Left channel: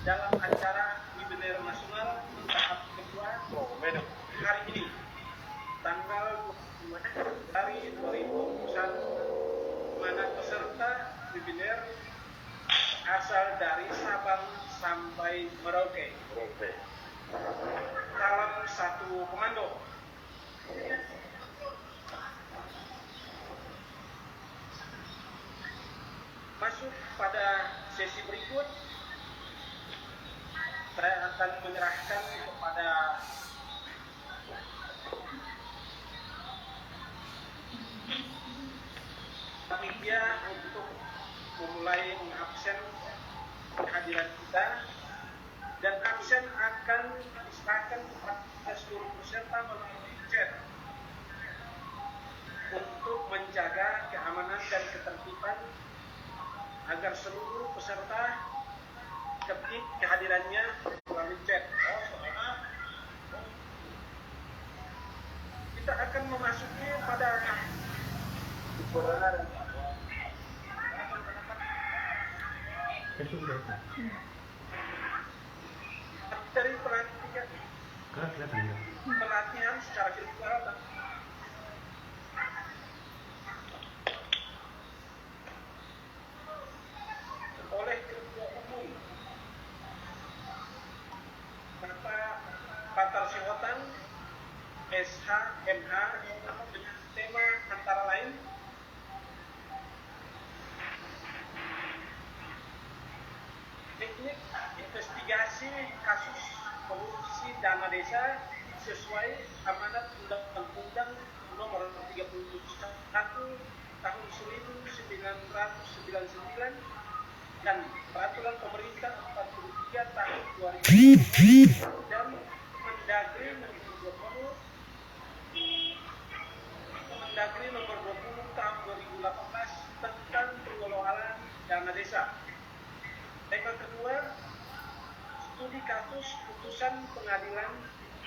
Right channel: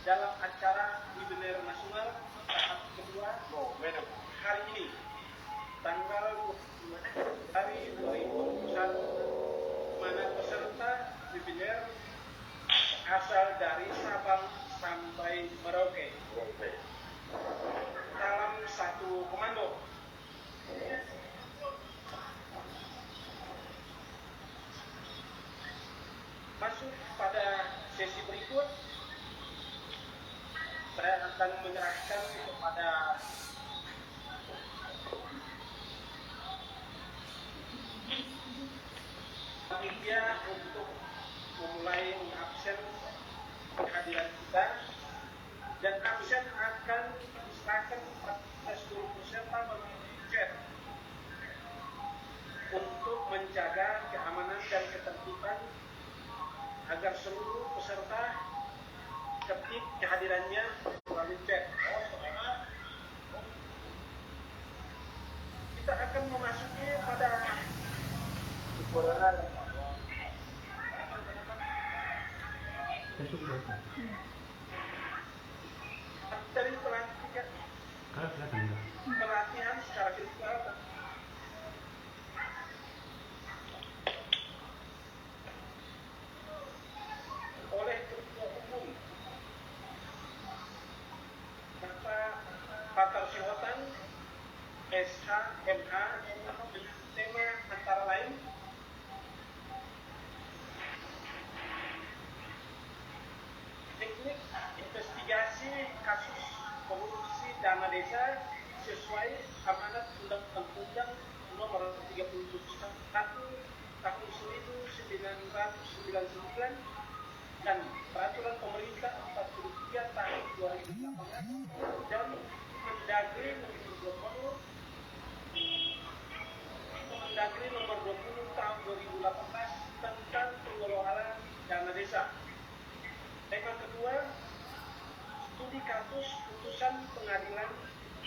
dalam acara Webinar Nasional tahap kedua hari ini tanggal 25 dari 2021, mana peserta webinar asal dari Sabang sampai Merauke. Dalam satu komando. Masuk pada sesi berikut, saya akan menyerahkan kepada panitia untuk memulai mengabsen kehadiran kita, dan absen akan diserahkan kepada seluruh peserta melalui chat untuk menjaga keamanan dan ketertiban agar seluruh peserta ketik kehadirannya melalui chat. Kita akan memasuki pada dari pelatihan secara virtual oleh Ketua Umum Bapak Patar Sihotan SHMH dengan tema antara lain teknik investigasi kasus korupsi dana desa sesuai amanat Undang-Undang Nomor 31 Tahun 1999 dan Peraturan Pemerintah 43 Tahun 2000 dan Mendagri Nomor 20 Tahun 2018 tentang pengelolaan dana desa. Tema kedua, studi kasus putusan pengadilan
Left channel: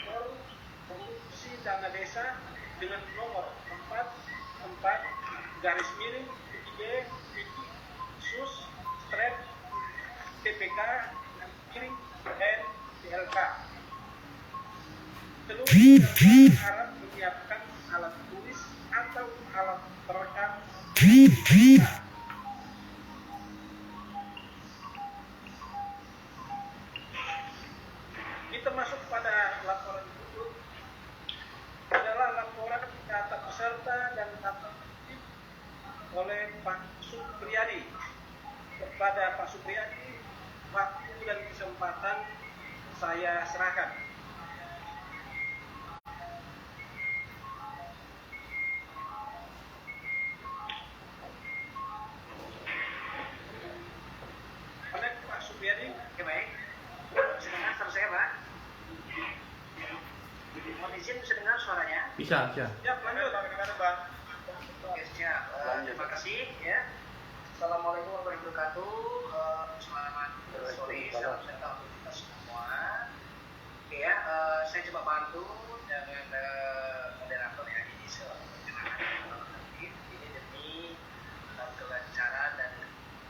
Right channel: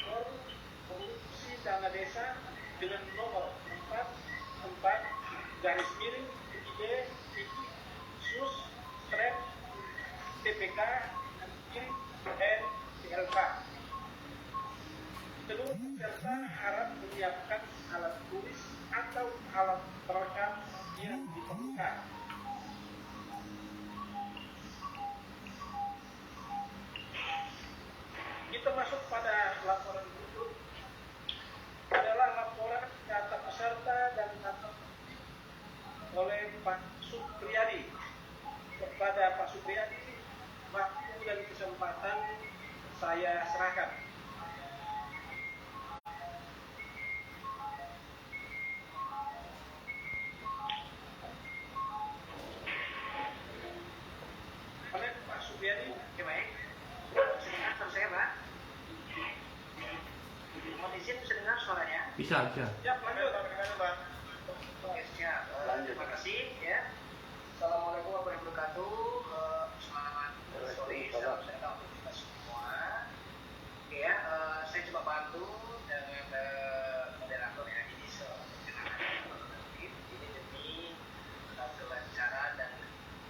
korupsi dana desa dengan nomor 44-B-Sus-TPK dan PLK. Seluruh peserta harap menyiapkan alat tulis atau alat perekam. Kita masuk pada laporan berikut adalah laporan data peserta dan data aktif oleh Pak Supriyadi. Kepada Pak Supriyadi, waktu dan kesempatan saya serahkan. Oleh Pak Supriyadi, baik. Sedengar suara saya, Pak? Mohon izin bisa dengar suaranya? Bisa. Ya, lanjut, Pak. Terima kasih ya. Assalamualaikum warahmatullahi wabarakatuh. Selamat sore peserta untuk kita semua. Oke ya, saya coba bantu dengan moderator yang ini demi kelancaran dan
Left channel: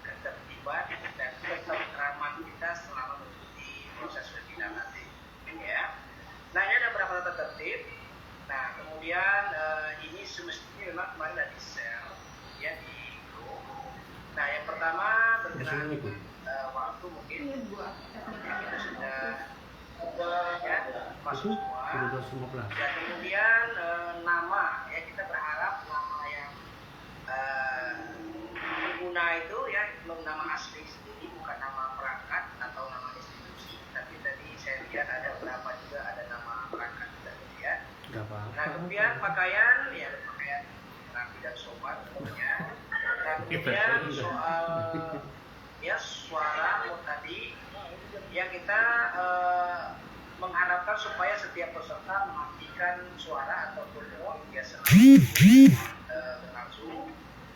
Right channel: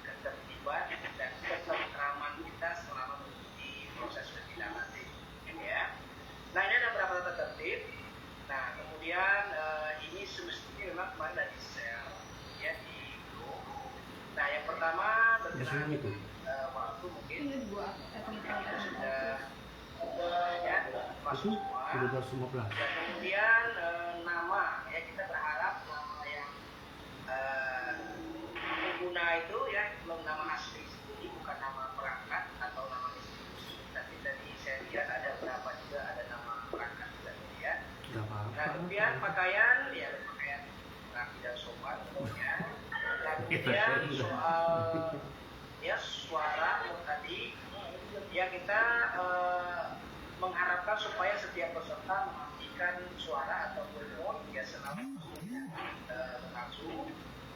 ketertiban dan ketentraman kita selama mengikuti proses webinar nanti. Ya. Nah, ini ada beberapa tata tertib. Nah, kemudian ini semestinya memang kemarin dari share ya di grup. Nah, yang pertama berkenaan waktu mungkin sudah ya masuk semua. Dan kemudian nama ya, kita berharap nama yang pengguna itu ya belum nama asli sendiri, bukan nama perangkat atau nama institusi, tapi tadi saya lihat ada berapa juga ada nama perangkat juga ya. Nah, kemudian pakaian ya ada pakaian rapi dan sopan semuanya. Nah, kemudian soal ya suara tadi ya kita mengharapkan supaya setiap peserta mematikan suara atau mikrofon ya selalu berlangsung.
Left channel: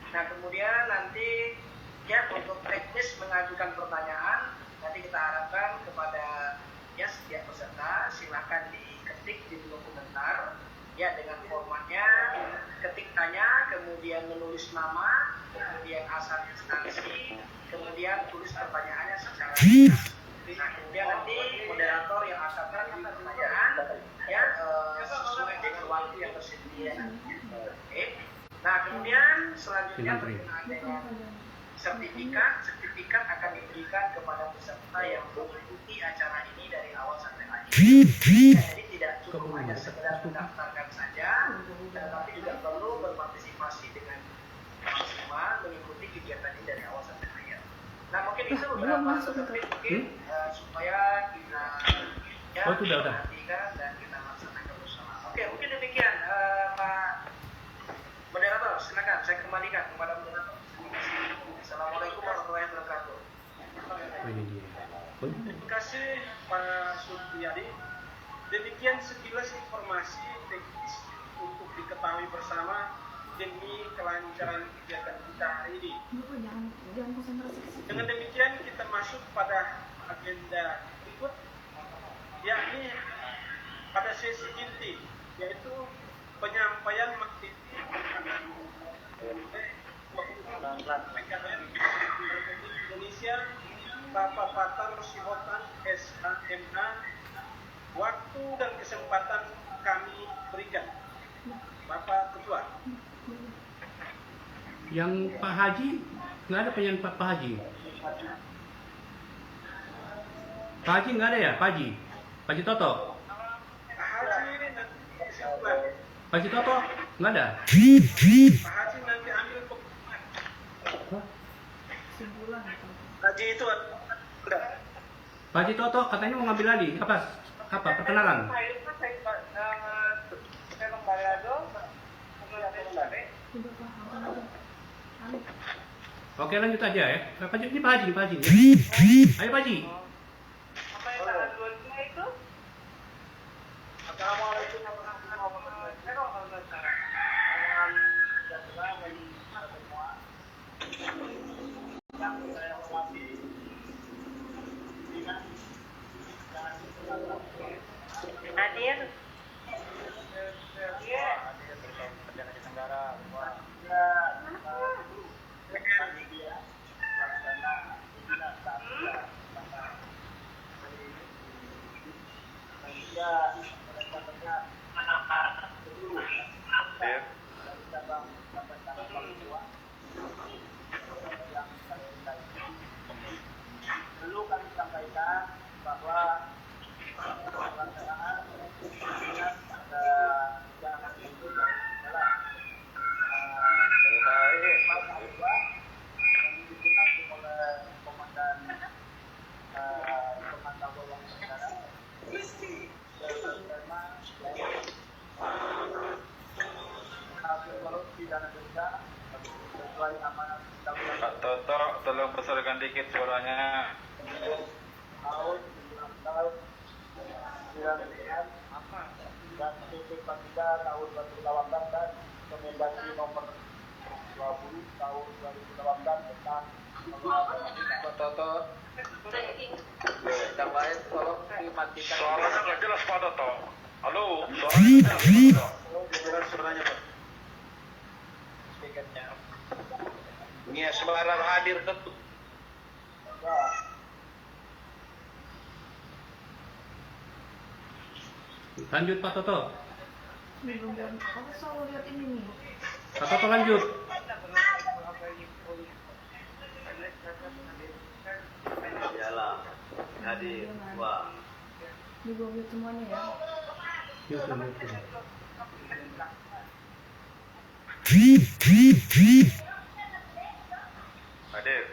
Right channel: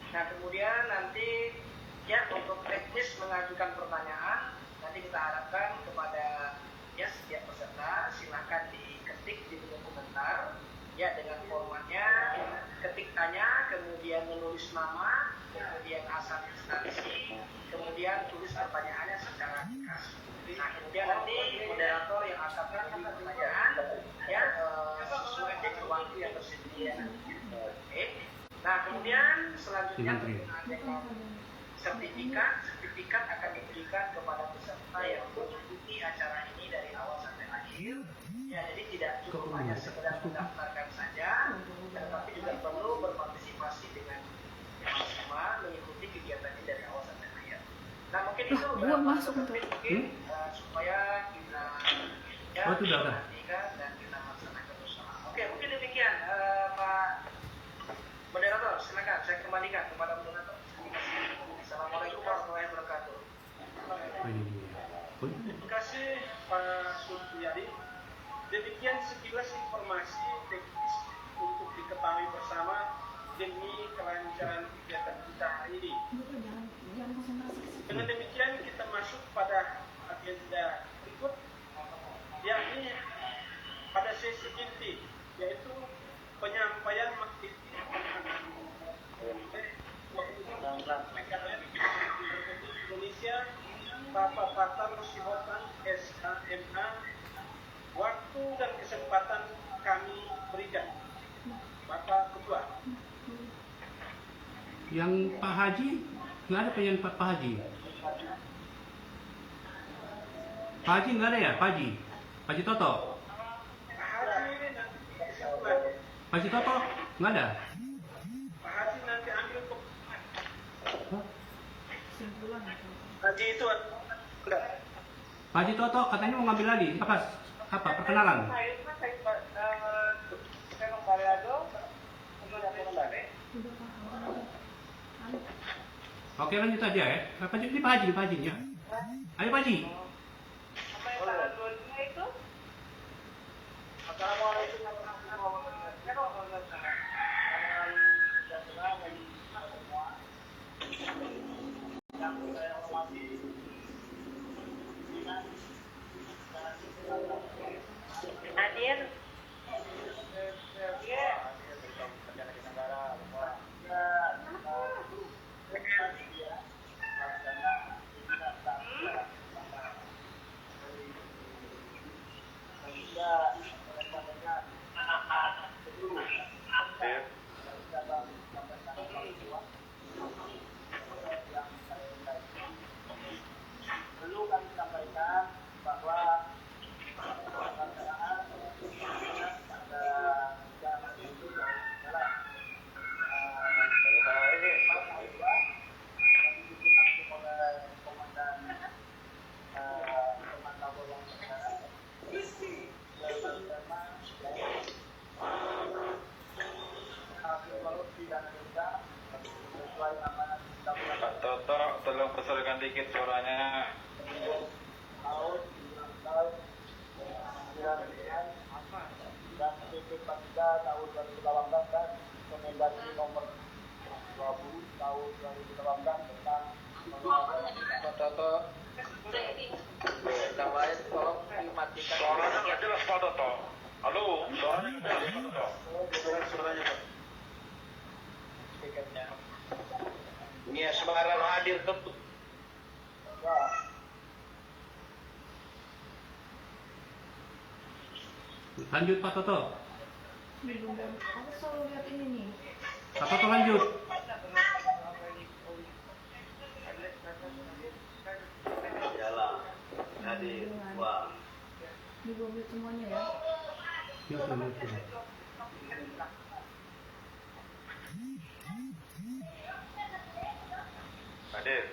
Nah, kemudian nanti ya untuk teknis mengajukan pertanyaan nanti kita harapkan kepada ya setiap peserta silakan diketik di kolom komentar ya dengan formatnya ketik tanya, kemudian menulis nama, kemudian asal instansi, kemudian tulis pertanyaannya secara ringkas. Nah, kemudian selanjutnya Menteri. sertifikat akan diberikan kepada peserta yang mengikuti acara ini dari awal sampai akhir. Jadi tidak cukup hanya sekedar mendaftarkan saja, tetapi juga perlu berpartisipasi dengan maksimal mengikuti kegiatan ini dari awal sampai akhir. Nah mungkin itu masuk supaya kita sudah. Dan kita laksanakan bersama. Oke, mungkin demikian Pak Moderator, silakan saya kembalikan kepada moderator. Assalamualaikum warahmatullahi wabarakatuh. Ini dia. Terima kasih Pak Supriyadi. Demikian sekilas informasi teknis untuk diketahui bersama demi kelancaran kegiatan kita hari ini. Jangan konsentrasi ke situ. Dengan demikian kita masuk pada agenda berikut, yakni pada sesi inti, yaitu penyampaian materi Indonesia Bapak Fatar Suhotan SHMA. Waktu dan kesempatan kami berikan Bapak Ketua. Yang Pak Haji, nggak ada penyanyi Pak Haji. Pak Haji nggak ada ya, Pak Haji? Pak Haji Toto? Pak Haji Toto nggak ada? Pak Haji nanti ambil Kesimpulan atau Haji itu udah. Pak Haji Toto katanya mau ngambil lagi. Apa perkenalan? udah paham aja. Oke, lanjut aja ya. Pak Haji, ini Pak Haji, Pak Haji. Ayo Pak Haji. Assalamualaikum warahmatullahi wabarakatuh. Hadir. Perlu kami sampaikan bahwa pelaksanaan pada jalan itu adalah kami digunakan oleh komandan pemantau bawang negara sesuai amanat Pak Toto, tolong besarkan dikit suaranya. tahun 1999 dan PP 43 tahun 2018 dan Kemendagri nomor 20 tahun 2018 tentang Pak Toto, yang lain tolong dimatikan. suaranya nggak jelas Pak Toto. Halo, suaranya nggak jelas. Kedengaran suaranya Pak. Speakernya. Ini sebarang hadir tentu. Lanjut Pak Toto. Belum aku selalu lihat ini nih. Pak Toto lanjut. Iyalah, hadir. Wah. Di Google semuanya ya. Yuk. Hadir.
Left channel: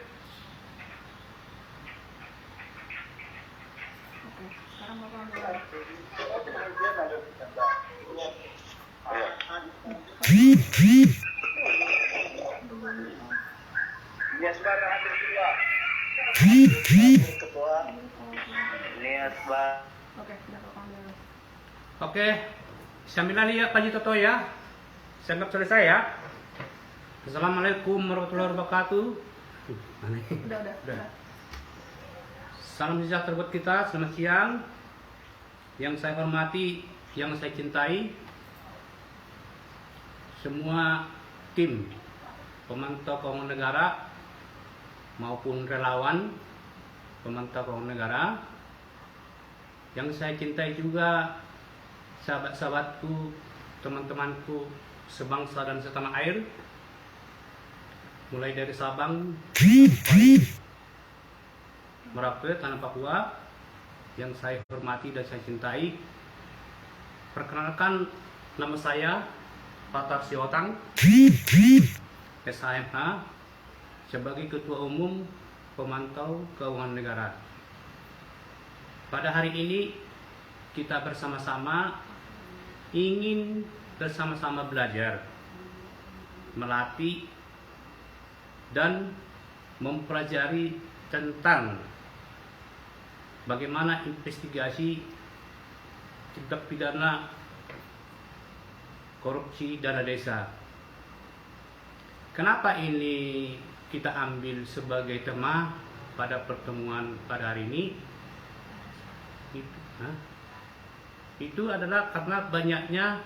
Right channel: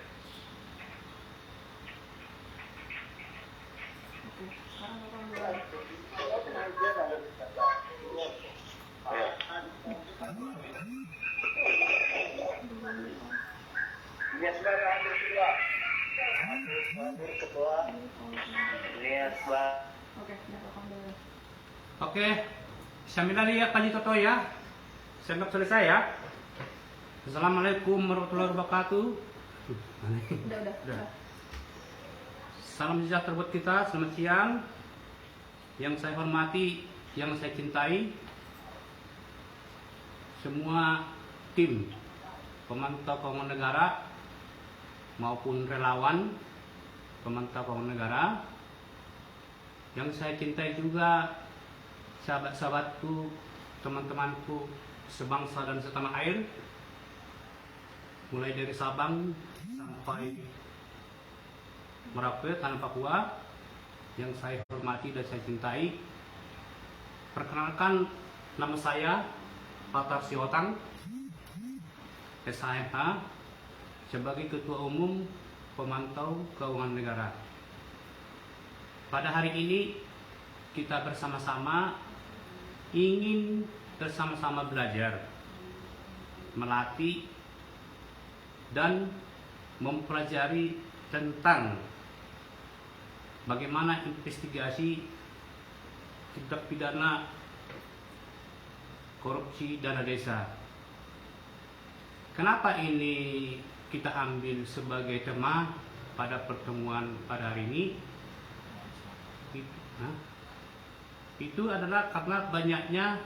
Oke, sekarang Bapak ambil lagi. Ya sudah hadir kedua. Ketua. Lihat Pak. Oke, udah Bapak ambil lagi. Oke, sambil lagi ya Pak Haji Toto ya. Saya anggap selesai ya. Assalamualaikum warahmatullahi wabarakatuh. Mana ini? Udah. Salam sejahtera buat kita, selamat siang. Yang saya hormati, yang saya cintai, semua tim pemantau keuangan negara maupun relawan pemantau keuangan negara. Yang saya cintai juga sahabat-sahabatku, teman-temanku sebangsa dan setanah air, mulai dari Sabang sampai Merauke, Tanah Papua, yang saya hormati dan saya cintai. Perkenalkan, nama saya Fatar Siotang, SHMH, sebagai Ketua Umum Pemantau Keuangan Negara. Pada hari ini kita bersama-sama ingin bersama-sama belajar, melatih, dan mempelajari tentang bagaimana investigasi tindak pidana korupsi dana desa. Kenapa ini kita ambil sebagai tema pada pertemuan pada hari ini? Itu adalah karena banyaknya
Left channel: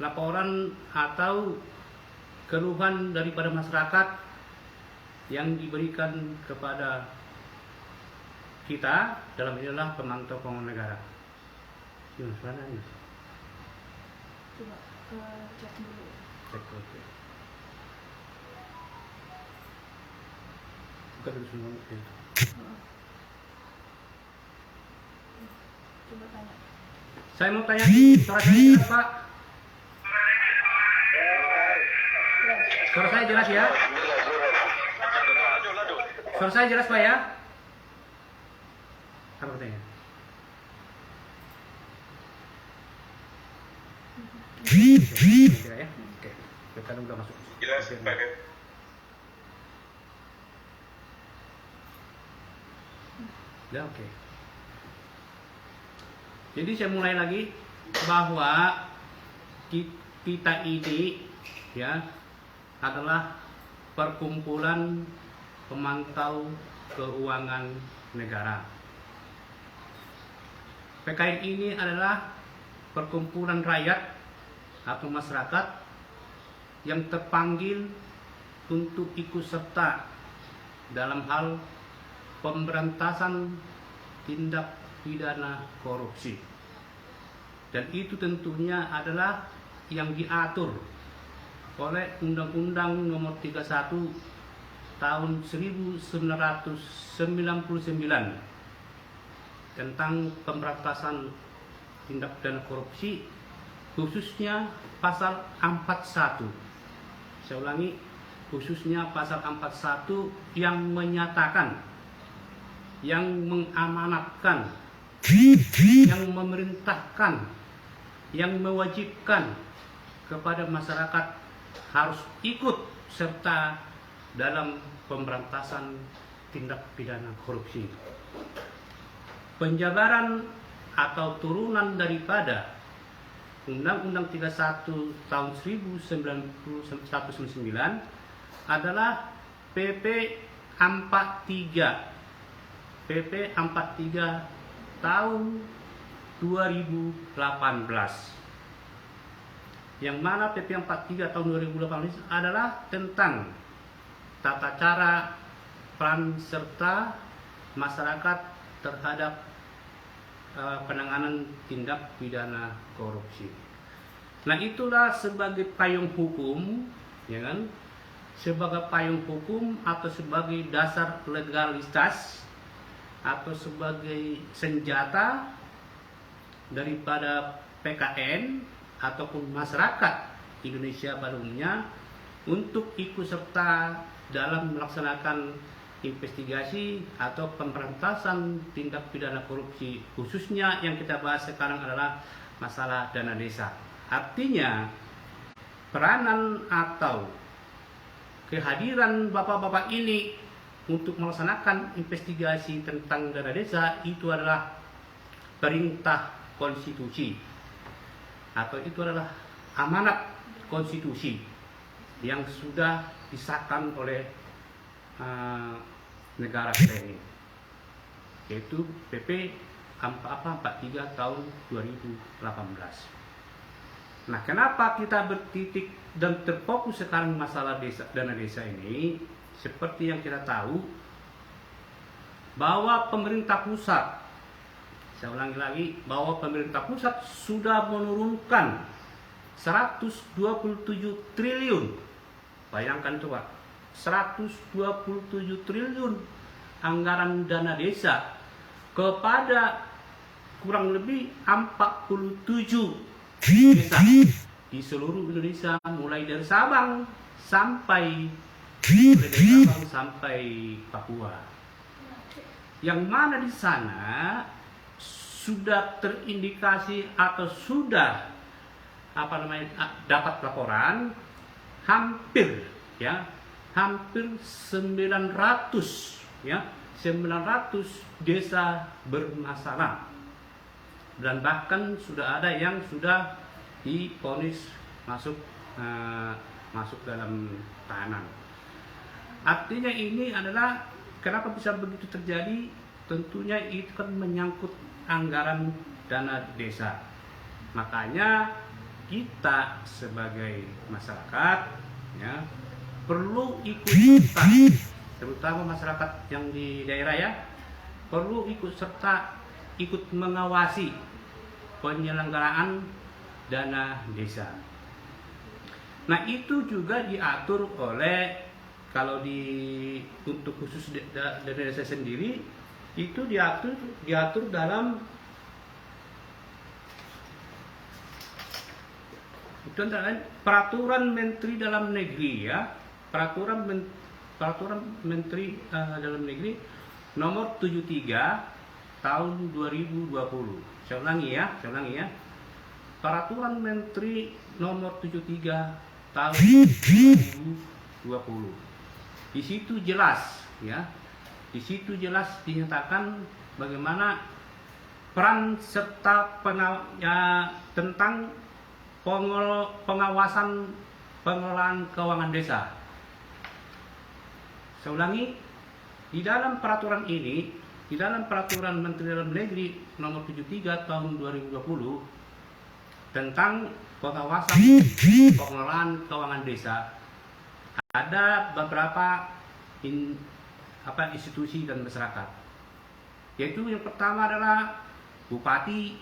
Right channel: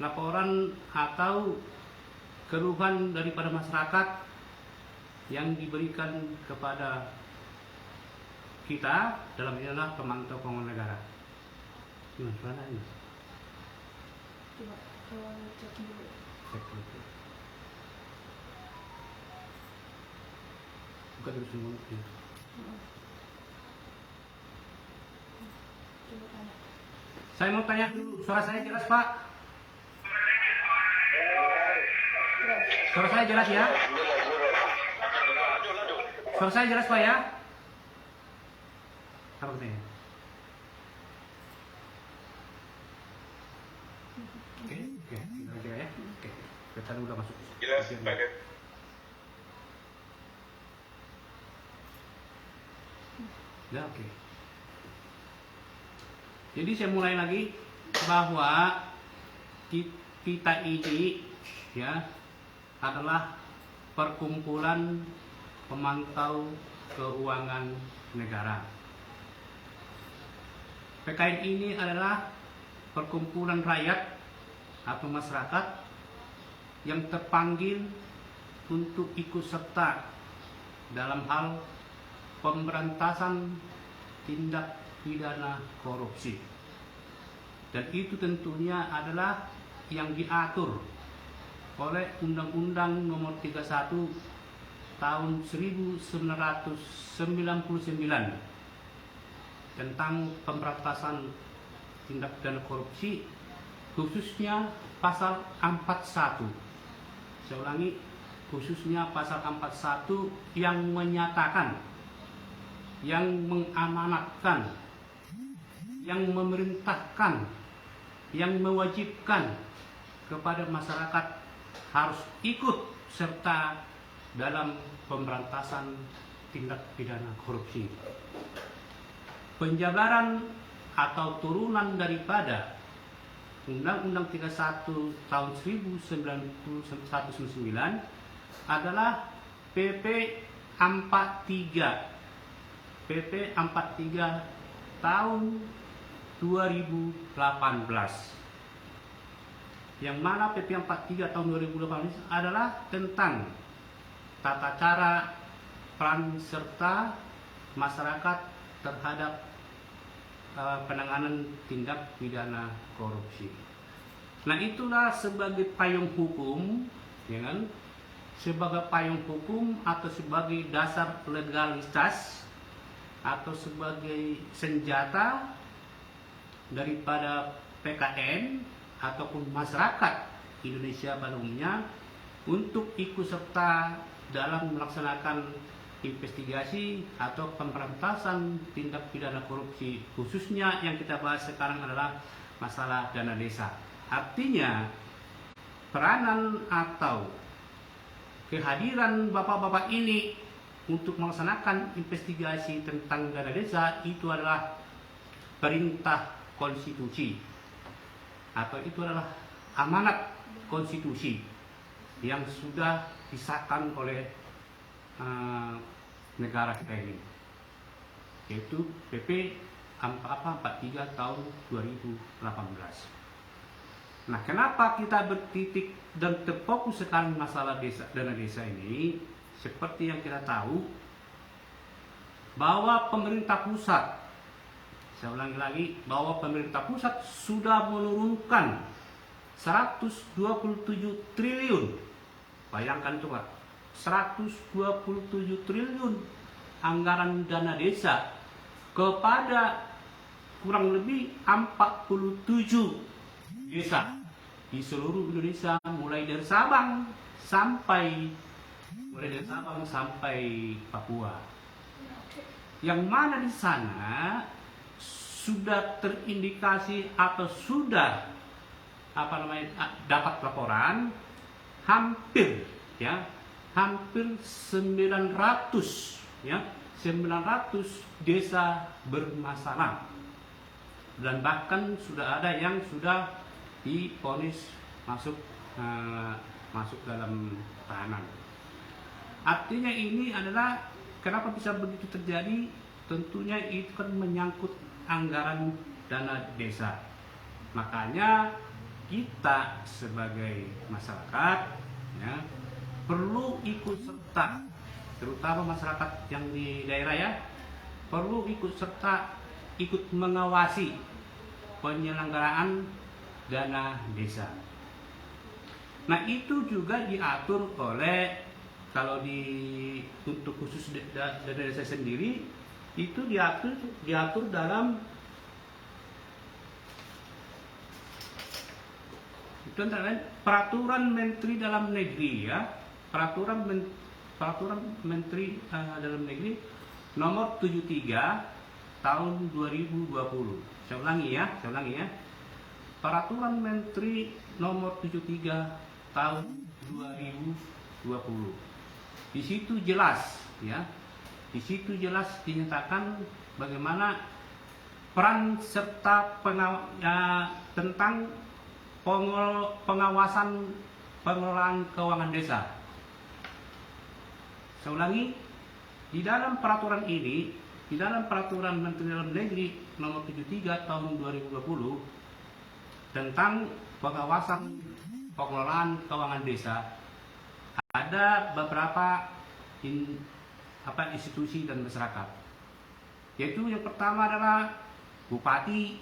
laporan atau keluhan daripada masyarakat yang diberikan kepada kita dalam inilah pemantau keuangan negara. Gimana suaranya? Coba cek dulu. Cek dulu. Buka dulu semua. Ya. Coba tanya. Saya mau tanya, suara saya jelas Pak? Suara saya jelas ya? Suara saya jelas Pak ya? Apa katanya? Ya? Oke, kita udah masuk. Jelas, pakai. Ya, oke. Jadi saya mulai lagi bahwa kita ini ya adalah perkumpulan pemantau keuangan negara. PKN ini adalah perkumpulan rakyat atau masyarakat yang terpanggil untuk ikut serta dalam hal pemberantasan tindak pidana korupsi. Dan itu tentunya adalah yang diatur oleh Undang-Undang Nomor 31 Tahun 1999 tentang pemberantasan tindak pidana korupsi, khususnya pasal 41. Saya ulangi, khususnya pasal 41 yang menyatakan, yang mengamanatkan, yang memerintahkan, yang mewajibkan kepada masyarakat harus ikut serta dalam pemberantasan tindak pidana korupsi. Penjabaran atau turunan daripada Undang-Undang 31 tahun 1999 adalah PP 43 tahun 2018, yang mana PP 43 tahun 2018 adalah tentang tata cara peran serta masyarakat terhadap penanganan tindak pidana korupsi. Nah, itulah sebagai payung hukum, ya kan? Sebagai payung hukum atau sebagai dasar legalitas atau sebagai senjata daripada PKN ataupun masyarakat Indonesia pada umumnya untuk ikut serta dalam melaksanakan investigasi atau pemberantasan tindak pidana korupsi, khususnya yang kita bahas sekarang adalah masalah dana desa. Artinya peranan atau kehadiran bapak-bapak ini untuk melaksanakan investigasi tentang dana desa itu adalah perintah konstitusi atau itu adalah amanat konstitusi yang sudah disahkan oleh negara kita ini, yaitu PP 43 tahun 2018. Nah, kenapa kita bertitik dan terfokus sekarang masalah dana desa ini? Seperti yang kita tahu bahwa pemerintah pusat, saya ulangi lagi, bahwa pemerintah pusat sudah menurunkan 127 triliun. Bayangkan coba, 127 triliun anggaran dana desa kepada kurang lebih 47 desa di seluruh Indonesia, mulai dari Sabang sampai Papua. Yang mana di sana sudah terindikasi atau sudah dapat laporan hampir 900 desa bermasalah, dan bahkan sudah ada yang sudah divonis masuk dalam tahanan. Artinya ini adalah kenapa bisa begitu terjadi, tentunya itu kan menyangkut anggaran dana desa. Makanya kita sebagai masyarakat perlu ikut serta, terutama masyarakat yang di daerah perlu ikut serta, ikut mengawasi penyelenggaraan dana desa. Nah, itu juga diatur oleh, kalau untuk khusus dana desa sendiri itu diatur dalam itu antara lain Peraturan Menteri Dalam Negeri Peraturan Menteri Dalam Negeri nomor 73 tahun 2020. Saya ulangi ya. Peraturan Menteri nomor 73 tahun 2020. Di situ jelas dinyatakan bagaimana peran serta tentang pengawasan pengelolaan keuangan desa. Saya ulangi, di dalam peraturan Menteri Dalam Negeri nomor 73 tahun 2020 tentang pengawasan pengelolaan keuangan desa, ada beberapa institusi dan masyarakat. Yaitu yang pertama adalah bupati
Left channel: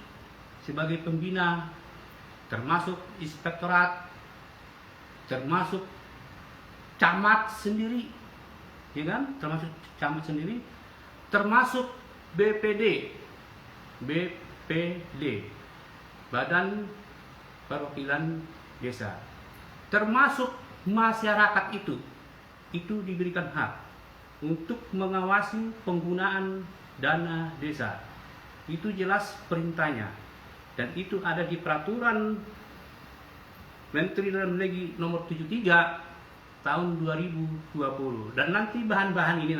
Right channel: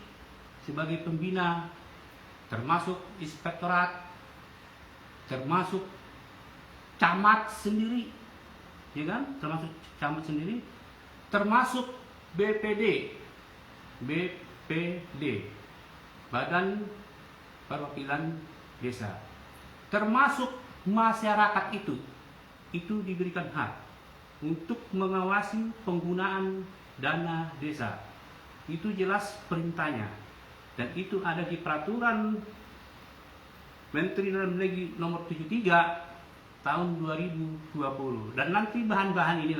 sebagai pembina, termasuk inspektorat, termasuk camat sendiri, termasuk BPD, Badan Perwakilan Desa, termasuk masyarakat itu diberikan hak untuk mengawasi penggunaan dana desa. Itu jelas perintahnya, dan itu ada di Peraturan Menteri Dalam Negeri nomor 73 tahun 2020. Dan nanti bahan-bahan ini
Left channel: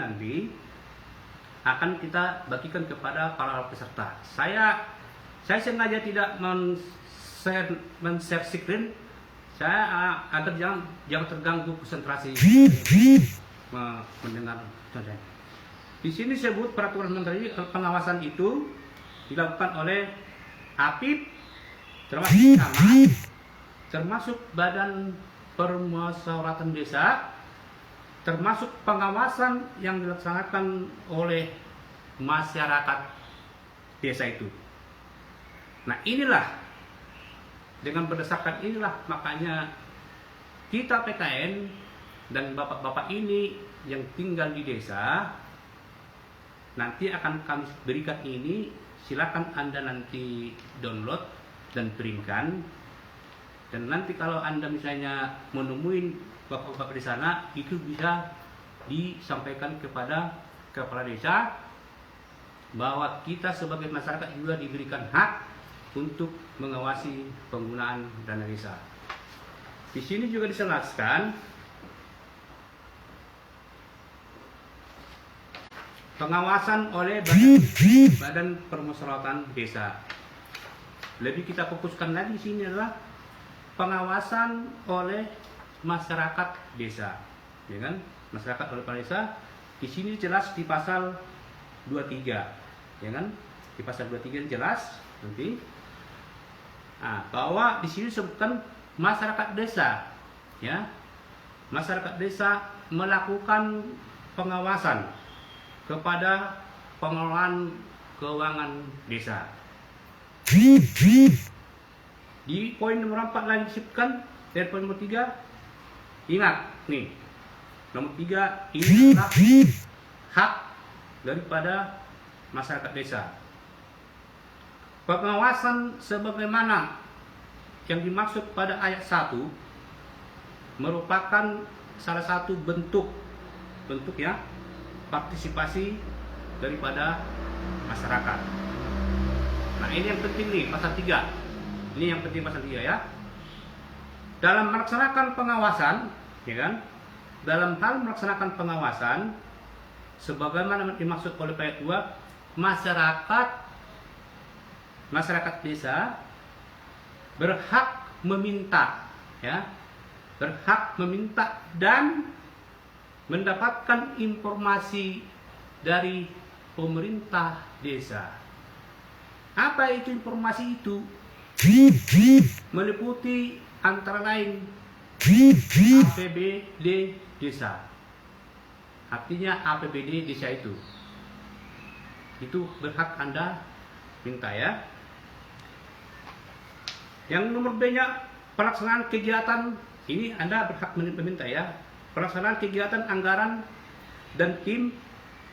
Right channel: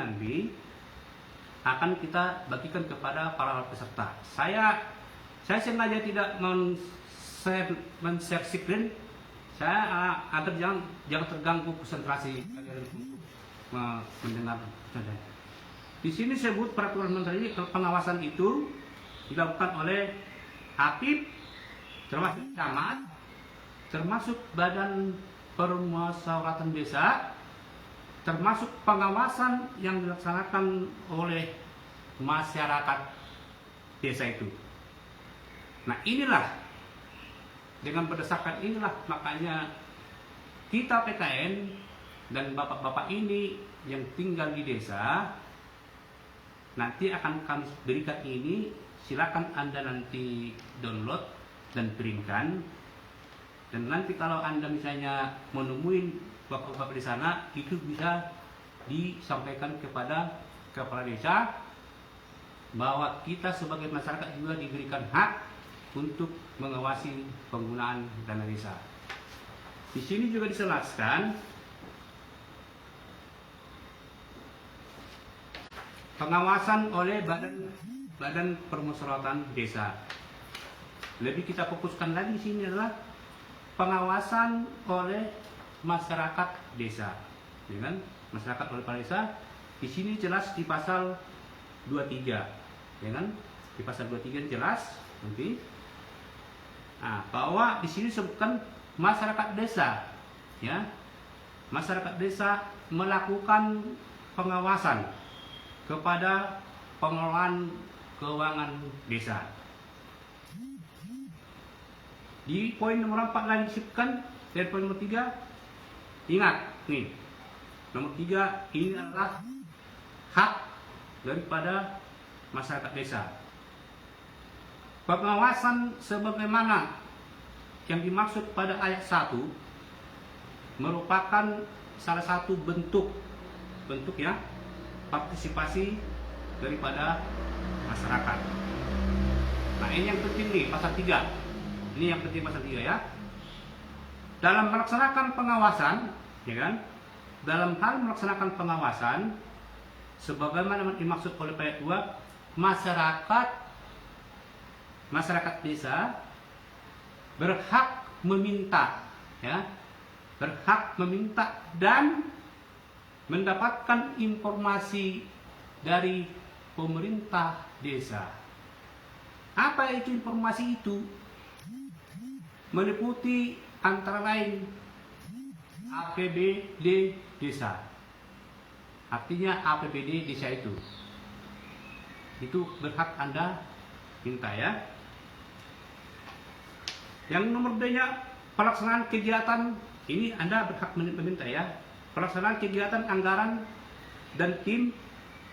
akan kita bagikan kepada para peserta. Saya sengaja tidak men-share screen, agar jangan terganggu konsentrasi mendengar. Di sini sebut peraturan menteri, pengawasan itu dilakukan oleh APIP, termasuk camat, termasuk Badan Permusyawaratan Desa, termasuk pengawasan yang dilaksanakan oleh masyarakat desa itu. Nah, dengan berdasarkan inilah makanya kita PKN dan bapak-bapak ini yang tinggal di desa nanti akan kami berikan ini. Silakan Anda nanti download dan printkan, dan nanti kalau Anda misalnya menemui bapak-bapak di sana, itu bisa disampaikan kepada kepala desa bahwa kita sebagai masyarakat juga diberikan hak untuk mengawasi penggunaan dana desa. Di sini juga dijelaskan pengawasan oleh Badan Permusyawaratan Desa. Lebih kita fokuskan lagi di sini adalah pengawasan oleh masyarakat desa, masyarakat oleh kepala desa. Di sini jelas di pasal 23, di pasal 23 jelas nanti. Bahwa di sini disebutkan masyarakat desa, masyarakat desa melakukan pengawasan kepada pengelolaan keuangan desa. Di poin nomor 4 lagi disebutkan, dan poin nomor 3, ingat nih, Nomor 3, ini adalah hak daripada masyarakat desa. Pengawasan sebagaimana yang dimaksud pada ayat 1 merupakan salah satu bentuk ya partisipasi daripada masyarakat. Nah, ini yang penting nih pasal 3. Ini yang penting pasal 3 ya. Dalam melaksanakan pengawasan, ya kan? Dalam hal melaksanakan pengawasan sebagaimana dimaksud oleh ayat 2, masyarakat desa berhak meminta, ya, berhak meminta dan mendapatkan informasi dari pemerintah desa. Apa itu informasi itu? Meliputi antara lain APBD desa. Artinya APBD desa itu berhak Anda minta ya. Yang nomor B-nya pelaksanaan kegiatan, ini Anda berhak meminta ya. Pelaksanaan kegiatan anggaran dan tim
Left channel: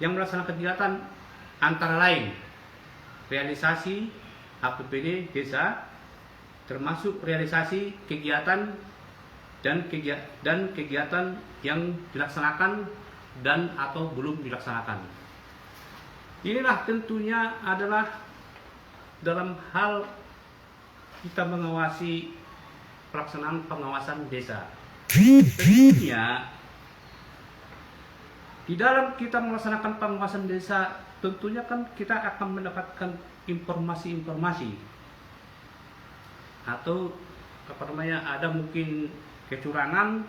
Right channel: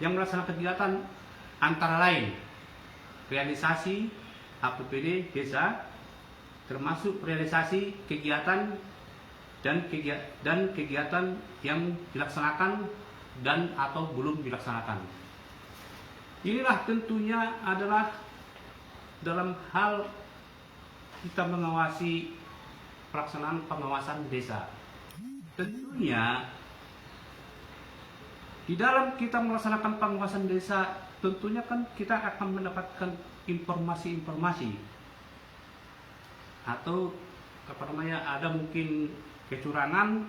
yang melaksanakan kegiatan antara lain realisasi APBD desa, termasuk realisasi kegiatan dan kegiatan yang dilaksanakan dan atau belum dilaksanakan. Inilah tentunya adalah dalam hal kita mengawasi pelaksanaan pengawasan desa. Tentunya di dalam kita melaksanakan pengawasan desa, tentunya kan kita akan mendapatkan informasi-informasi atau ada mungkin kecurangan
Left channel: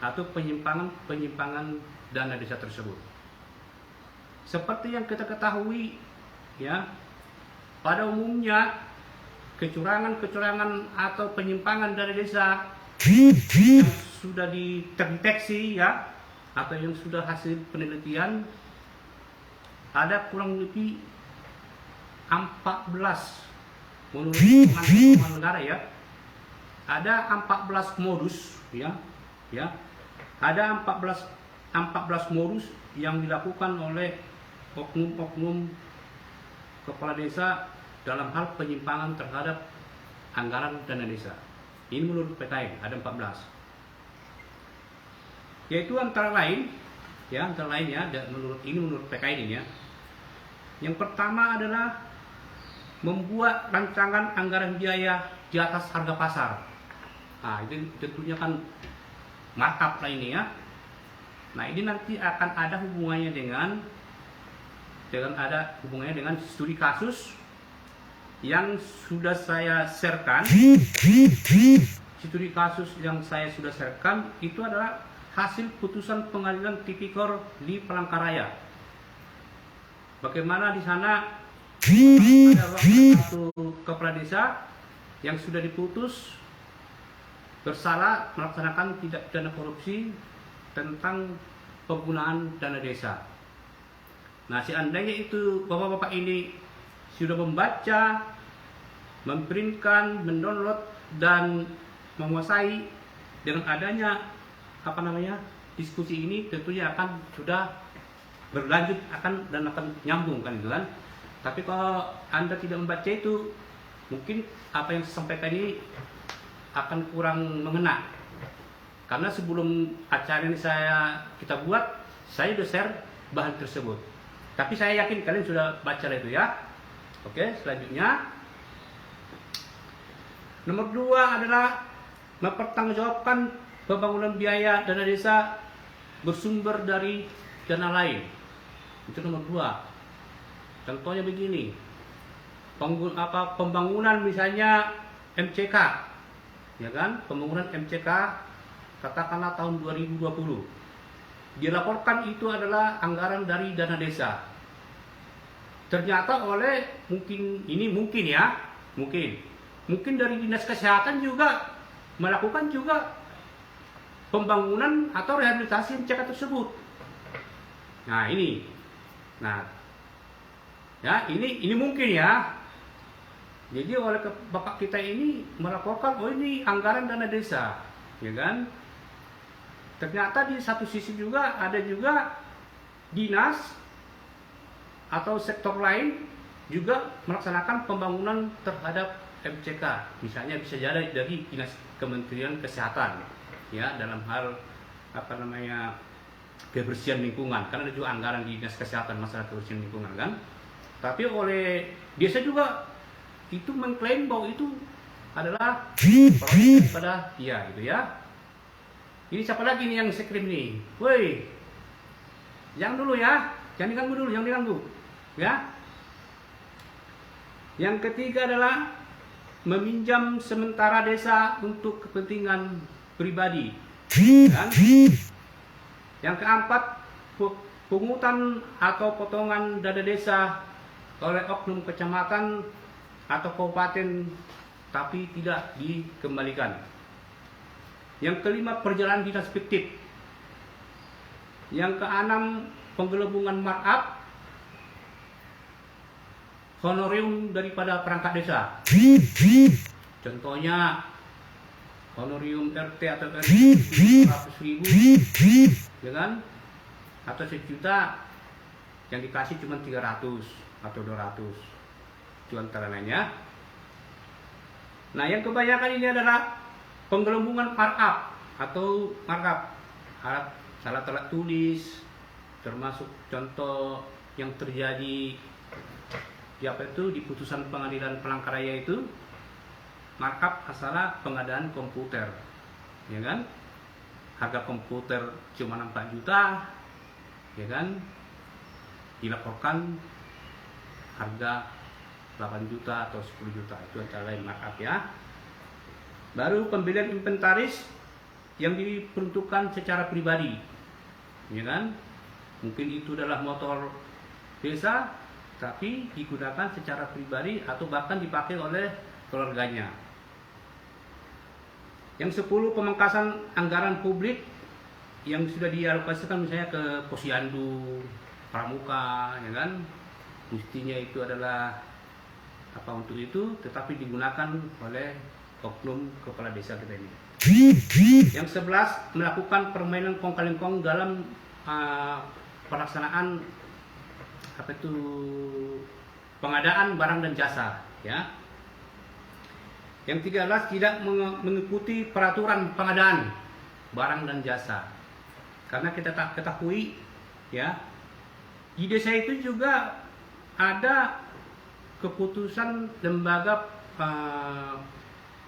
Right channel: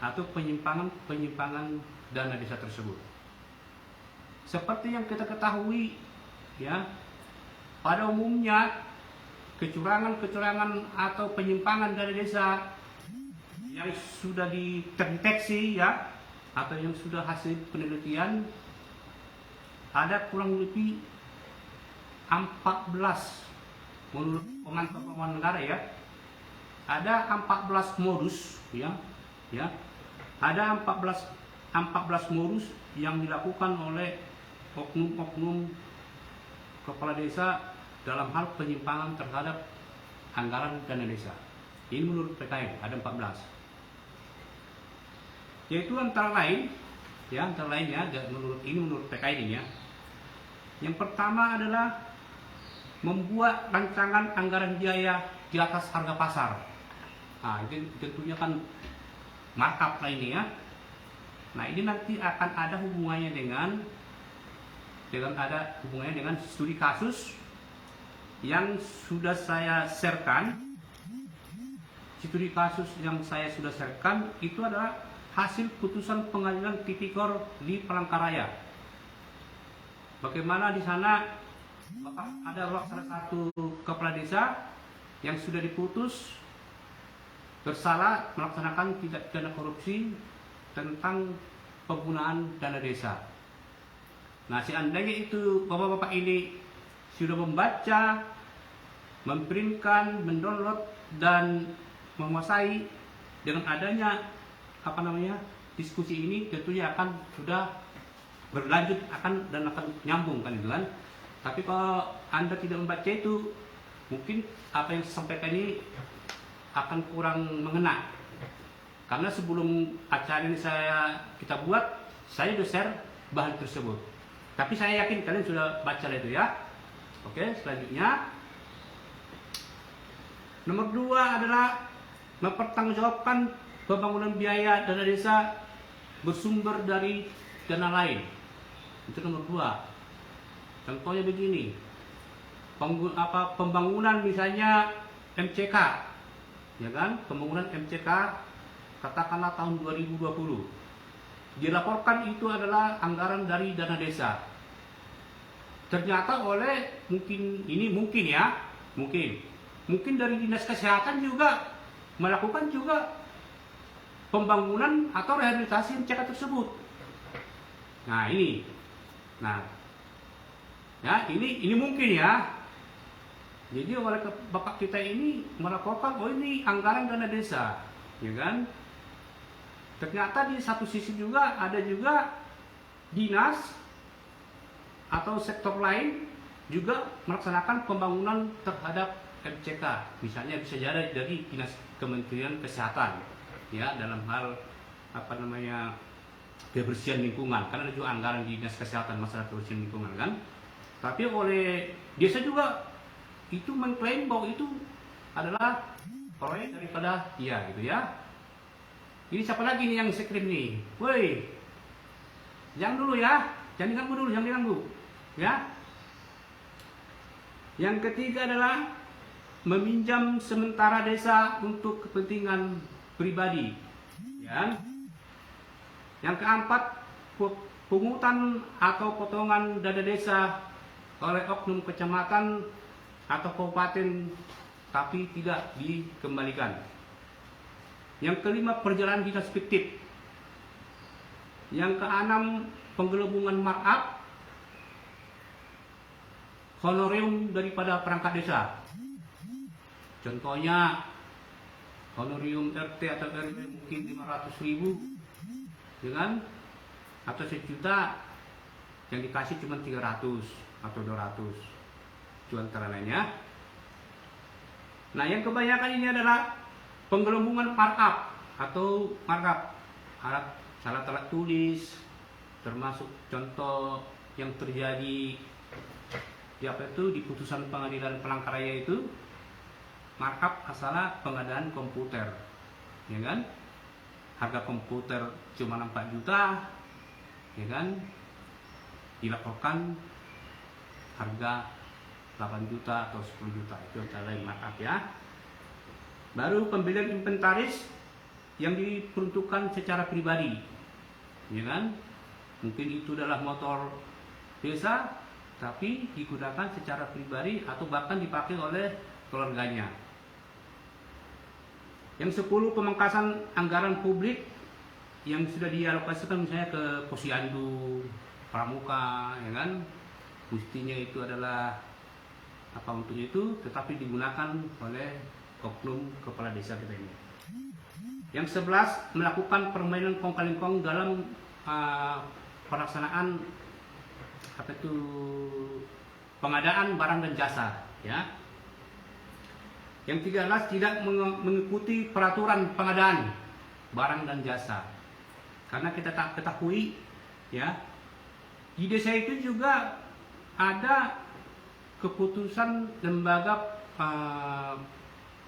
atau penyimpangan dana desa tersebut. Seperti yang kita ketahui ya, pada umumnya kecurangan atau penyimpangan dana desa yang sudah terdeteksi ya, atau yang sudah hasil penelitian, ada kurang lebih 14 menurut pengumuman negara ya. Ada 14 modus ya. Ada 14 modus yang dilakukan oleh oknum-oknum kepala desa dalam hal penyimpangan terhadap anggaran dana desa. Ini menurut PKN ada 14. Yaitu antara lainnya menurut PKN ini ya. Yang pertama adalah membuat rancangan anggaran biaya di atas harga pasar. Nah, itu tentunya kan markup lah ini ya. Nah, ini nanti akan ada hubungannya dengan studi kasus yang sudah saya sharekan. Studi kasus yang saya sudah sharekan itu adalah hasil putusan pengadilan tipikor di Palangkaraya. Bagaimana di sana ada satu kepala desa yang sudah diputus bersalah melaksanakan tindak pidana korupsi tentang penggunaan dana desa. Nah, seandainya itu bapak-bapak ini sudah membaca, memprintkan, mendownload dan menguasai, dengan adanya diskusi ini tentunya akan sudah berlanjut akan nyambung kan gitu kan. Tapi kalau Anda tidak membaca itu, mungkin apa yang saya sampaikan ini akan kurang mengena. Karena sebelum acara ini kita buat, saya sudah share bahan tersebut. Tapi saya yakin kalian sudah baca itu ya. Oke, selanjutnya nomor 2 adalah mempertanggungjawabkan pembangunan biaya dana desa bersumber dari dana lain. Itu nomor 2. Contohnya begini, pembangunan misalnya MCK, ya kan? Pembangunan MCK katakanlah tahun 2020. Dilaporkan itu adalah anggaran dari dana desa. Ternyata mungkin dari Dinas Kesehatan juga melakukan juga pembangunan atau rehabilitasi MCK tersebut. Nah, ini mungkin ya. Jadi oleh bapak kita ini melaporkan, ini anggaran dana desa, ya kan? ternyata di satu sisi juga ada juga dinas atau sektor lain juga melaksanakan pembangunan terhadap MCK. Misalnya bisa jadi dari dinas Kementerian Kesehatan, ya, dalam hal kebersihan lingkungan, karena ada juga anggaran di dinas kesehatan masalah kebersihan lingkungan kan. Tapi oleh desa juga itu mengklaim bahwa itu adalah proyek daripada dia gitu ya. Ini siapa lagi nih yang sekrim nih? Woi, jangan dulu ya, jangan diganggu dulu, jangan diganggu ya. Yang ketiga adalah meminjam sementara desa untuk kepentingan pribadi. Dan yang keempat, pungutan atau potongan dana desa oleh oknum kecamatan atau kabupaten tapi tidak dikembalikan. Yang kelima, perjalanan dinas fiktif. Yang keenam, penggelembungan markup honorium daripada perangkat desa. Contohnya honorium RT atau RT 100.000, ya kan? Atau 1 juta yang dikasih cuma 300 atau 200. Itu antara lainnya. Nah, yang kebanyakan ini adalah penggelembungan markup atau markup salah tulis, termasuk contoh yang terjadi di putusan pengadilan Palangkaraya itu markup masalah pengadaan komputer, ya kan? Harga komputer cuma 4 juta, ya kan? Dilaporkan harga 8 juta atau 10 juta, itu adalah markup ya. Baru pembelian inventaris yang diperuntukkan secara pribadi, ya kan? Mungkin itu adalah motor desa tapi digunakan secara pribadi atau bahkan dipakai oleh keluarganya. Yang 10, pemangkasan anggaran publik yang sudah dialokasikan misalnya ke Posyandu, Pramuka, ya kan? Mestinya itu adalah untuk itu, tetapi digunakan oleh oknum kepala desa kita ini. Yang 11, melakukan permainan kong kali kong dalam pelaksanaan pengadaan barang dan jasa, ya. Yang 13, tidak mengikuti peraturan pengadaan barang dan jasa. Karena kita tak ketahui, ya, di desa itu juga ada keputusan lembaga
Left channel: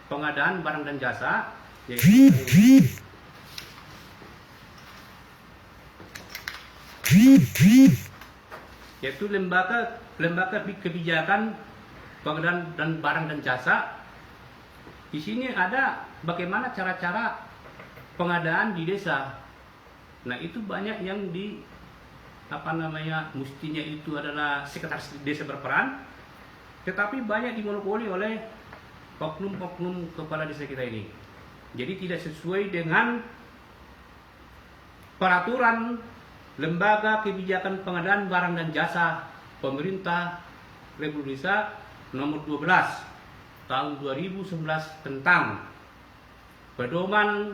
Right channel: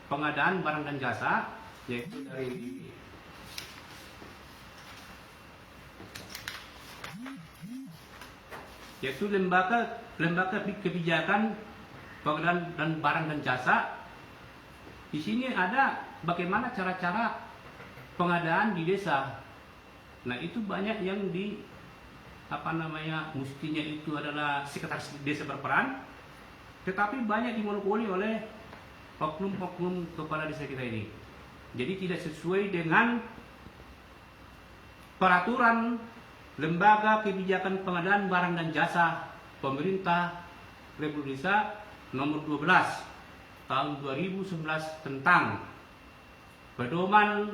pengadaan barang dan jasa, yaitu lembaga kebijakan pengadaan dan barang dan jasa. Di sini ada bagaimana cara-cara pengadaan di desa. Nah, itu banyak yang mestinya itu adalah sekretaris desa berperan, tetapi banyak dimonopoli oleh oknum-oknum kepala desa kita ini. Jadi tidak sesuai dengan peraturan Lembaga Kebijakan Pengadaan Barang dan Jasa Pemerintah Republik Indonesia nomor 12 tahun 2011 tentang pedoman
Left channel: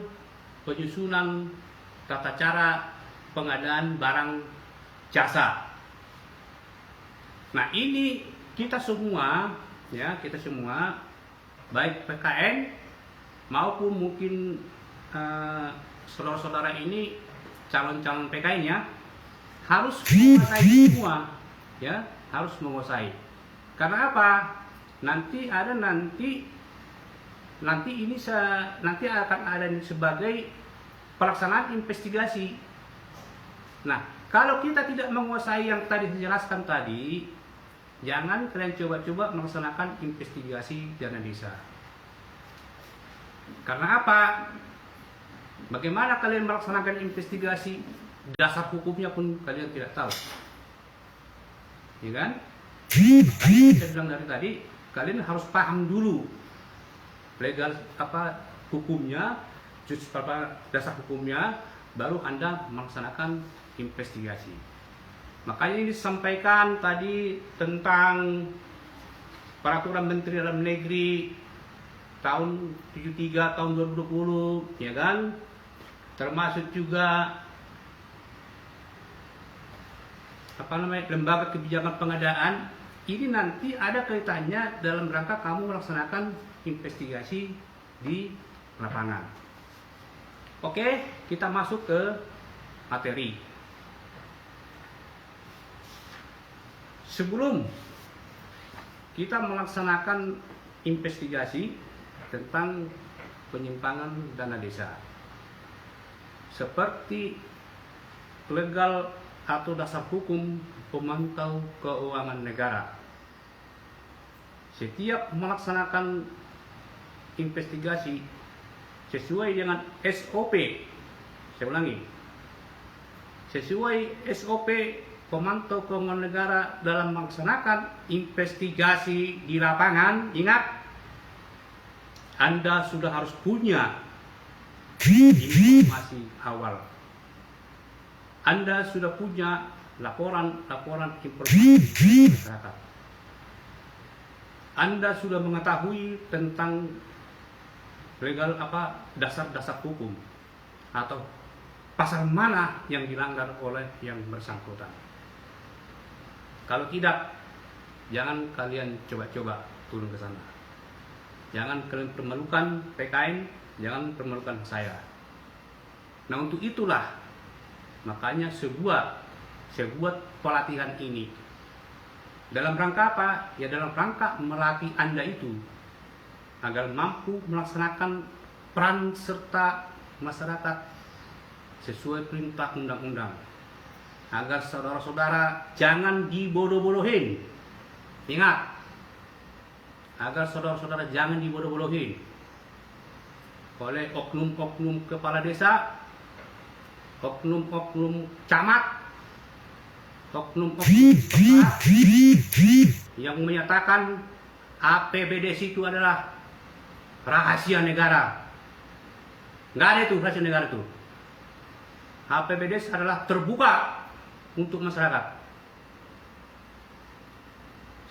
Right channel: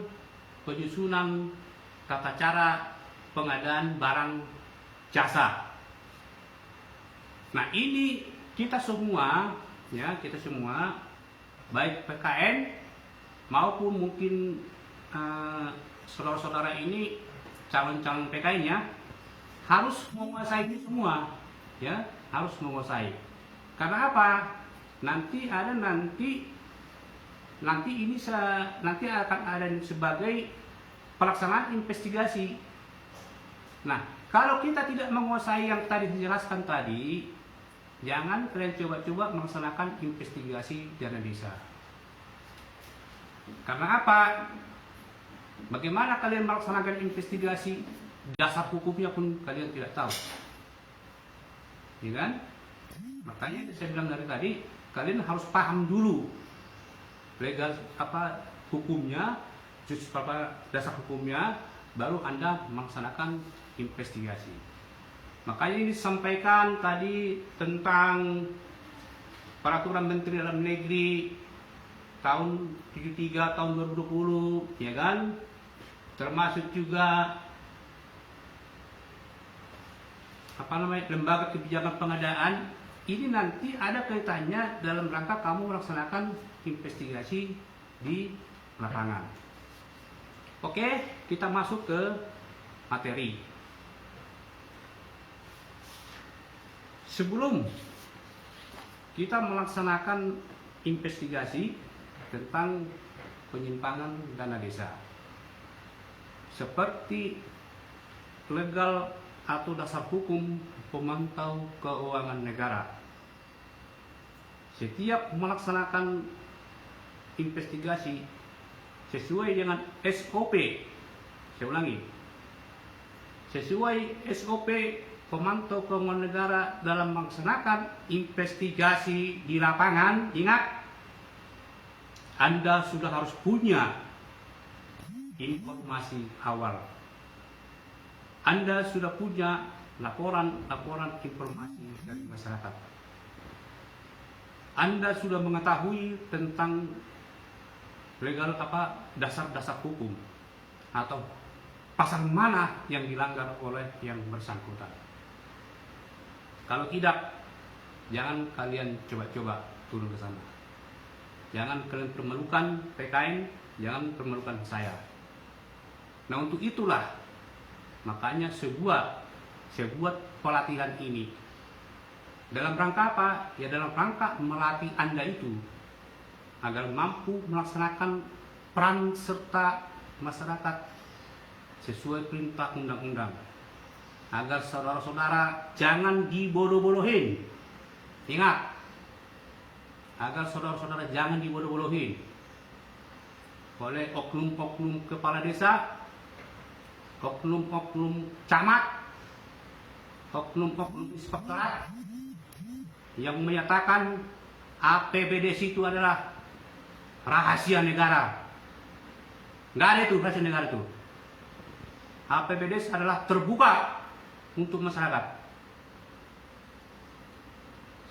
penyusunan tata cara pengadaan barang jasa. Nah, ini kita semua baik PKN maupun mungkin saudara-saudara ini calon-calon PKN ya, harus menguasai semua, ya, harus menguasai. Karena apa? Nanti akan ada sebagai pelaksanaan investigasi. Nah, kalau kita tidak menguasai yang tadi dijelaskan tadi, jangan kalian coba-coba melaksanakan investigasi dana desa. Karena apa? Bagaimana kalian melaksanakan investigasi? Dasar hukumnya pun kalian tidak tahu, ya kan? Makanya saya bilang dari tadi, kalian harus paham dulu legal hukumnya, dasar hukumnya, baru Anda melaksanakan investigasi. Makanya ini disampaikan tadi tentang Peraturan Menteri Dalam Negeri tahun 73 tahun 2020, ya kan? termasuk juga lembaga kebijakan pengadaan, ini nanti ada kaitannya dalam rangka kamu melaksanakan investigasi di lapangan. Oke, kita masuk ke materi. Sebelum kita melaksanakan investigasi tentang penyimpangan dana desa, seperti legal atau dasar hukum pemantau keuangan negara, setiap melaksanakan investigasi sesuai dengan SOP, saya ulangi, sesuai SOP pemantau keuangan negara dalam melaksanakan investigasi di lapangan, ingat, Anda sudah harus punya informasi awal. Anda sudah punya laporan informasi masyarakat. Anda sudah mengetahui tentang legal dasar-dasar hukum atau pasal mana yang dilanggar oleh yang bersangkutan. Kalau tidak, jangan kalian coba-coba turun ke sana. Jangan kalian permalukan PKN, jangan permalukan saya. Nah, untuk itulah makanya sebuah pelatihan ini dalam rangka apa? Ya dalam rangka melatih Anda itu agar mampu melaksanakan peran serta masyarakat sesuai perintah undang-undang. Agar saudara-saudara jangan dibodoh-bodohin. Ingat, agar saudara-saudara jangan dibodoh-bodohin oleh oknum-oknum kepala desa, oknum-oknum camat, oknum-oknum pejabat yang menyatakan APBDes itu adalah rahasia negara. Nggak ada itu rahasia negara itu. APBDes adalah terbuka untuk masyarakat.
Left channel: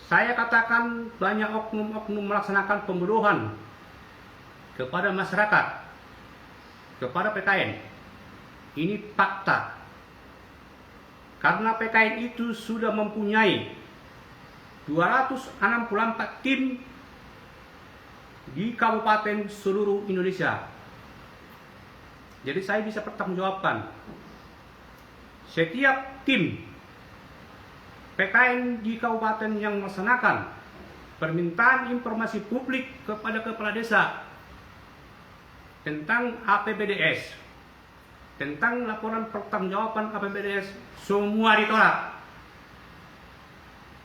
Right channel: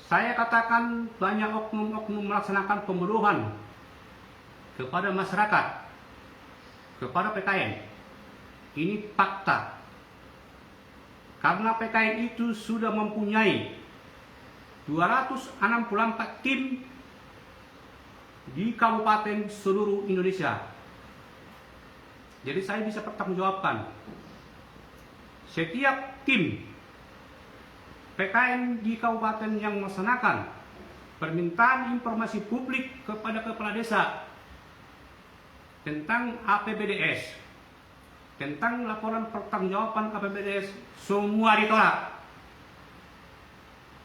Saya katakan banyak oknum-oknum melaksanakan pembodohan kepada masyarakat, kepada PKN. Ini fakta. Karena PKN itu sudah mempunyai 264 tim di kabupaten seluruh Indonesia. Jadi saya bisa pertanggungjawabkan. Setiap tim PKN di kabupaten yang melaksanakan permintaan informasi publik kepada kepala desa tentang APBDes, tentang laporan pertanggungjawaban APBDes, semua ditolak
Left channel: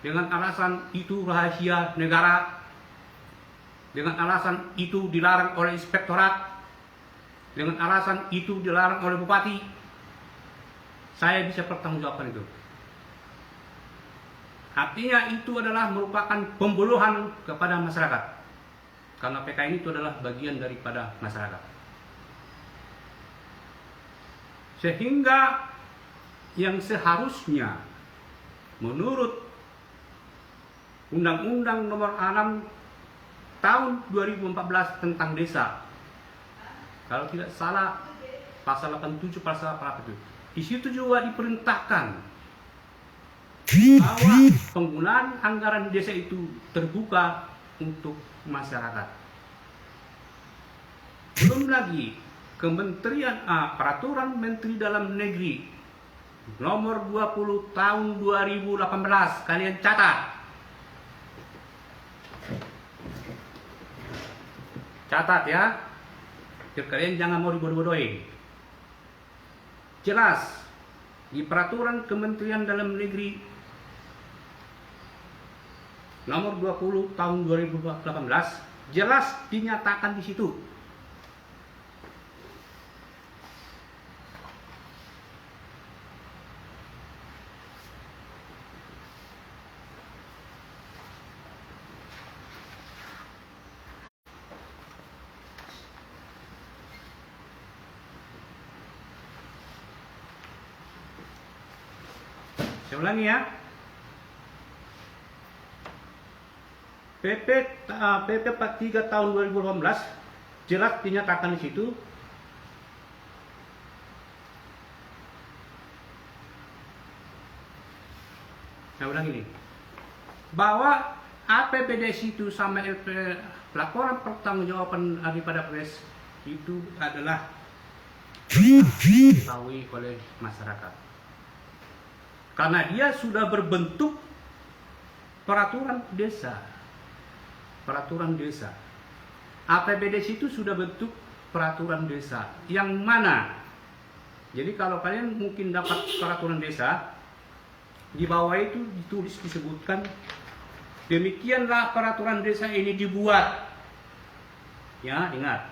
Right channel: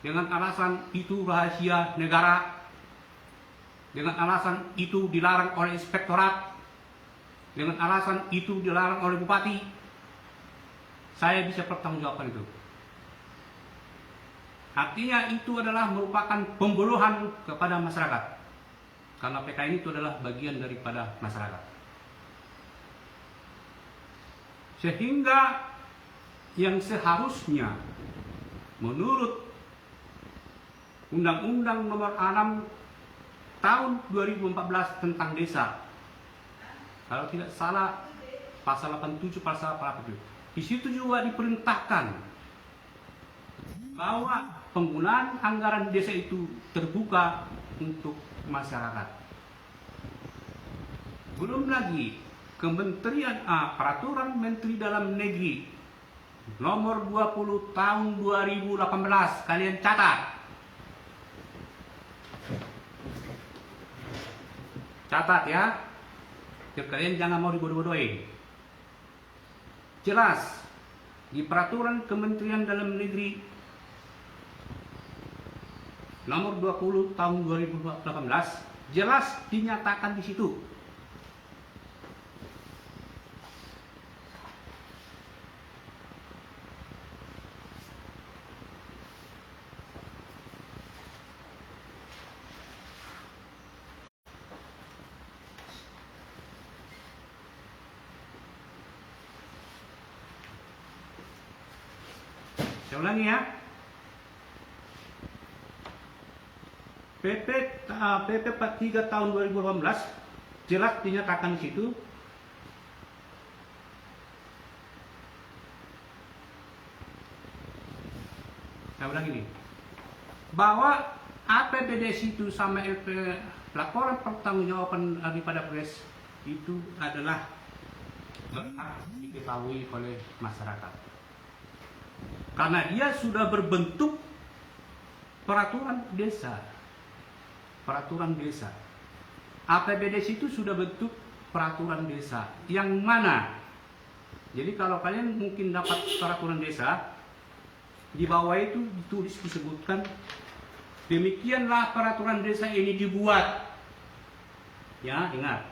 dengan alasan itu rahasia negara, dengan alasan itu dilarang oleh inspektorat, dengan alasan itu dilarang oleh bupati. Saya bisa pertanggungjawabkan itu. Artinya itu adalah merupakan pembodohan kepada masyarakat, karena PKN itu adalah bagian daripada masyarakat. Sehingga yang seharusnya menurut Undang-Undang Nomor 6 Tahun 2014 tentang desa, kalau tidak salah pasal 87 pasal 8 itu, di situ juga diperintahkan bahwa penggunaan anggaran desa itu terbuka untuk masyarakat. Belum lagi Peraturan Menteri Dalam Negeri Nomor 20 Tahun 2018, kalian catat. Catat ya. Biar kalian jangan mau dibodoh-bodohin. Jelas di Peraturan Kementerian Dalam Negeri Nomor 20 Tahun 2018 jelas dinyatakan di situ Saya ulangi ya. PP 43 tahun 2018 jelas dinyatakan di situ Saya ulang ini. Bahwa APBDes itu sama laporan pertanggungjawaban daripada pres itu adalah diketahui oleh masyarakat. Karena dia sudah berbentuk peraturan desa. Peraturan desa. APBDes itu sudah bentuk peraturan desa. Yang mana? Jadi kalau kalian mungkin dapat peraturan desa, di bawah itu ditulis disebutkan demikianlah peraturan desa ini dibuat. Ya, ingat.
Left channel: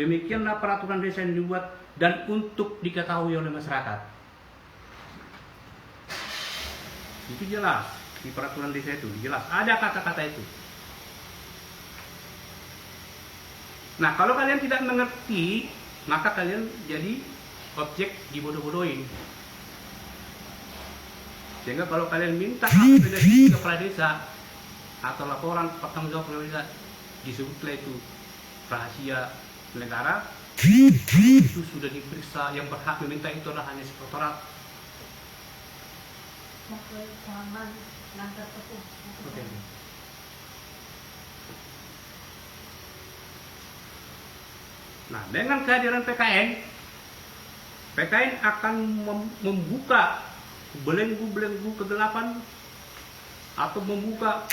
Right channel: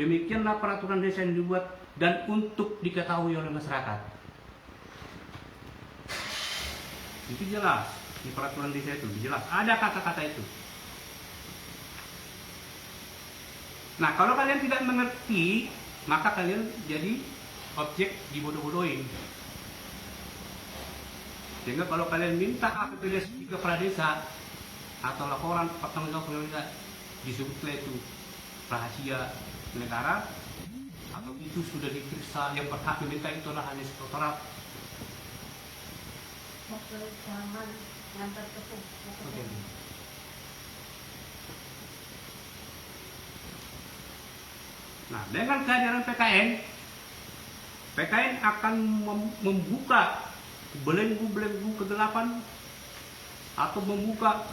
Demikianlah peraturan desa ini dibuat dan untuk diketahui oleh masyarakat. Itu jelas di peraturan desa itu, jelas ada kata-kata itu. Nah, kalau kalian tidak mengerti, maka kalian jadi objek dibodoh-bodohin. Sehingga kalau kalian minta APBDes ke kepala desa atau laporan pertanggungjawab kepala desa, disebutlah itu rahasia negara, itu sudah diperiksa, yang berhak meminta itu adalah hanya sekretariat. Jangan ngantar tepung. Oke. Nah, dengan kehadiran PKN akan membuka belenggu-belenggu kegelapan atau membuka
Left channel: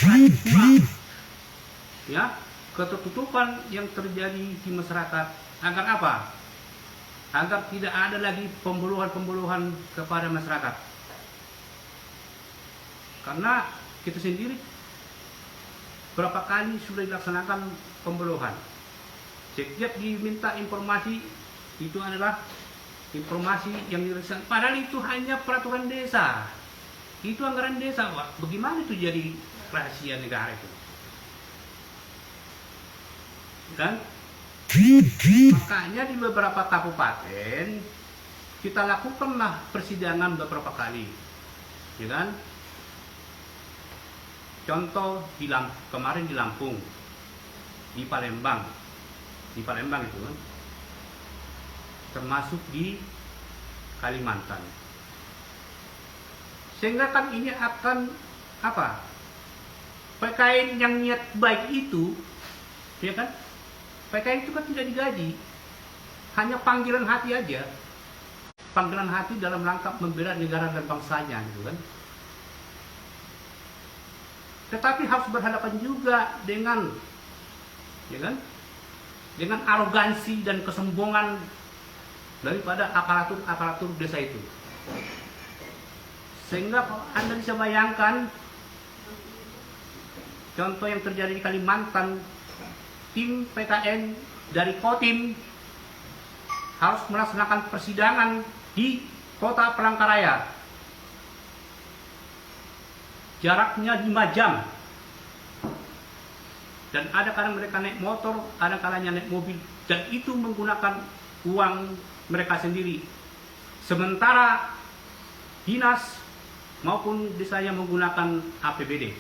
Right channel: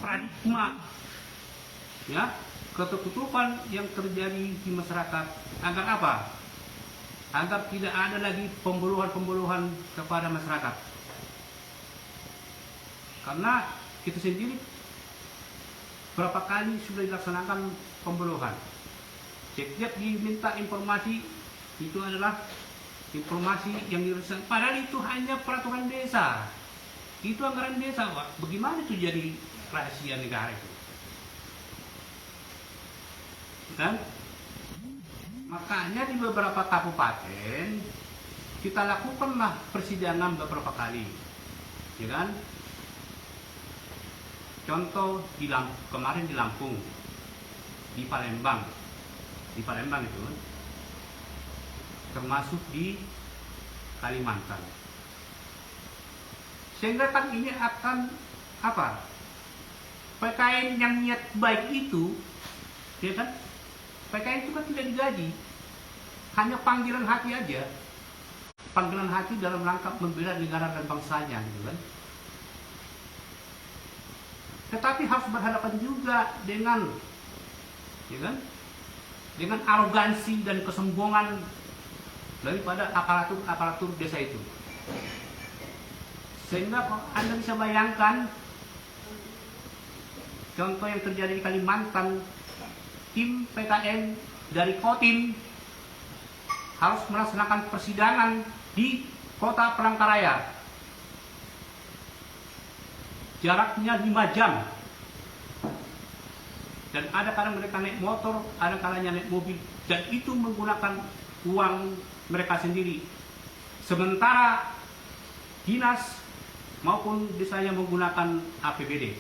ya, ketertutupan yang terjadi di masyarakat. Agar apa? Agar tidak ada lagi pembunuhan kepada masyarakat. Karena kita sendiri berapa kali sudah dilaksanakan pembunuhan. Setiap diminta informasi itu adalah informasi yang dirasakan. Padahal itu hanya peraturan desa. Itu anggaran desa, Pak. Bagaimana itu jadi rahasia negara itu? Kan? Makanya di beberapa kabupaten kita lakukanlah persidangan beberapa kali. Ya kan? Contoh kemarin di Lampung, di Palembang itu kan, termasuk di Kalimantan. Sehingga kan ini akan apa? PKN yang niat baik itu, ya kan? PKN itu kan tidak digaji, hanya panggilan hati aja, panggilan hati dalam rangka membela negara dan bangsanya, gitu kan? Tetapi harus berhadapan juga dengan, ya kan, dengan arogansi dan kesombongan daripada aparatur desa itu. Sehingga Anda bisa bayangkan contoh yang terjadi di Kalimantan, tim PKN dari Kodim harus melaksanakan persidangan di kota Palangkaraya. Jaraknya 5 jam. Dan ada kadang mereka naik motor, ada kalanya naik mobil, dan itu menggunakan uang mereka sendiri. Sementara dinas maupun desanya menggunakan APBD.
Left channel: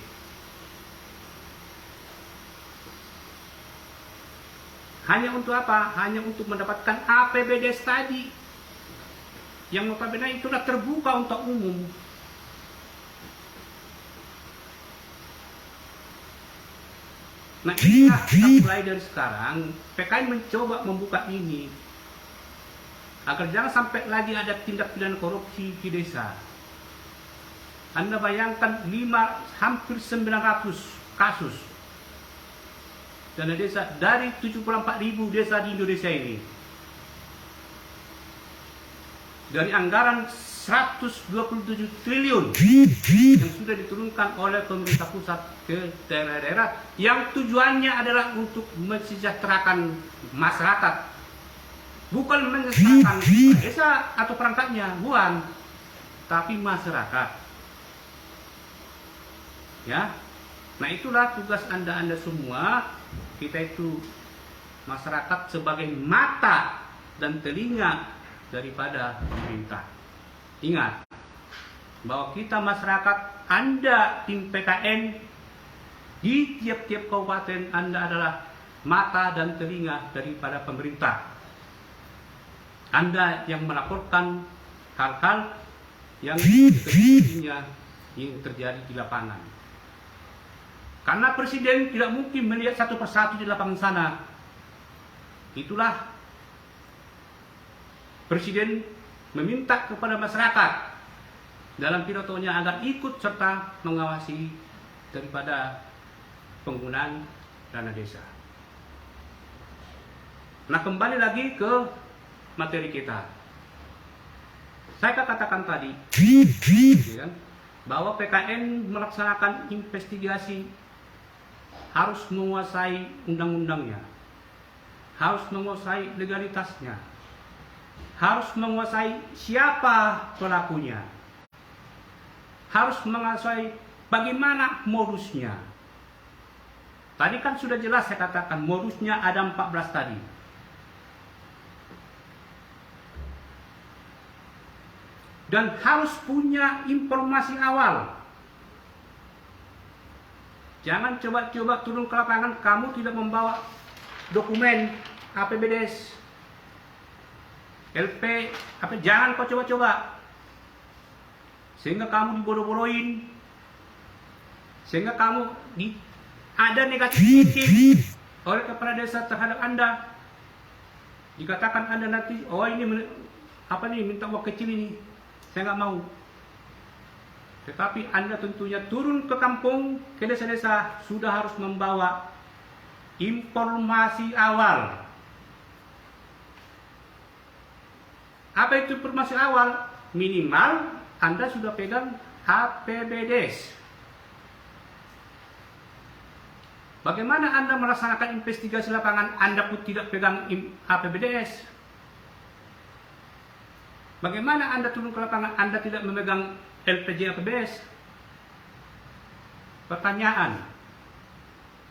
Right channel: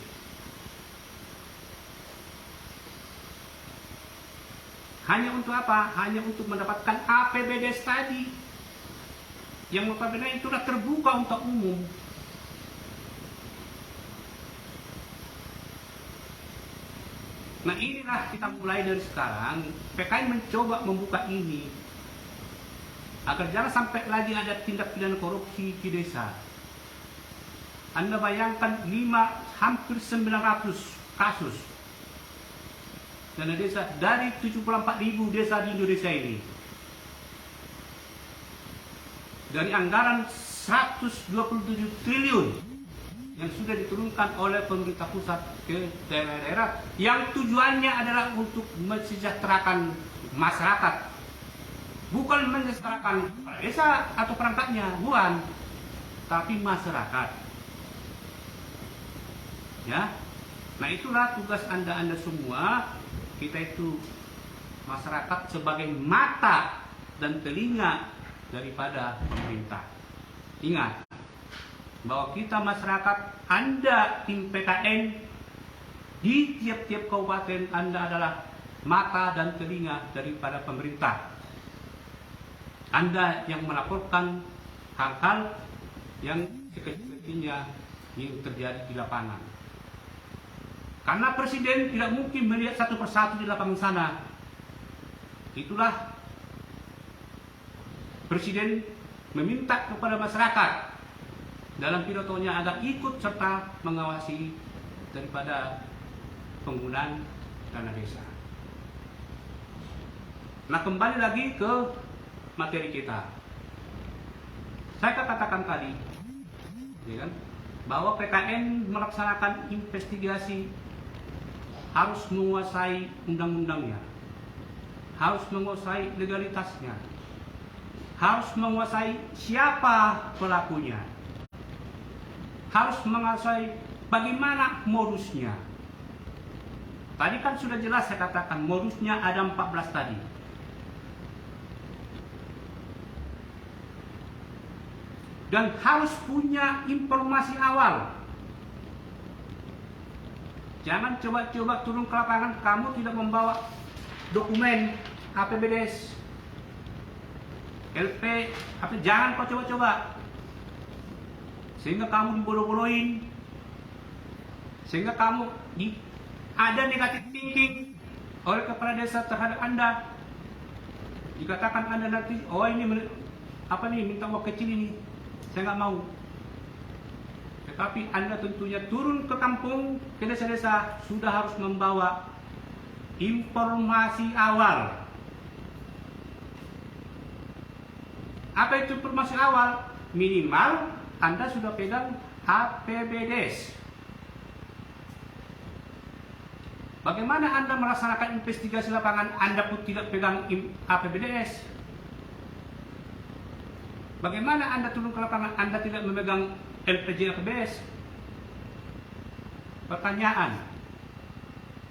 Hanya untuk apa? Hanya untuk mendapatkan APBD tadi. Yang notabene itu sudah terbuka untuk umum. Nah, inilah kita mulai dari sekarang, PKN mencoba membuka ini agar jangan sampai lagi ada tindak pidana korupsi di desa. Anda bayangkan hampir 900 kasus dana desa dari 74.000 desa di Indonesia ini. Dari anggaran 127 triliun yang sudah diturunkan oleh pemerintah pusat ke daerah-daerah yang tujuannya adalah untuk mensejahterakan masyarakat, bukan mensejahterakan desa atau perangkatnya, bukan, tapi masyarakat. Ya, nah itulah tugas anda semua. Kita itu masyarakat sebagai mata dan telinga daripada pemerintah. Ingat bahwa kita masyarakat, Anda tim PKN di tiap-tiap kabupaten, Anda adalah mata dan telinga daripada pemerintah. Anda yang melaporkan hal-hal yang diketahuinya yang terjadi di lapangan. Karena presiden tidak mungkin melihat satu persatu di lapangan sana. Itulah presiden meminta kepada masyarakat dalam pidatonya agar ikut serta mengawasi daripada penggunaan dana desa. Nah, kembali lagi ke materi kita. Saya katakan tadi, ya kan, bahwa PKN melaksanakan investigasi harus menguasai undang-undangnya, harus menguasai legalitasnya, harus menguasai siapa pelakunya, harus menguasai bagaimana modusnya. Tadi kan sudah jelas saya katakan modusnya ada 14 tadi. Dan harus punya informasi awal. Jangan coba-coba turun ke lapangan kamu tidak membawa dokumen APBDes, LP, jangan kau coba-coba. Sehingga kamu dibodoh-bodohin. Sehingga kamu ada negatif thinking oleh kepala desa terhadap Anda. Dikatakan Anda nanti, oh ini minta uang kecil ini. Saya nggak mau. Tetapi Anda tentunya turun ke kampung, ke desa-desa, sudah harus membawa informasi awal. Apa itu informasi awal? Minimal Anda sudah pegang APBDes. Bagaimana Anda melaksanakan investigasi lapangan Anda pun tidak pegang APBDes? Bagaimana Anda turun ke lapangan Anda tidak memegang LPJ APBDes? Pertanyaan.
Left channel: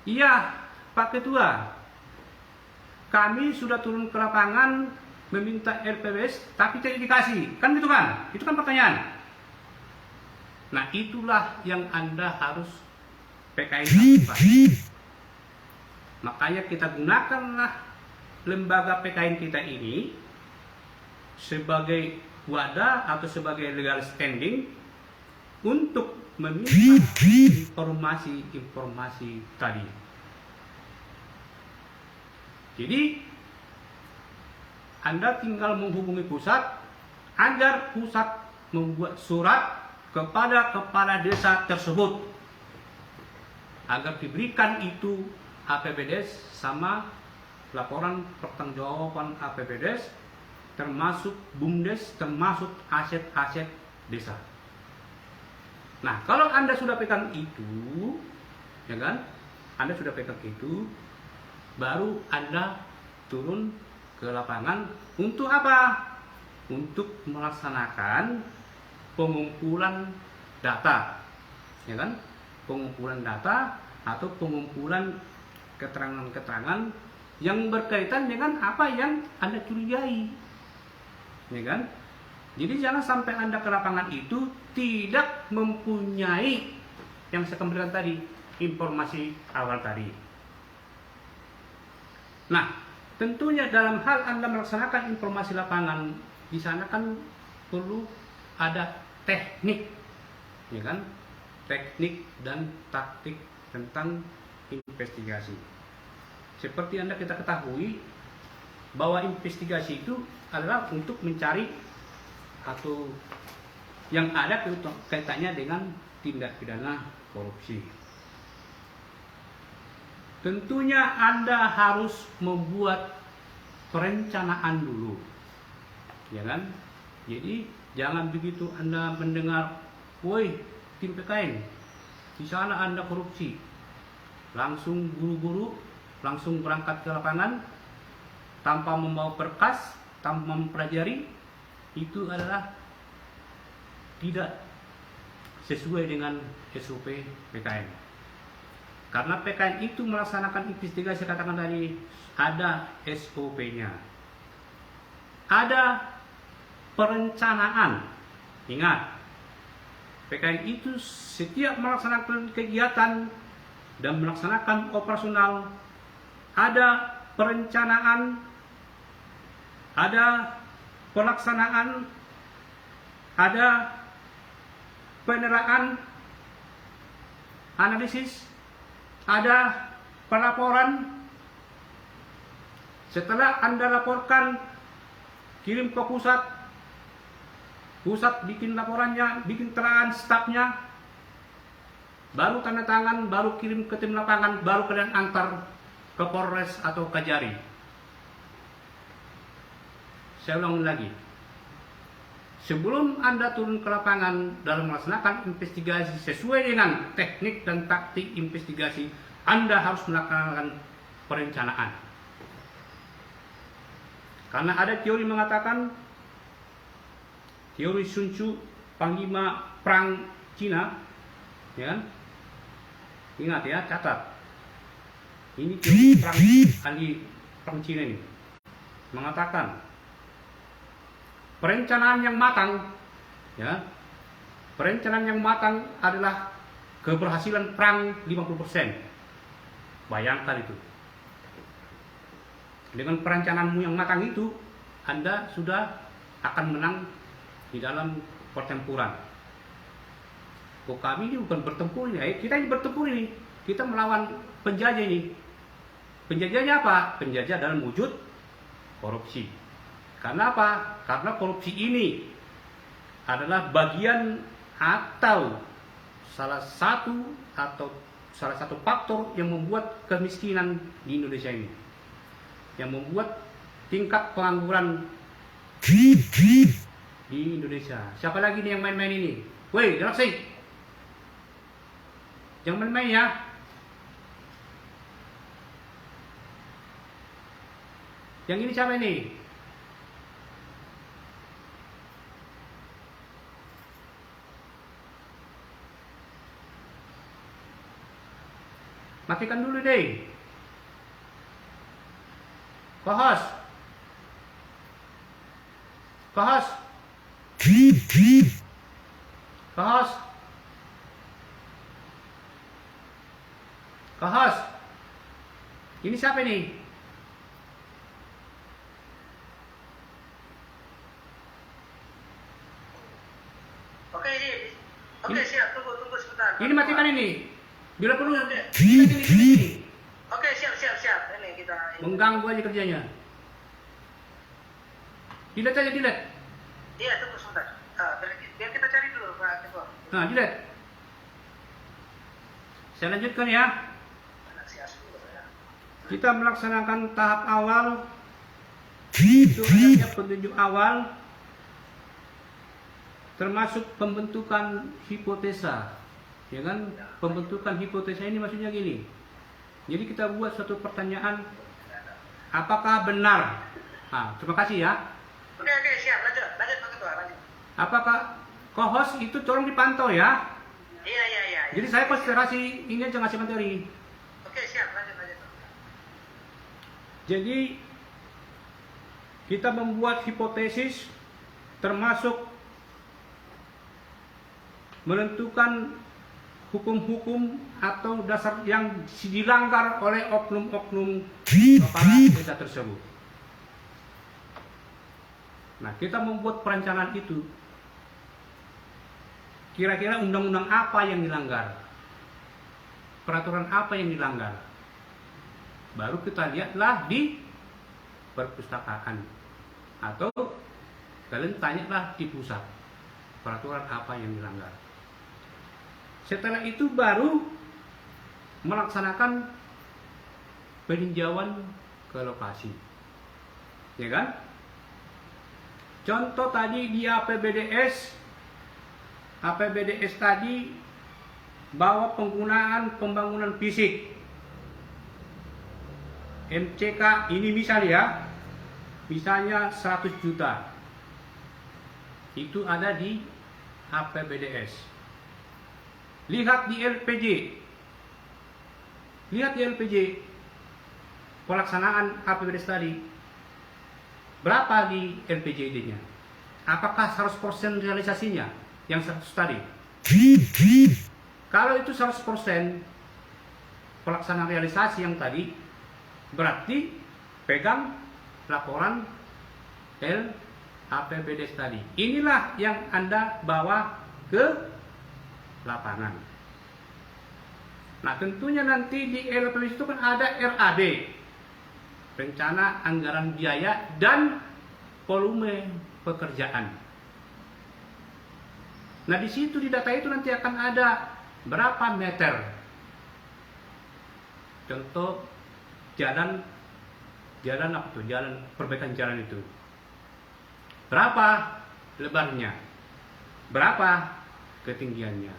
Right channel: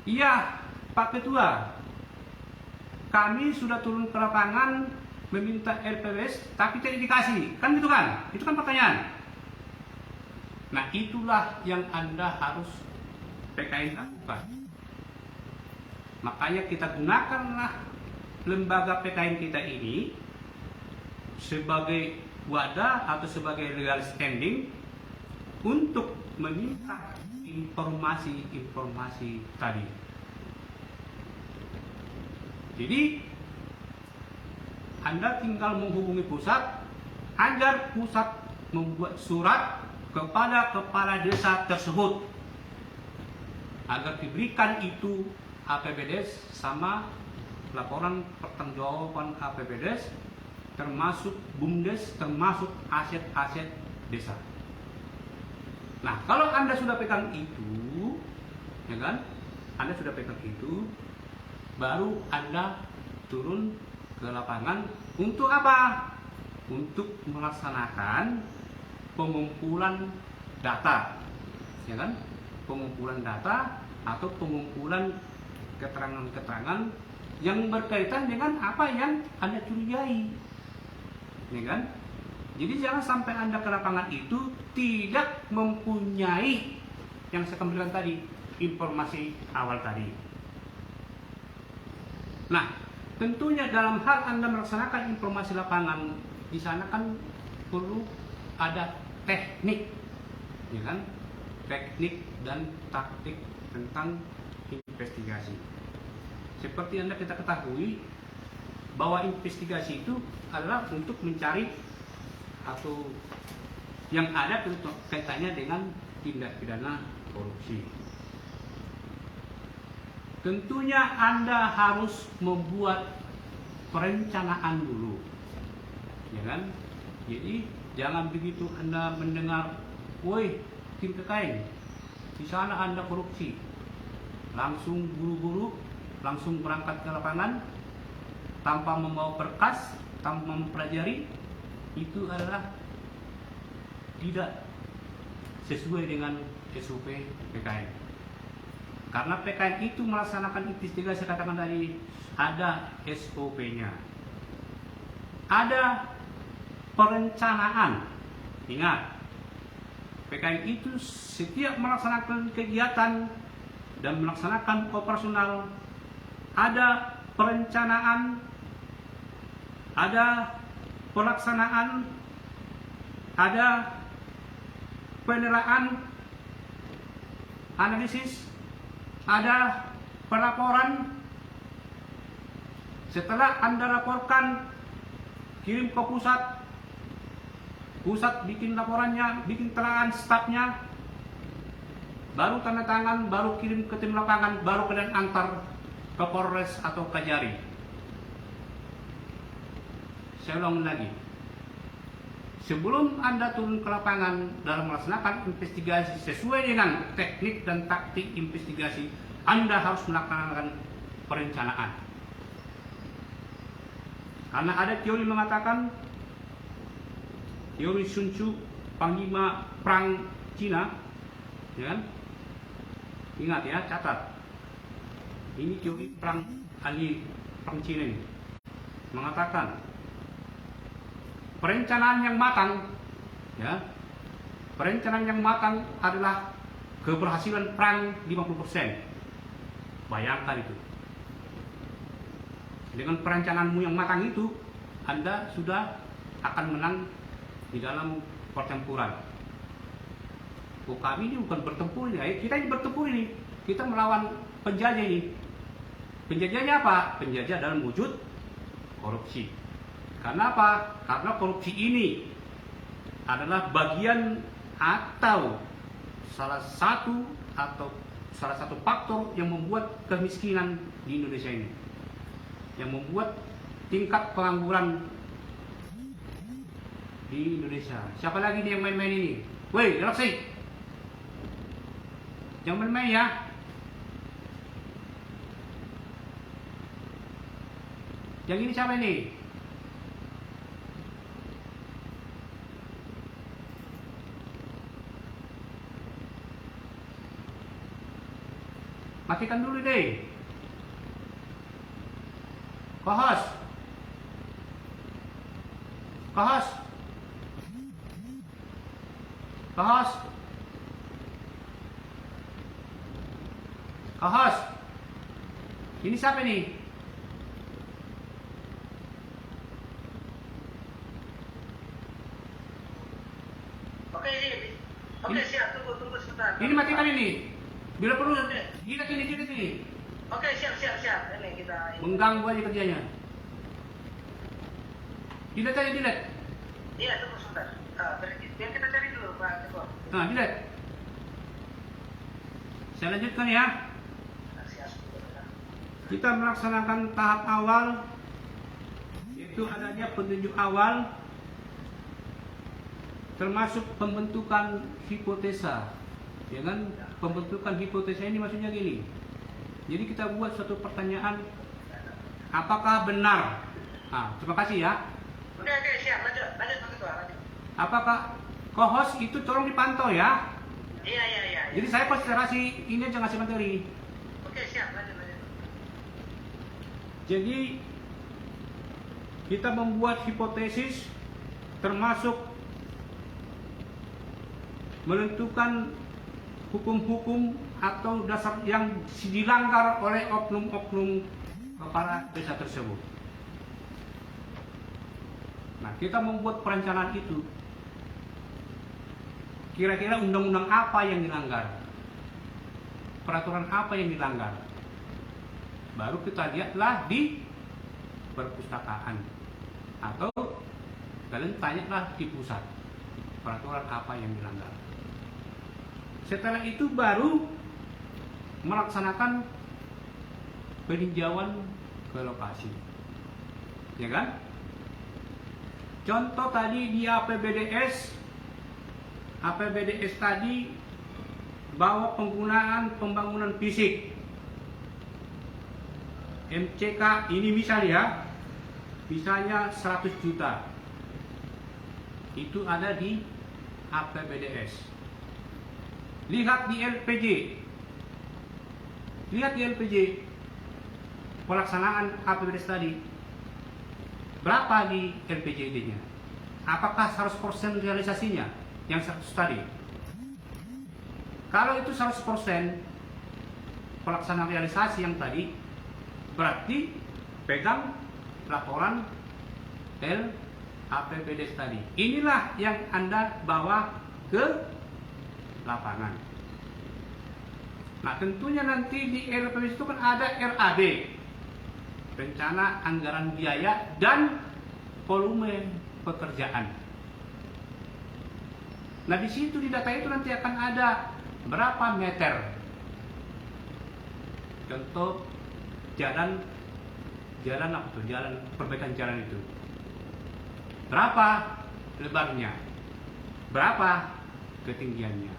Iya, Pak Ketua. Kami sudah turun ke lapangan meminta LPBDes tapi tidak dikasih. Kan gitu kan? Itu kan pertanyaan. Nah, itulah yang Anda harus PKN lakukan. Makanya kita gunakanlah lembaga PKN kita ini sebagai wadah atau sebagai legal standing untuk meminta informasi tadi. Jadi Anda tinggal menghubungi pusat agar pusat membuat surat kepada kepala desa tersebut agar diberikan itu APBDes sama laporan pertanggungjawaban APBDes, termasuk BUMDes, termasuk aset-aset desa. Nah, kalau Anda sudah pegang itu, ya kan? Anda sudah pegang itu, baru Anda turun ke lapangan untuk apa? Untuk melaksanakan pengumpulan data, ya kan? Pengumpulan data atau pengumpulan keterangan-keterangan yang berkaitan dengan apa yang Anda curigai. Ya kan? Jadi jangan sampai Anda ke lapangan itu tidak mempunyai yang saya kembalikan tadi, informasi awal tadi. Nah, tentunya dalam hal Anda melaksanakan informasi lapangan, di sana kan perlu ada teknik, ya kan? Teknik dan taktik tentang investigasi. Seperti Anda kita ketahui bahwa investigasi itu adalah untuk mencari atau yang ada kaitannya dengan tindak pidana korupsi. Tentunya Anda harus membuat perencanaan dulu, ya kan? Jadi jangan begitu Anda mendengar, woi tim PKN, di sana Anda korupsi, langsung buru-buru, langsung berangkat ke lapangan tanpa membawa berkas, tanpa mempelajari. Itu adalah tidak sesuai dengan SOP PKN. Karena PKN itu melaksanakan investigasi, katakan tadi, ada SOP-nya, ada perencanaan. Ingat, PKN itu setiap melaksanakan kegiatan dan melaksanakan operasional, ada perencanaan, ada pelaksanaan, ada penilaian, analisis, ada pelaporan. Setelah Anda laporkan, kirim ke pusat bikin laporannya, bikin telahan stafnya, baru tanda tangan, baru kirim ke tim lapangan, baru kalian antar ke Polres atau Kajari. Saya ulangi lagi, sebelum Anda turun ke lapangan dalam melaksanakan investigasi sesuai dengan teknik dan taktik investigasi, Anda harus melaksanakan perencanaan. Karena ada teori mengatakan, teori Sun Tzu, panglima perang Cina, ya kan? Ingat ya, catat. Ini teori ahli perang Cina ini mengatakan perencanaan yang matang, ya, perencanaan yang matang adalah keberhasilan perang 50%. Bayangkan itu. Dengan perencanaanmu yang matang itu, Anda sudah akan menang di dalam pertempuran. Oh, kami ini bukan bertempur ini, kita ini bertempur ini. Kita melawan penjajah ini. Penjajahnya apa? Penjajah dalam wujud korupsi. Karena apa? Karena korupsi ini adalah bagian atau salah satu faktor yang membuat kemiskinan di Indonesia ini, yang membuat tingkat pengangguran di Indonesia. Siapa lagi nih yang main-main ini? Woi, Galaxy, jangan main-main ya. Yang ini siapa ini? Matikan dulu deh. Kohos. Kohos. Kohos. Kohos. Ini siapa nih? Oke, siap. Tunggu sebentar. Ini matikan ini. Bila perlu, Oke. gini. Oke, siap. Ini kita Mengganggu aja kerjanya. Delete aja, delete. Iya, tunggu sebentar. Yang kita cari dulu, Pak Ketua. Nah, delete. Saya lanjutkan ya. Kita melaksanakan tahap awal. Itu adanya petunjuk awal, termasuk pembentukan hipotesa, ya kan? Pembentukan hipotesa ini maksudnya gini. Jadi kita buat suatu pertanyaan, apakah benar? Terima kasih ya. Oke, siap. Lanjut Pak Ketua, lanjut. Apakah kohos itu tolong dipantau ya? Iya. Jadi saya konsentrasi ini aja ngasih materi. Oke, siap. Lanjut. Jadi kita membuat hipotesis, termasuk menentukan hukum-hukum atau dasar yang dilanggar oleh oknum-oknum kepala desa tersebut. Nah, kita membuat perencanaan itu. Kira-kira undang-undang apa yang dilanggar? Peraturan apa yang dilanggar? Baru kita lihatlah di perpustakaan. Atau kalian tanyalah di pusat. Peraturan apa yang dilanggar? Setelah itu baru melaksanakan peninjauan ke lokasi, ya kan? Contoh tadi di APBDS tadi bahwa penggunaan pembangunan fisik MCK ini misalnya 100 juta itu ada di APBDS. Lihat di LPJ pelaksanaan APBDS tadi. Berapa di LPJD-nya? Apakah 100% realisasinya yang 100 tadi? Kalau itu 100% pelaksanaan realisasi yang tadi, berarti pegang laporan APBDS tadi. Inilah yang Anda bawa ke lapangan. Nah, tentunya nanti di LPBS itu kan ada RAB, rencana anggaran biaya dan volume pekerjaan. Nah, di situ di data itu nanti akan ada berapa meter. Contoh jalan apa tuh? Jalan perbaikan jalan itu. Berapa lebarnya? Berapa ketinggiannya?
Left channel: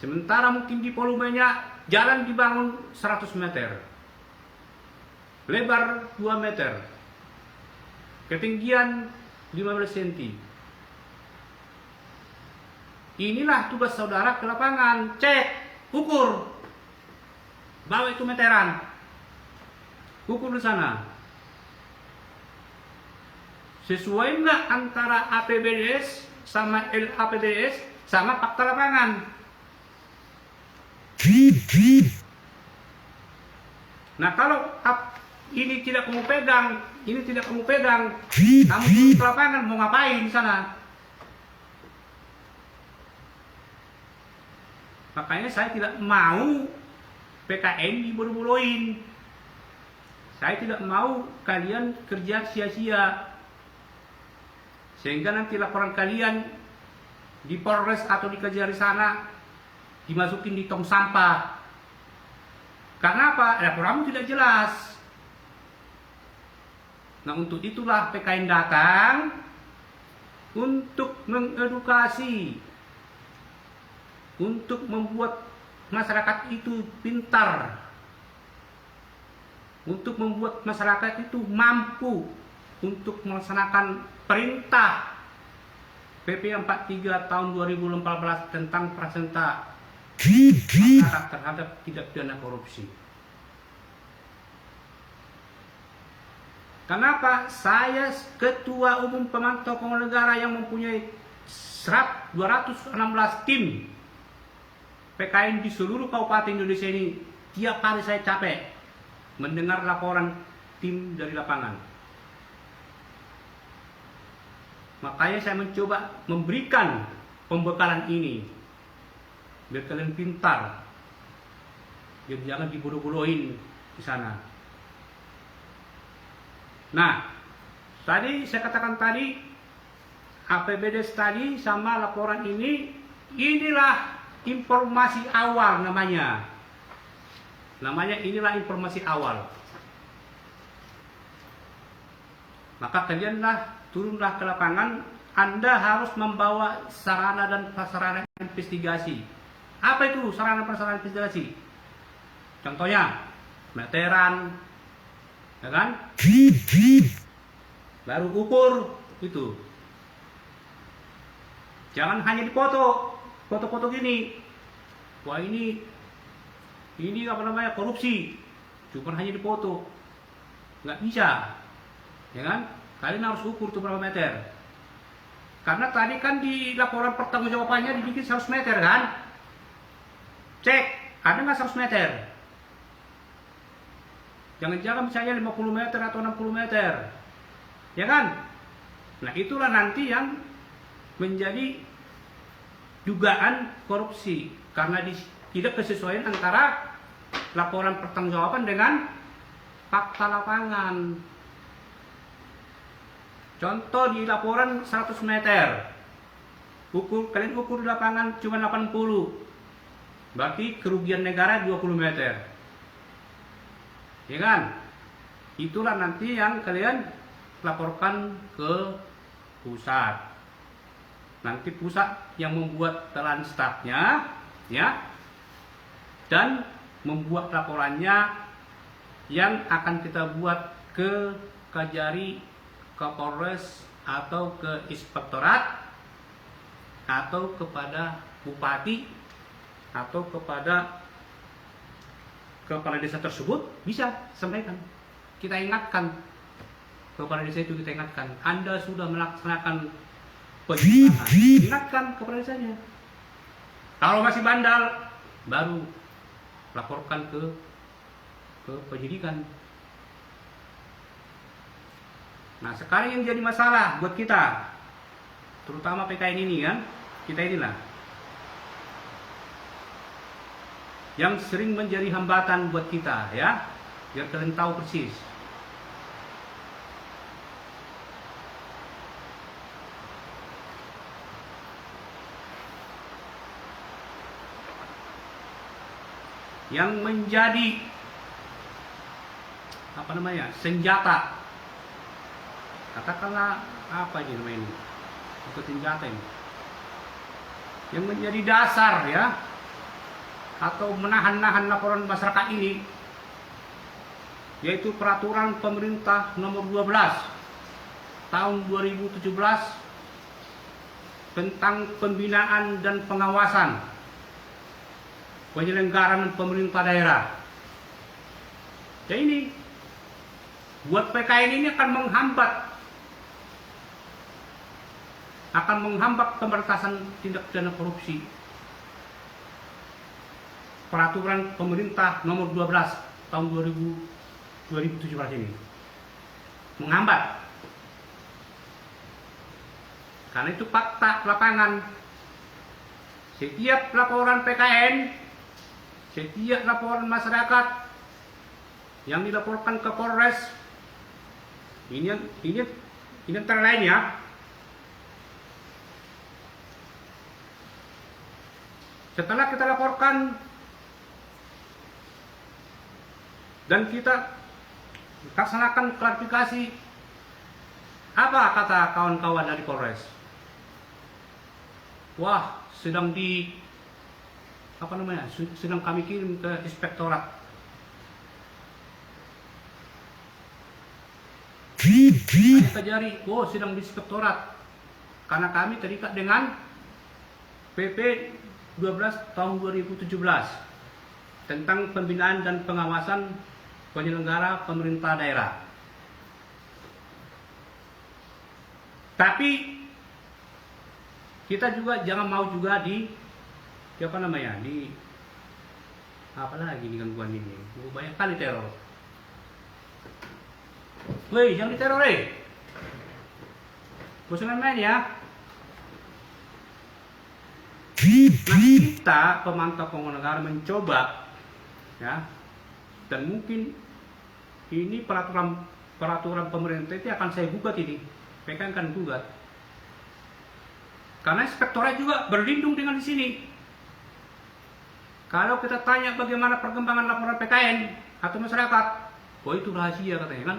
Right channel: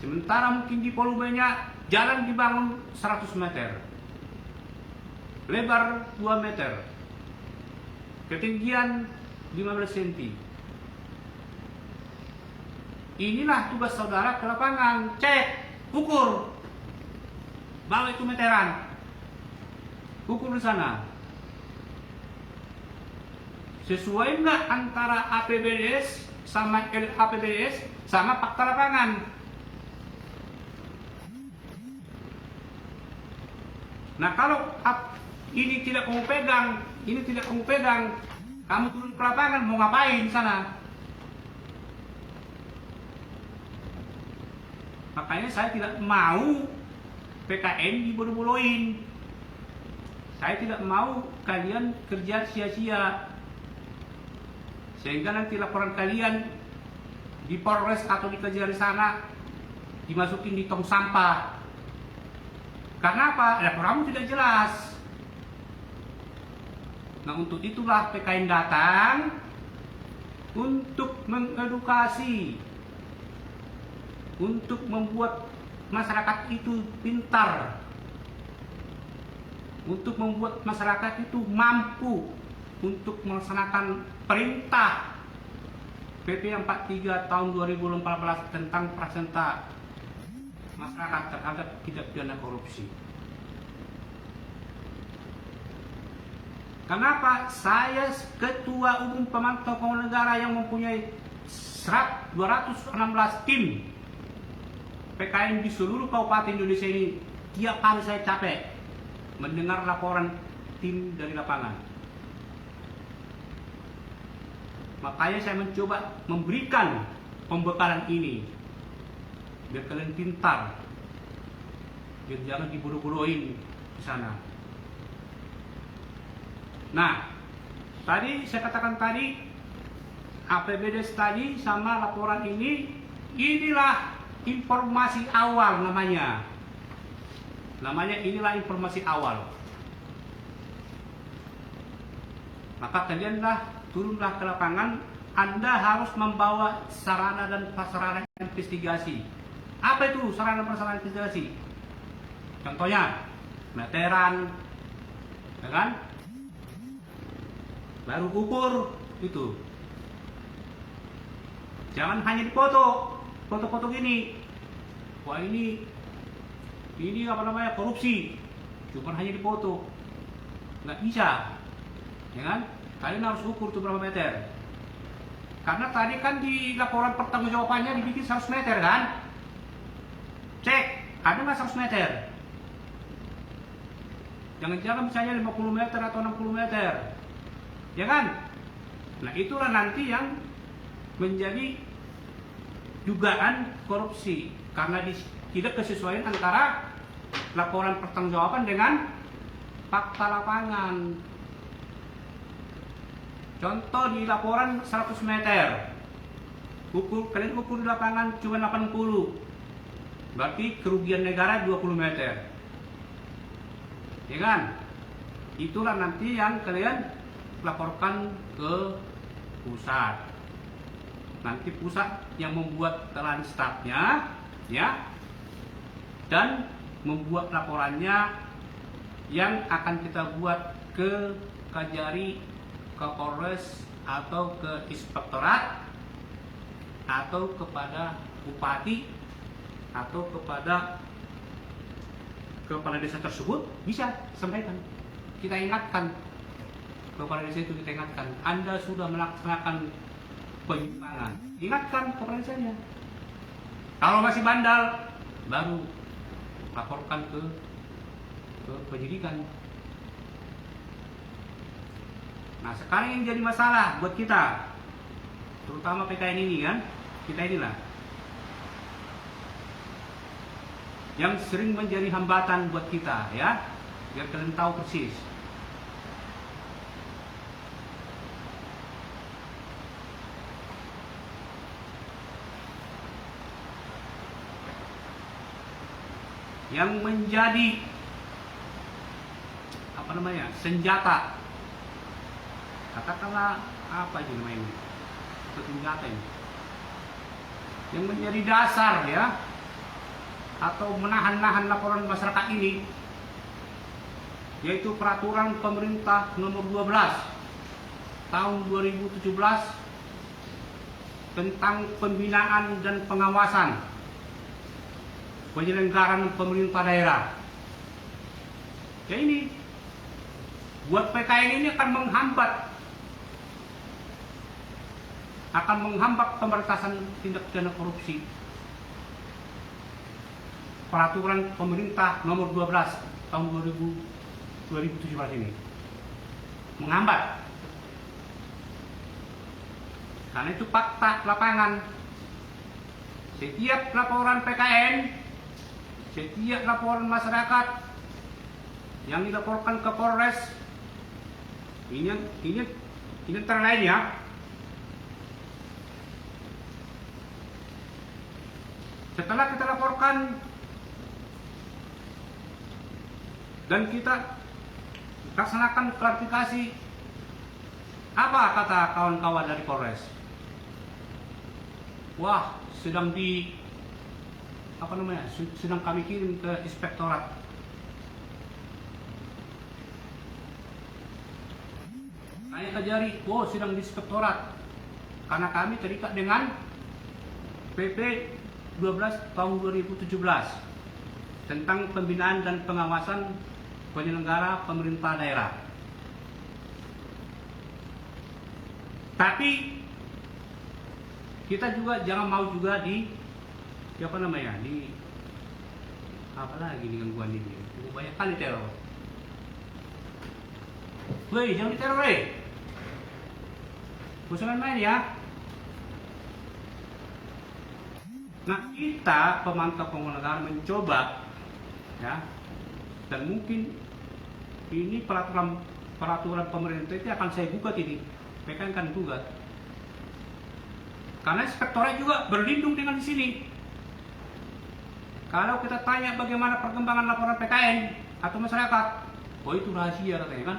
Sementara mungkin di volumenya jalan dibangun 100 meter. Lebar 2 meter. Ketinggian 15 cm. Inilah tugas saudara ke lapangan. Cek, ukur. Bawa itu meteran. Ukur di sana. Sesuai nggak antara APBDes sama LAPBDes sama fakta lapangan? Nah, kalau ini tidak kamu pegang, ini tidak kamu pegang, kamu turun ke lapangan mau ngapain di sana? Makanya saya tidak mau PKN dibodoh-bodohin. Saya tidak mau kalian kerja sia-sia. Sehingga nanti laporan kalian di Polres atau di Kejari sana dimasukin di tong sampah. Karena apa? Laporanmu tidak jelas. Nah, untuk itulah PKN datang untuk mengedukasi, untuk membuat masyarakat itu pintar, untuk membuat masyarakat itu mampu untuk melaksanakan perintah PP 43 tahun 2014 tentang prasenta masyarakat terhadap tindak pidana korupsi. Kenapa? Saya Ketua Umum Pemantau Keuangan Negara yang mempunyai 216 tim PKN di seluruh kabupaten Indonesia ini. Tiap hari saya capek mendengar laporan tim dari lapangan. Makanya saya mencoba memberikan pembekalan ini biar kalian pintar, biar jangan dibodoh-bodohin di sana. Nah, tadi saya katakan tadi APBDes tadi sama laporan ini, inilah informasi awal namanya. Inilah informasi awal. Maka kalianlah turunlah ke lapangan. Anda harus membawa sarana dan prasarana investigasi. Apa itu sarana dan prasarana investigasi? Contohnya meteran, ya kan? Baru ukur itu. Jangan hanya dipoto, foto-foto gini. Wah, ini apa namanya, korupsi. Cuma hanya dipoto. Nggak bisa. Ya kan? Kalian harus ukur tuh berapa meter. Karena tadi kan di laporan pertanggungjawabannya dibikin 100 meter kan? Cek, ada nggak 100 meter? Jangan-jangan misalnya 50 meter atau 60 meter. Ya kan? Nah, itulah nanti yang menjadi dugaan korupsi. Karena tidak kesesuaian antara laporan pertanggungjawaban dengan fakta lapangan. Contoh di laporan 100 meter. Kalian ukur di lapangan cuma 80. Berarti kerugian negara 20 meter. Ya kan? Itulah nanti yang kalian laporkan ke pusat. Nanti pusat yang membuat telan statnya, ya, dan membuat laporannya yang akan kita buat ke Kajari, ke Polres atau ke Inspektorat atau kepada Bupati atau kepada kepala desa tersebut, bisa sampaikan. Kita ingatkan kepala desa itu, kita ingatkan, Anda sudah melaksanakan penyimpangan. Ingatkan kepala desanya. Kalau masih bandal, baru laporkan ke penyidikan. Nah, sekarang yang jadi masalah buat kita, terutama PKN ini kan, kita inilah yang sering menjadi hambatan buat kita, ya, biar kalian tahu persis. Yang menjadi senjata, katakanlah apa ini namanya ini, itu senjata ini, yang menjadi dasar, ya, atau menahan-nahan laporan masyarakat ini, yaitu peraturan pemerintah nomor 12 tahun 2017 tentang pembinaan dan pengawasan penyelenggaraan pemerintah daerah. Ya, ini buat PKN ini akan menghambat pemberantasan tindak pidana korupsi. Peraturan pemerintah nomor 12 tahun 2017 ini menghambat. Karena itu fakta lapangan. Setiap laporan PKN, setiap laporan masyarakat yang dilaporkan ke Polres, ini antara lain, ya, setelah kita laporkan dan kita laksanakan klarifikasi, apa kata kawan-kawan dari Polres? Wah, sedang kami kirim ke inspektorat. Hanya kejari, sedang di inspektorat, karena kami terikat dengan PP 12 tahun 2017 tentang pembinaan dan pengawasan penyelenggara pemerintah daerah. Tapi kita juga jangan mau juga di apalagi nih gangguan ini, banyak kali teror. Woi, jangan diteror, Bosan main, ya. Nah, kita pemantau pengelola negara mencoba, ya, dan mungkin ini peraturan pemerintah itu akan saya gugat ini, PKN akan gugat. Karena inspektorat juga berlindung dengan di sini. Kalau kita tanya bagaimana perkembangan laporan PKN atau masyarakat, itu rahasia katanya, kan?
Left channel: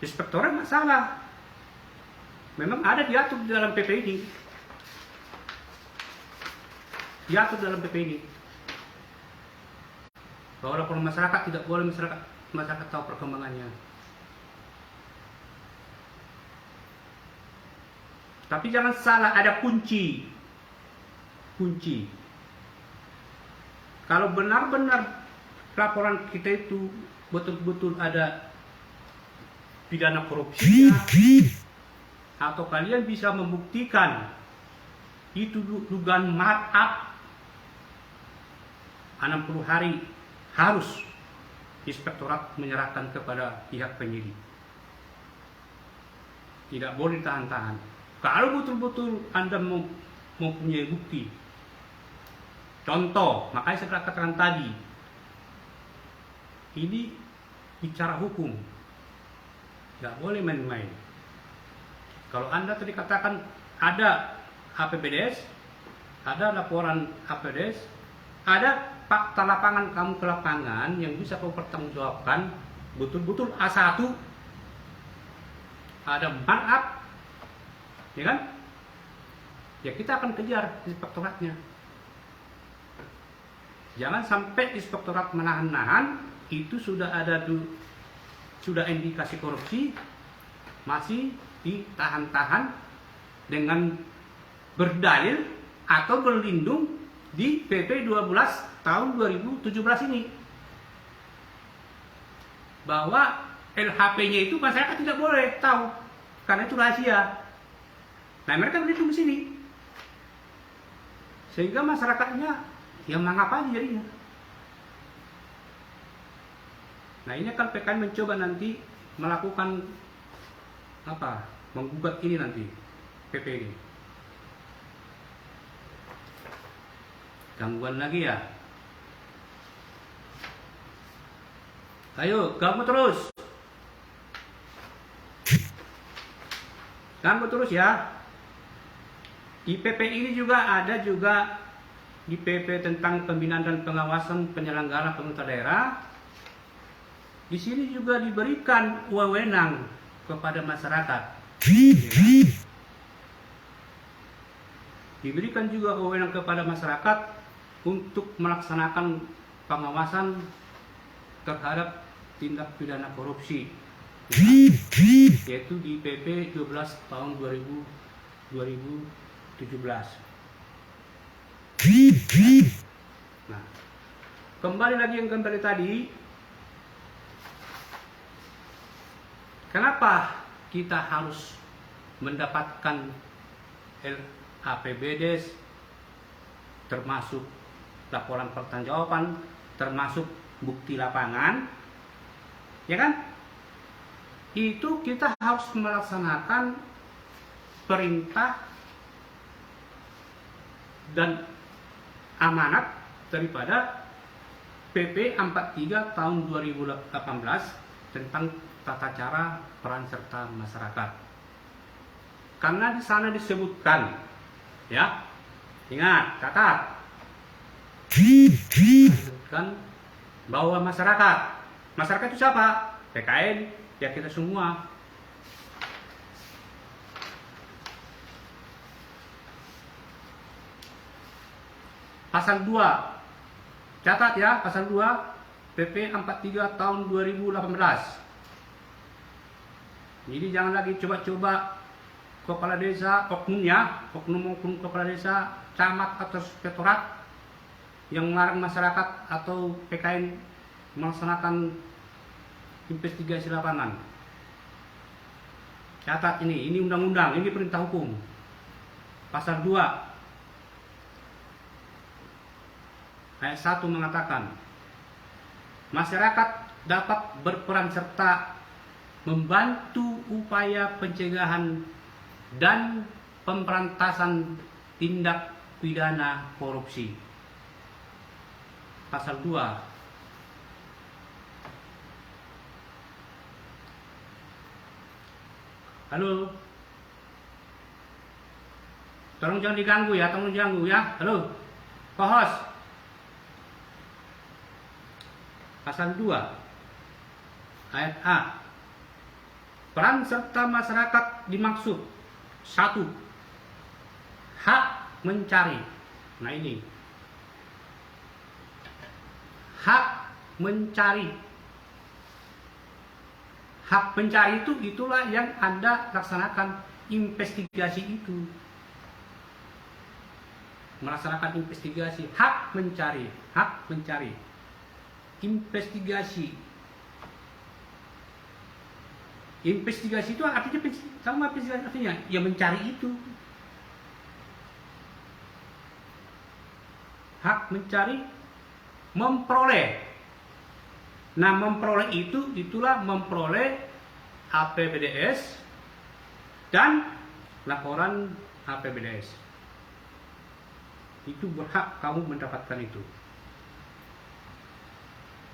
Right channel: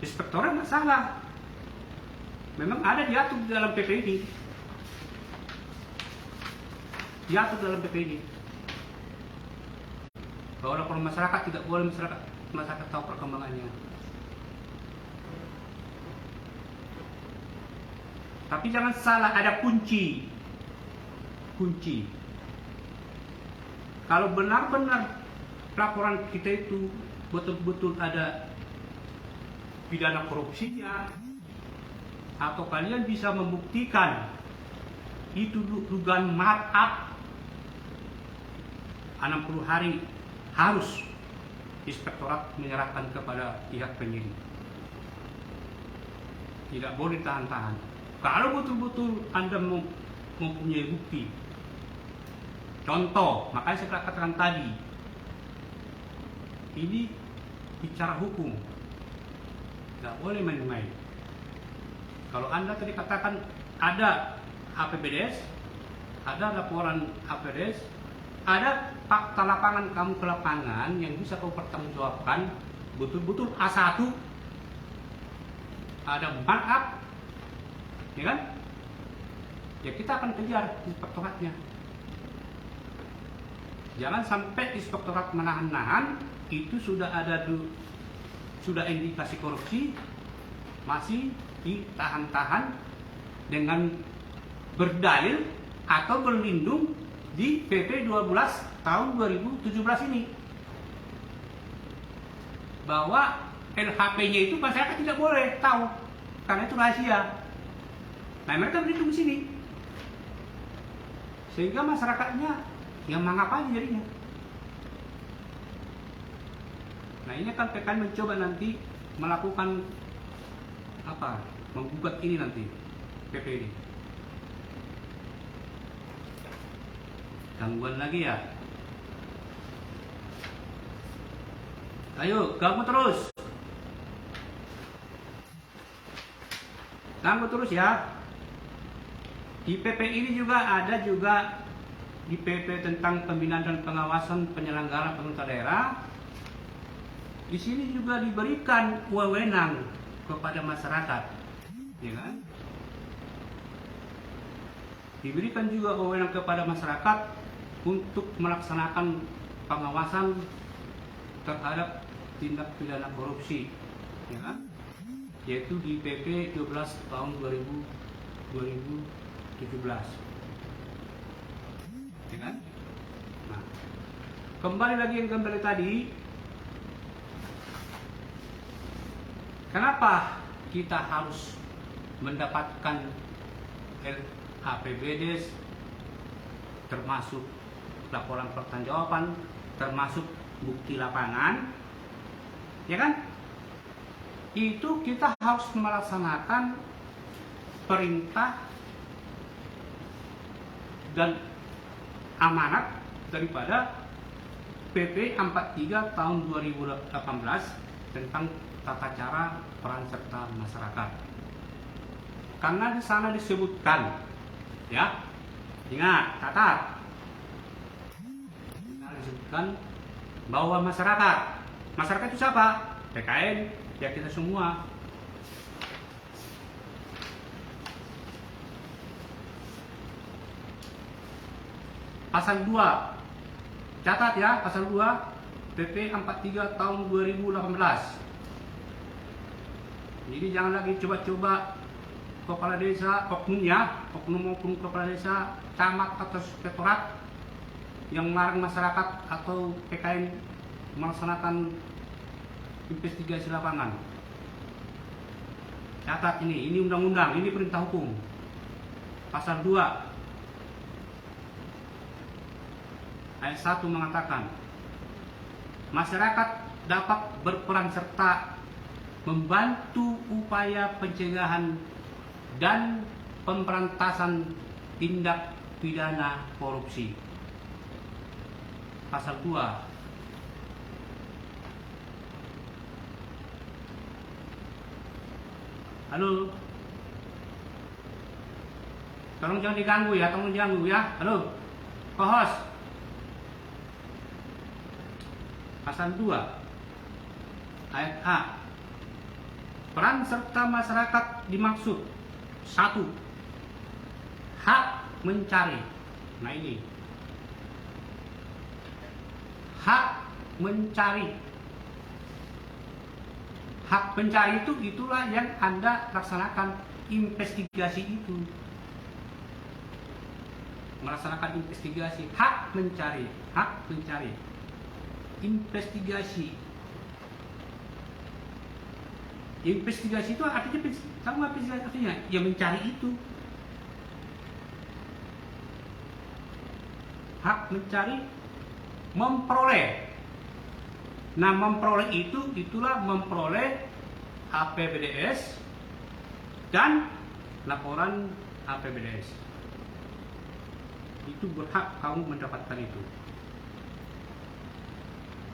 Inspektorat nggak salah. Memang ada diatur di dalam PP ini. Diatur dalam PP ini. Bahwa laporan masyarakat tidak boleh masyarakat tahu perkembangannya. Tapi jangan salah, ada kunci. Kalau benar-benar laporan kita itu betul-betul ada pidana korupsinya, atau kalian bisa membuktikan itu dugaan markup, 60 hari harus inspektorat menyerahkan kepada pihak penyidik. Tidak boleh tahan-tahan. Kalau betul-betul Anda mempunyai bukti, contoh, makanya saya katakan tadi, ini bicara hukum, tidak boleh main-main. Kalau Anda tadi katakan ada APBDes, ada laporan APBDes, ada fakta lapangan kamu ke lapangan yang bisa kamu pertanggungjawabkan, betul-betul A1, ada markup, ya kan? Ya kita akan kejar inspektoratnya. Jangan sampai inspektorat menahan-nahan, itu sudah ada sudah indikasi korupsi, masih ditahan-tahan dengan berdalil atau berlindung di PP 12 tahun 2017 ini, bahwa LHP-nya itu masyarakat tidak boleh tahu karena itu rahasia. Nah, mereka berlindung di sini, sehingga masyarakatnya yang menganggap aja jadinya. Nah, ini kan PKN mencoba nanti melakukan menggugat ini nanti PP ini. Gangguan lagi ya? Ayo, ganggu terus. Ganggu terus ya. Di PP ini juga ada di PP tentang pembinaan dan pengawasan penyelenggaraan pemerintah daerah. Di sini juga diberikan wewenang kepada masyarakat. Ya. Diberikan juga wewenang kepada masyarakat untuk melaksanakan pengawasan terhadap tindak pidana korupsi, ya, yaitu di PP 12 tahun 2017. Nah, kembali lagi yang kembali tadi, kenapa kita harus mendapatkan APBD, termasuk laporan pertanggungjawaban, termasuk bukti lapangan, ya kan? Itu kita harus melaksanakan perintah dan amanat daripada PP 43 tahun 2018 tentang tata cara peran serta masyarakat. Karena di sana disebutkan, ya, ingat, catat, disebutkan bahwa masyarakat itu siapa? PKN, ya kita semua. Pasal 2, catat ya, pasal 2 PP 43 tahun 2018. Jadi jangan lagi coba-coba kepala desa, oknum kepala desa, camat atau inspektorat yang melarang masyarakat atau PKN melaksanakan investigasi lapangan. Catat ini undang-undang, ini perintah hukum. Pasal 2 ayat 1 mengatakan, masyarakat dapat berperan serta membantu upaya pencegahan dan pemberantasan tindak pidana korupsi. Pasal 2. Halo. Tolong jangan diganggu ya, Halo. Co-host. Pasal 2. Ayat A. Peran serta masyarakat dimaksud 1. Hak mencari. Nah ini. Hak mencari. Hak mencari itulah yang Anda laksanakan investigasi itu. Melaksanakan investigasi, hak mencari. Investigasi. Investigasi itu artinya sama investigasi artinya ya mencari itu. Hak mencari, memperoleh. Nah, memperoleh itulah memperoleh APBDes dan laporan APBDes. Itu berhak kamu mendapatkan itu.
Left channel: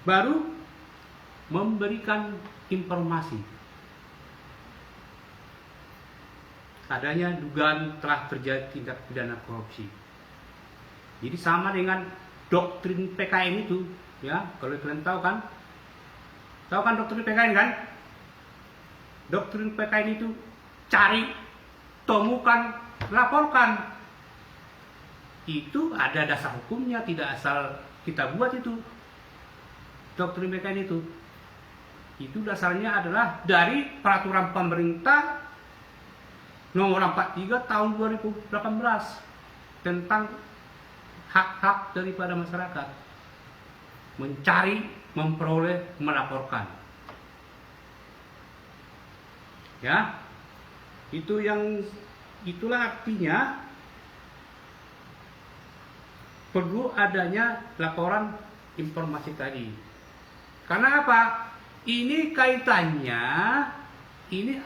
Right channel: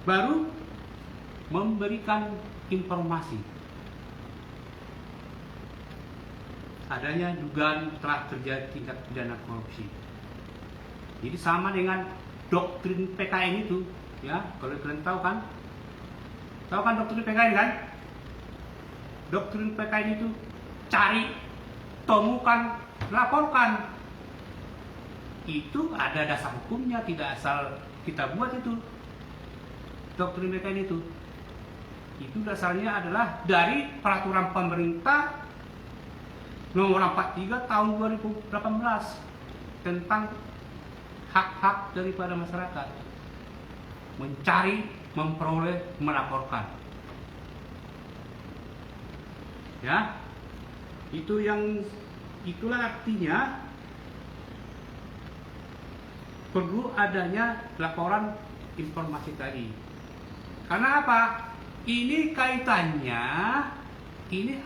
Baru memberikan informasi adanya dugaan telah terjadi tindak pidana korupsi. Jadi sama dengan doktrin PKN itu, ya, kalau kalian tahu kan doktrin PKN kan? Doktrin PKN itu cari, temukan, laporkan. Itu ada dasar hukumnya, tidak asal kita buat itu. Doktrin PKN itu dasarnya adalah dari peraturan pemerintah nomor 43 tahun 2018 tentang hak-hak daripada masyarakat, mencari, memperoleh, melaporkan. Ya, itulah artinya perlu adanya laporan informasi tadi. Karena apa? Ini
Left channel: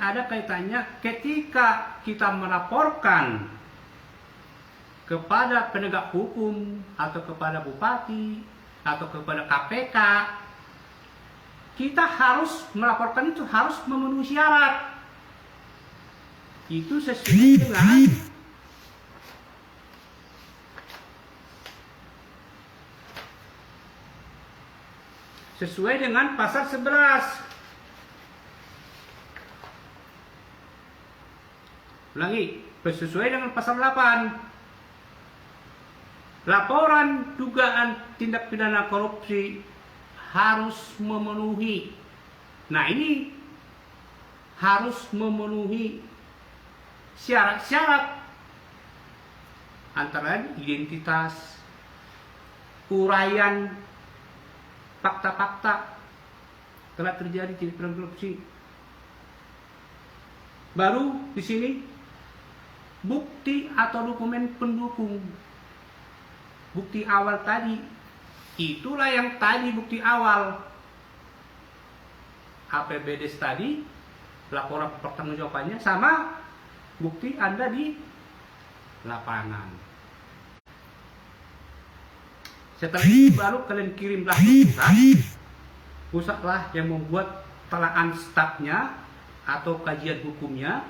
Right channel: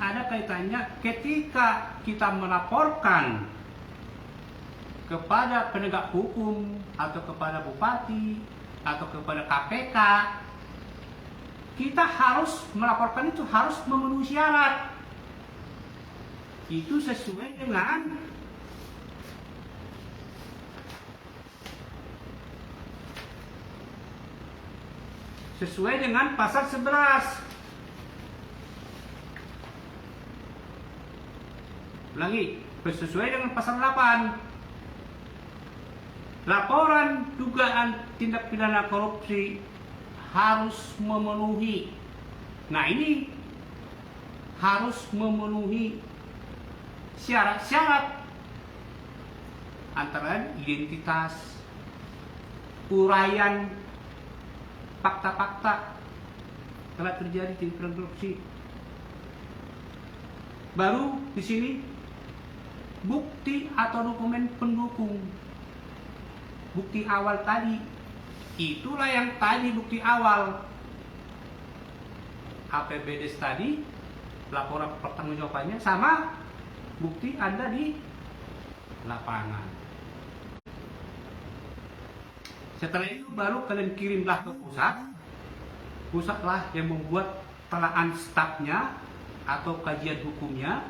ada kaitannya ketika kita melaporkan kepada penegak hukum atau kepada bupati atau kepada KPK, kita harus melaporkan itu harus memenuhi syarat. Itu sesuai dengan pasal 11. Ulangi, sesuai dengan pasal 8. Laporan dugaan tindak pidana korupsi harus memenuhi. Nah, ini harus memenuhi syarat-syarat antara identitas, uraian fakta-fakta telah terjadi tindak pidana korupsi. Baru di sini bukti atau dokumen pendukung. Bukti awal tadi, itulah yang tadi bukti awal. APBDes tadi, laporan pertanggungjawabannya sama bukti Anda di lapangan. Setelah itu baru kalian kirimlah ke pusatlah yang membuat telaan stafnya atau kajian hukumnya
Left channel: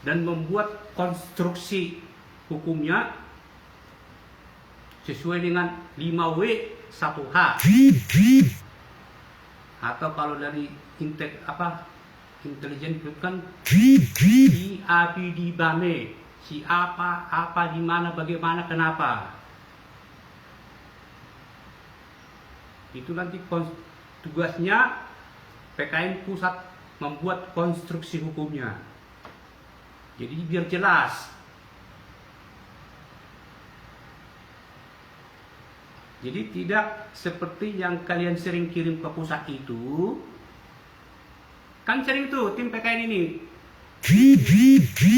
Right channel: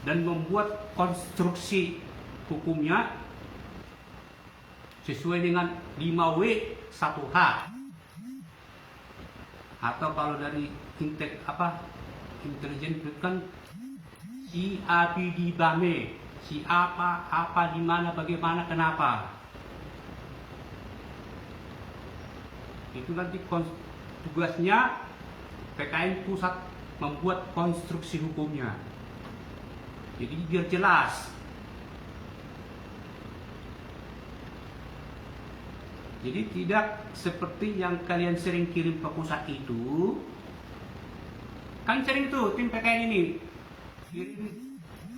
dan membuat konstruksi hukumnya sesuai dengan 5W 1H, atau kalau dari intelijen kan IAPD BAME, siapa, apa, di mana, bagaimana, kenapa. Itu nanti tugasnya PKN pusat membuat konstruksi hukumnya. Jadi biar jelas. Jadi tidak seperti yang kalian sering kirim ke pusat itu. Kan sering tuh tim PKN ini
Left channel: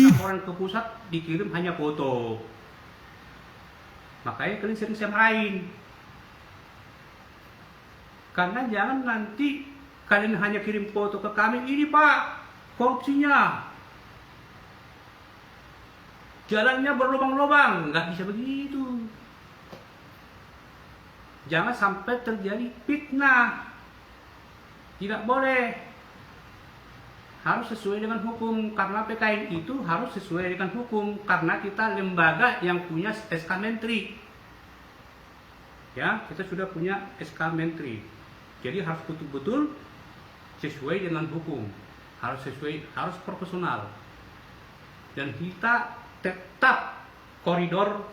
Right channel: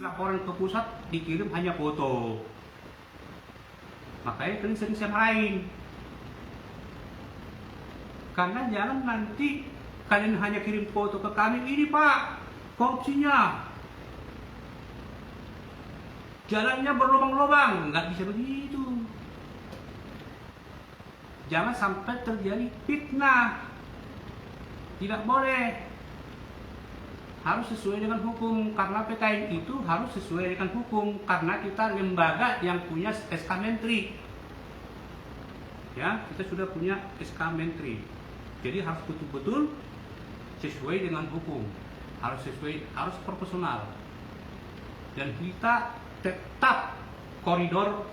laporan ke pusat dikirim hanya foto. Makanya kalian sering saya marahin. Karena jangan nanti kalian hanya kirim foto ke kami, ini Pak korupsinya, jalannya berlubang-lubang. Nggak bisa begitu. Jangan sampai terjadi fitnah. Tidak boleh. Harus sesuai dengan hukum. Karena PKN itu harus sesuai dengan hukum. Karena kita lembaga yang punya SK Menteri. Ya, kita sudah punya SK Menteri. Jadi harus betul-betul sesuai dengan hukum. Harus sesuai, harus profesional. Dan kita tetap koridor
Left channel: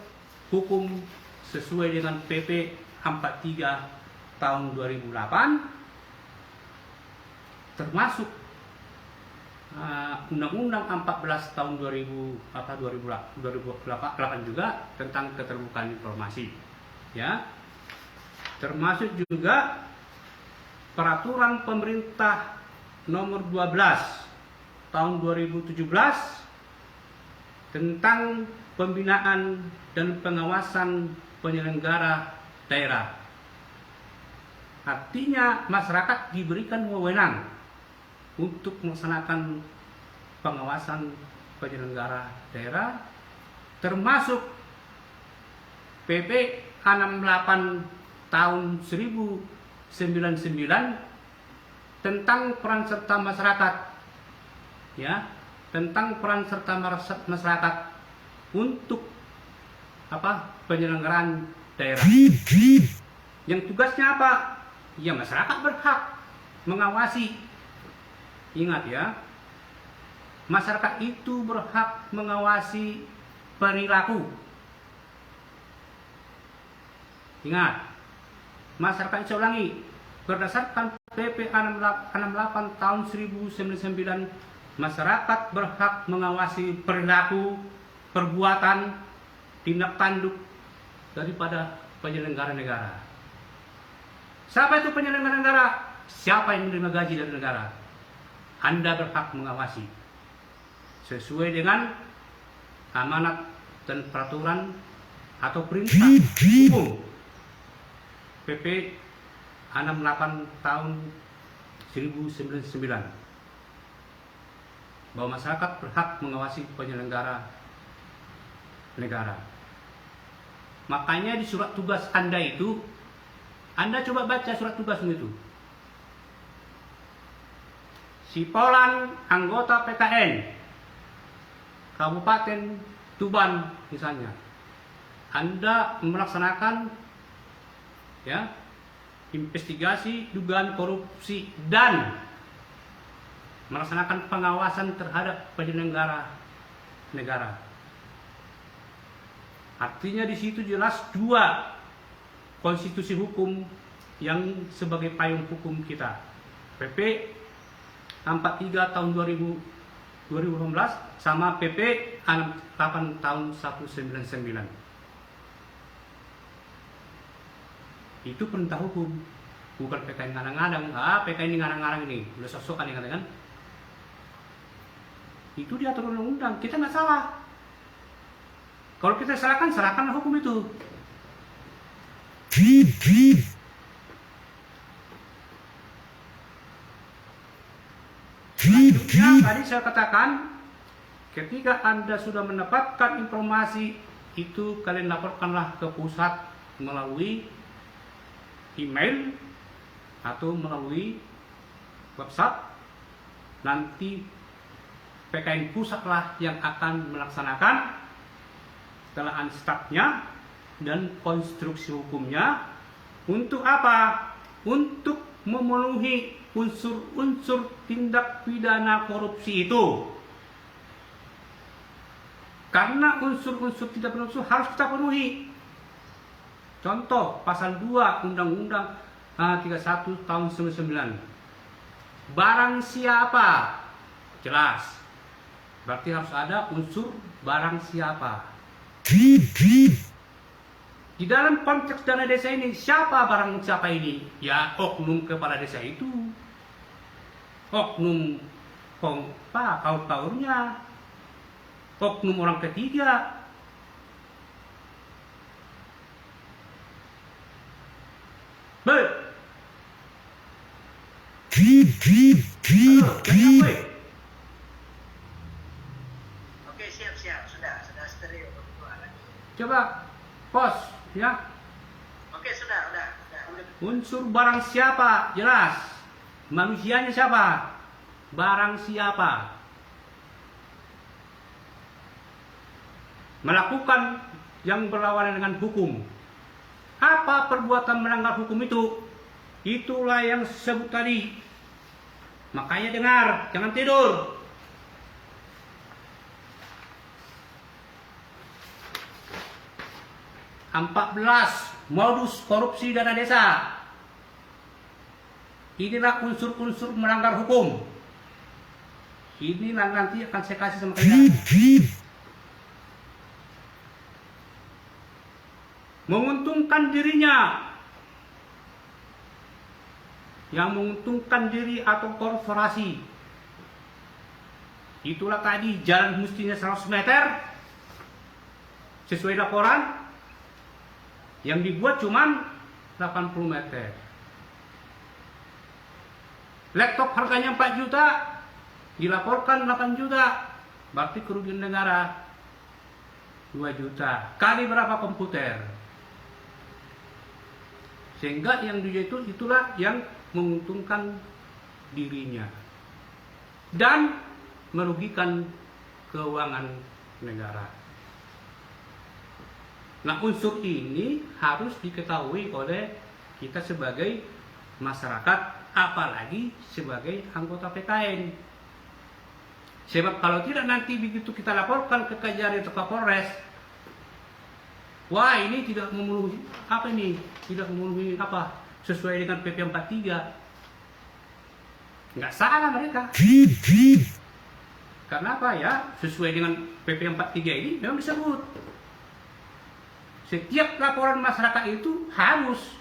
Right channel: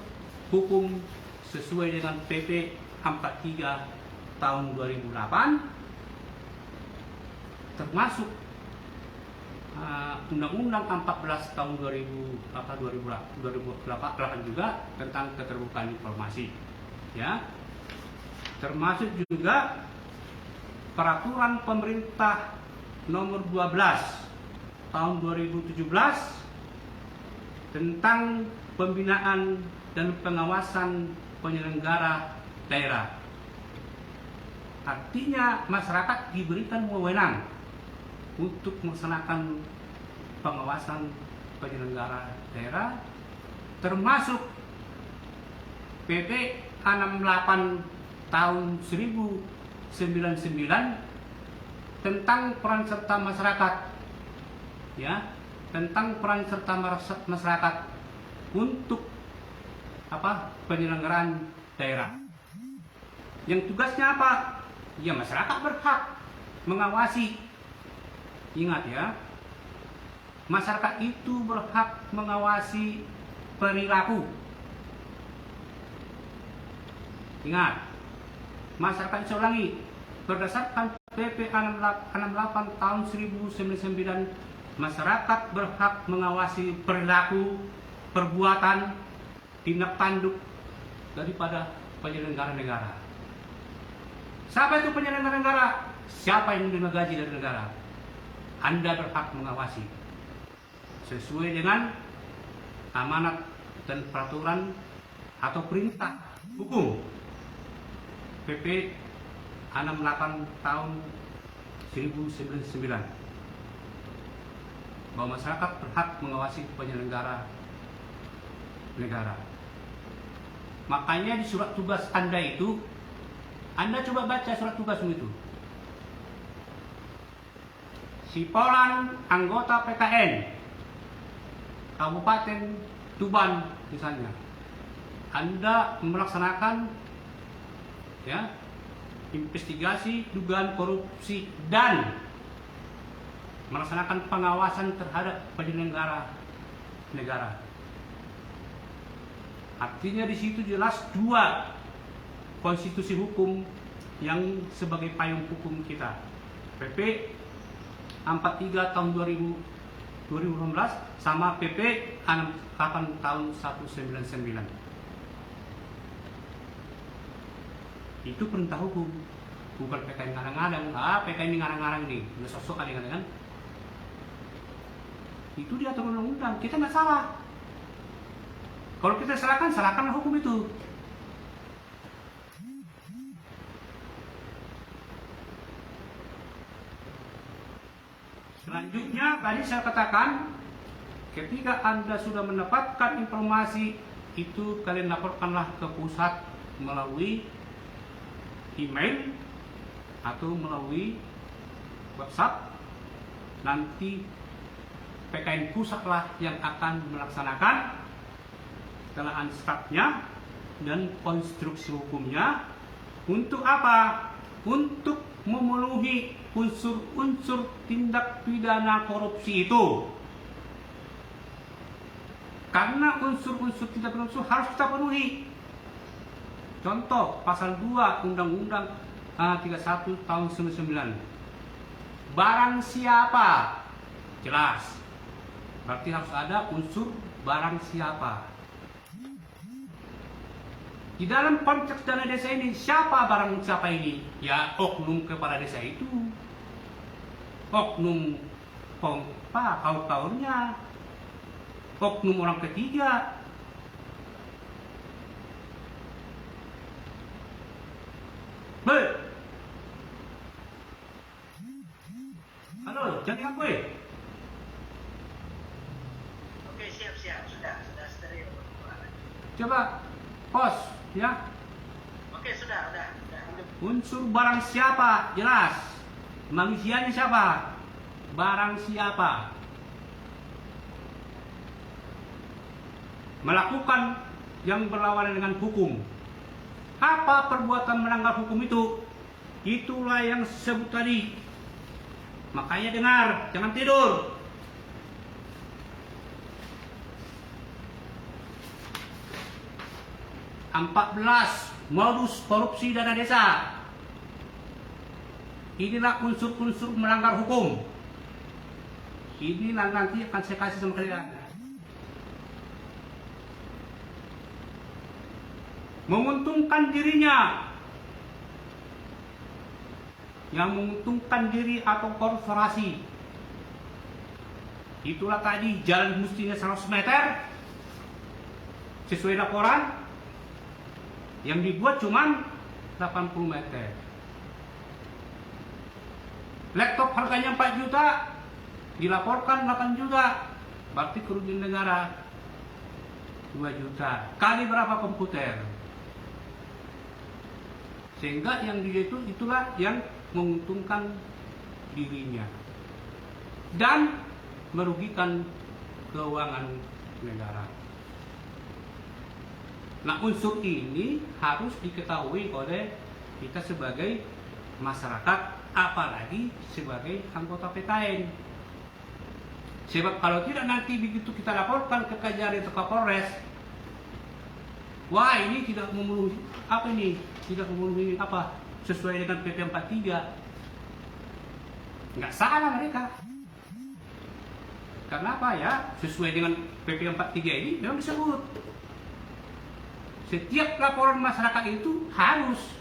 hukum sesuai dengan PP 43 tahun 2008, termasuk Undang-Undang 14 tahun 2008 juga tentang keterbukaan informasi, ya. Termasuk juga Peraturan Pemerintah Nomor 12 tahun 2017 tentang pembinaan dan pengawasan penyelenggara daerah. Artinya masyarakat diberikan wewenang untuk melaksanakan pengawasan penyelenggara daerah, termasuk PP 68 tahun 1099 tentang peran serta masyarakat, ya, tentang peran serta masyarakat untuk penyelenggaraan daerah. Yang tugasnya apa? Ya, masyarakat berhak mengawasi. Ingat ya, masyarakat itu berhak mengawasi perilaku. Ingat, masyarakat, saya ulangi, berdasarkan PP 68 tahun 1099, masyarakat berhak mengawasi perilaku, perbuatan, tindak tanduk daripada penyelenggara negara. Siapa itu penyelenggara negara? Siapa yang menerima gaji dari negara? Anda berhak mengawasi sesuai dengan amanat dan peraturan atau perintah umum PP 68 tahun 1099, bahwa masyarakat berhak mengawasi penyelenggara negara. Makanya di surat tugas Anda itu, Anda coba baca surat tugasmu itu. Sipolan anggota PKN Kabupaten Tuban misalnya, Anda melaksanakan ya investigasi dugaan korupsi dan melaksanakan pengawasan terhadap penyelenggara negara. Artinya di situ jelas dua konstitusi hukum yang sebagai payung hukum kita. PP 43 tahun 2018 sama PP 8 tahun 199. Itu perintah hukum, bukan PKN ngarang-ngarang. PKN ini ngarang-ngarang ini, udah sok-sokan yang kan? Itu diatur undang-undang, kita nggak salah. Kalau kita serahkan hukum itu. Selanjutnya tadi saya katakan, ketika Anda sudah mendapatkan informasi itu, kalian laporkanlah ke pusat melalui email atau melalui WhatsApp. Nanti PKN pusatlah yang akan melaksanakan telahan statnya dan konstruksi hukumnya. Untuk apa? Untuk memenuhi unsur-unsur tindak pidana korupsi itu. Karena unsur-unsur tindak pidana korupsi harus kita penuhi. Contoh pasal 2 Undang-Undang 31 tahun 99. Barang siapa? Jelas. Berarti harus ada unsur barang siapa. Di dalam konteks dana desa ini, siapa barang siapa ini? Ya oknum kepala desa itu, oknum kaur-kaurnya, oknum orang ketiga. Halo, jangan gue. Oke, siap, sudah steril. Coba pos ya. Oke, sudah. Unsur barang siapa jelas. Manusianya siapa? Barang siapa? Melakukan yang berlawanan dengan hukum. Apa perbuatan melanggar hukum itu? Itulah yang disebut tadi. Makanya dengar, jangan tidur. (14) Modus korupsi dana desa. Inilah unsur-unsur melanggar hukum. Ini nanti akan saya kasih sama kalian. Menguntungkan dirinya, yang menguntungkan diri atau korporasi. Itulah tadi, jalan mestinya 100 meter sesuai laporan, yang dibuat cuman 80 meter. Laptop harganya 4 juta, dilaporkan 8 juta, berarti kerugian negara 2 juta. Kali berapa komputer? Sehingga yang dia itulah yang menguntungkan dirinya dan merugikan keuangan negara. Nah, unsur ini harus diketahui oleh kita sebagai masyarakat, apalagi sebagai anggota PKN. Sebab kalau tidak, nanti begitu kita laporkan ke Kejari atau Kapolres, wah ini tidak memenuhi apa ini? Tidak memenuhi apa? Sesuai dengan PP 43. Nggak salah mereka. Karena apa ya? Sesuai dengan PP 43 ini memang disebut. Setiap laporan masyarakat itu harus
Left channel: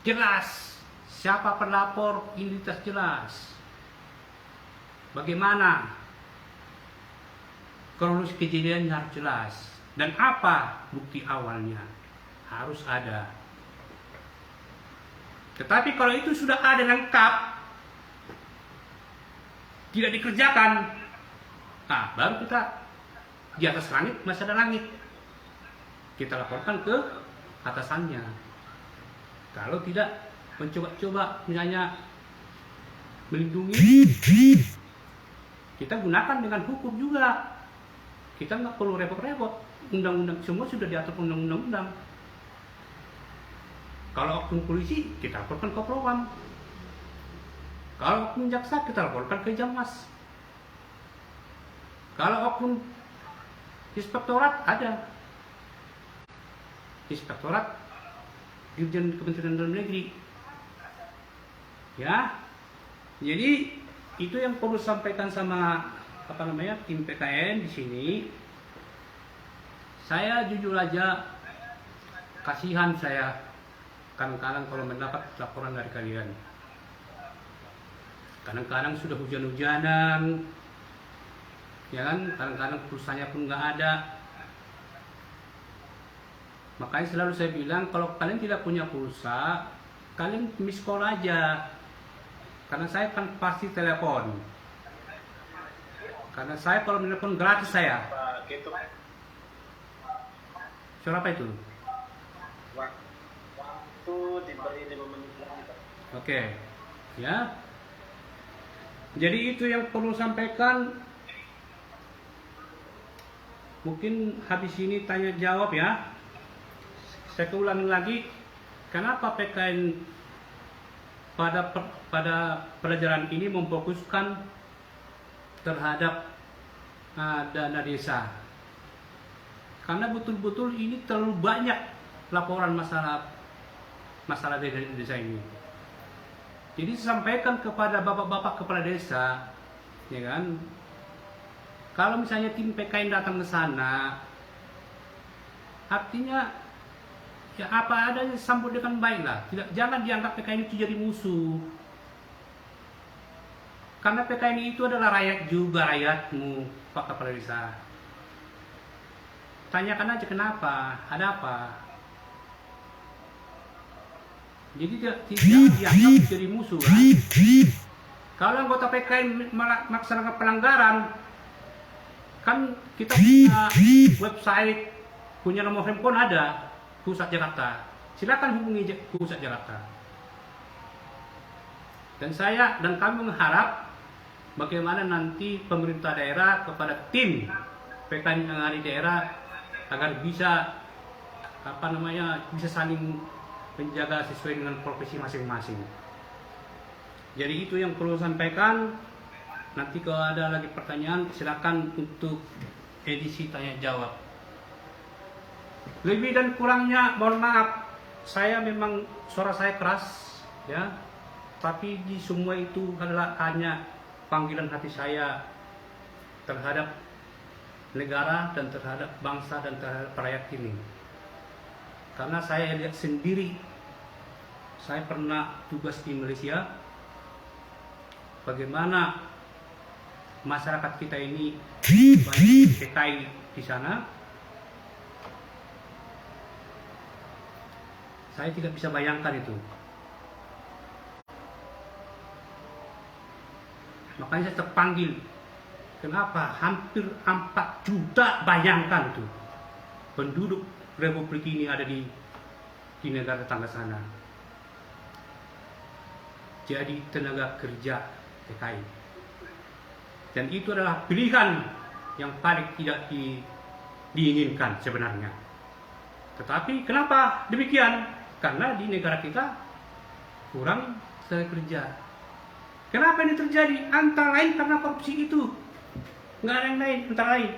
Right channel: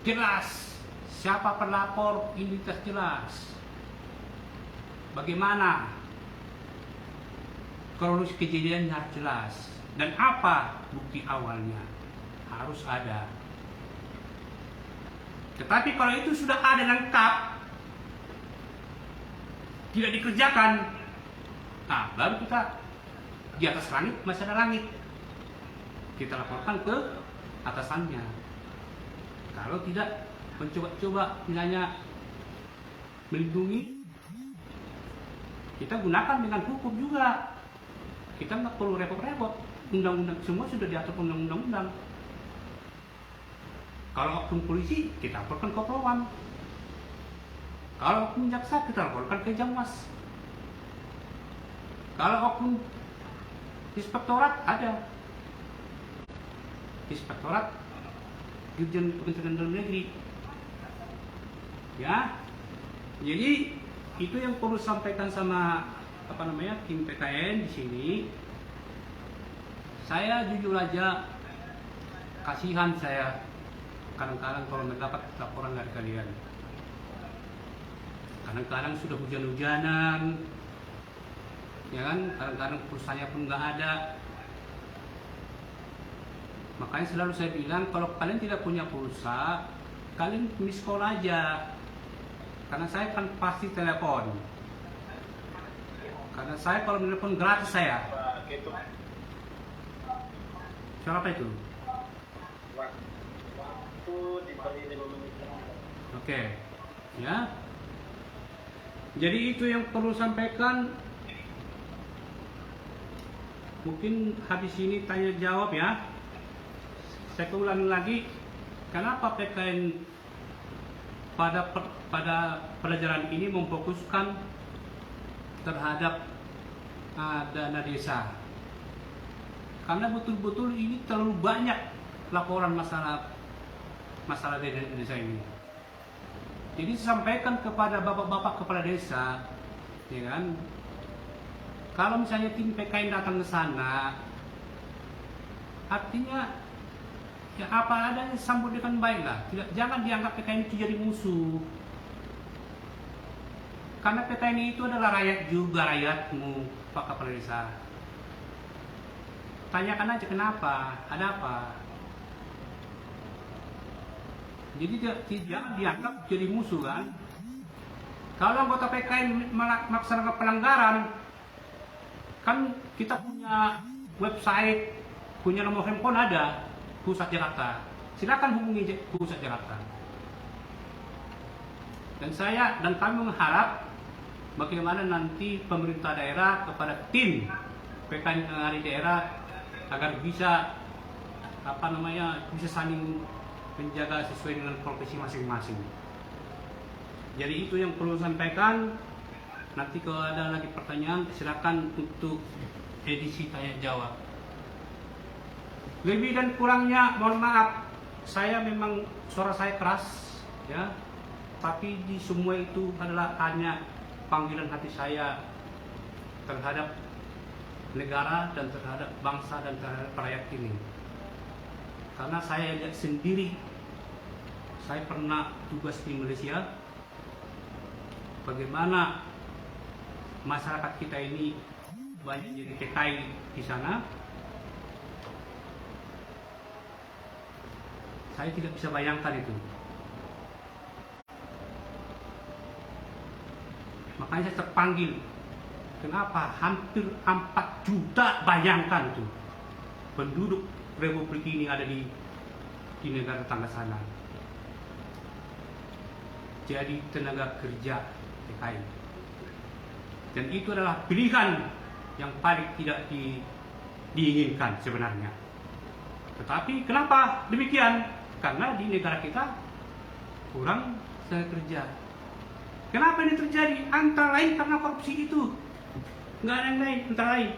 jelas. Siapa pelapor, identitas jelas. Bagaimana kronologi kejadian harus jelas. Dan apa bukti awalnya harus ada. Tetapi kalau itu sudah ada lengkap, tidak dikerjakan, nah baru kita di atas langit masih ada langit. kita laporkan ke atasannya. Kalau tidak mencoba-coba misalnya melindungi, kita gunakan dengan hukum juga. Kita nggak perlu repot-repot. Undang-undang semua sudah diatur undang-undang. Kalau oknum polisi, kita laporkan ke Propam. Kalau oknum jaksa, kita laporkan ke Jamwas. Kalau oknum inspektorat, ada Inspektorat Dirjen Kementerian Dalam Negeri. Ya, jadi itu yang perlu sampaikan sama tim PKN di sini. Saya jujur aja kasihan saya kadang-kadang kalau mendapat laporan dari kalian. Kadang-kadang sudah hujan-hujanan, ya kan? Kadang-kadang pulsanya pun nggak ada. Makanya selalu saya bilang kalau kalian tidak punya pulsa, kalian miss call aja. Karena saya kan pasti telepon. Karena saya kalau menelepon gratis saya. Itu Siapa itu? Waktu diberi 5 menit. Oke, ya. Jadi itu yang perlu sampaikan. Mungkin habis ini tanya jawab ya. Saya ulangi lagi, kenapa PKN pada pelajaran ini memfokuskan terhadap dana desa? Karena betul-betul ini terlalu banyak laporan masalah dana desa ini. Jadi sampaikan kepada bapak-bapak kepala desa, ya kan? Kalau misalnya tim PKN datang ke sana, artinya ya apa adanya sambut dengan baik lah. Jangan dianggap PKN itu jadi musuh. Karena PKN itu adalah rakyat juga, rakyatmu, Pak Kepala Desa. Tanyakan aja kenapa, ada apa. Jadi tidak dianggap jadi musuh kan. Kalau anggota PKN melaksanakan pelanggaran, kan kita punya website, punya nomor handphone ada, Pusat Jakarta. Silakan hubungi Pusat Jakarta. Dan saya dan kami mengharap bagaimana nanti pemerintah daerah kepada tim PKN yang ada di daerah agar bisa bisa saling menjaga sesuai dengan profesi masing-masing. Jadi itu yang perlu sampaikan. Nanti kalau ada lagi pertanyaan silakan untuk edisi tanya jawab. Lebih dan kurangnya mohon maaf, saya memang suara saya keras ya, tapi di semua itu adalah hanya panggilan hati saya terhadap negara dan terhadap bangsa dan terhadap rakyat ini. Karena saya lihat sendiri, saya pernah tugas di Malaysia, bagaimana masyarakat kita ini banyak PKI di sana. Saya tidak bisa bayangkan itu. Makanya saya terpanggil. Kenapa? Hampir 4 juta, bayangkan itu penduduk Republik ini ada di negara tetangga sana. Jadi tenaga kerja PKI. Dan itu adalah pilihan yang paling tidak diinginkan sebenarnya. Tetapi kenapa demikian? Karena di negara kita kurang tenaga kerja. Kenapa ini terjadi? Antara lain karena korupsi itu. Nggak ada yang lain, antara lain.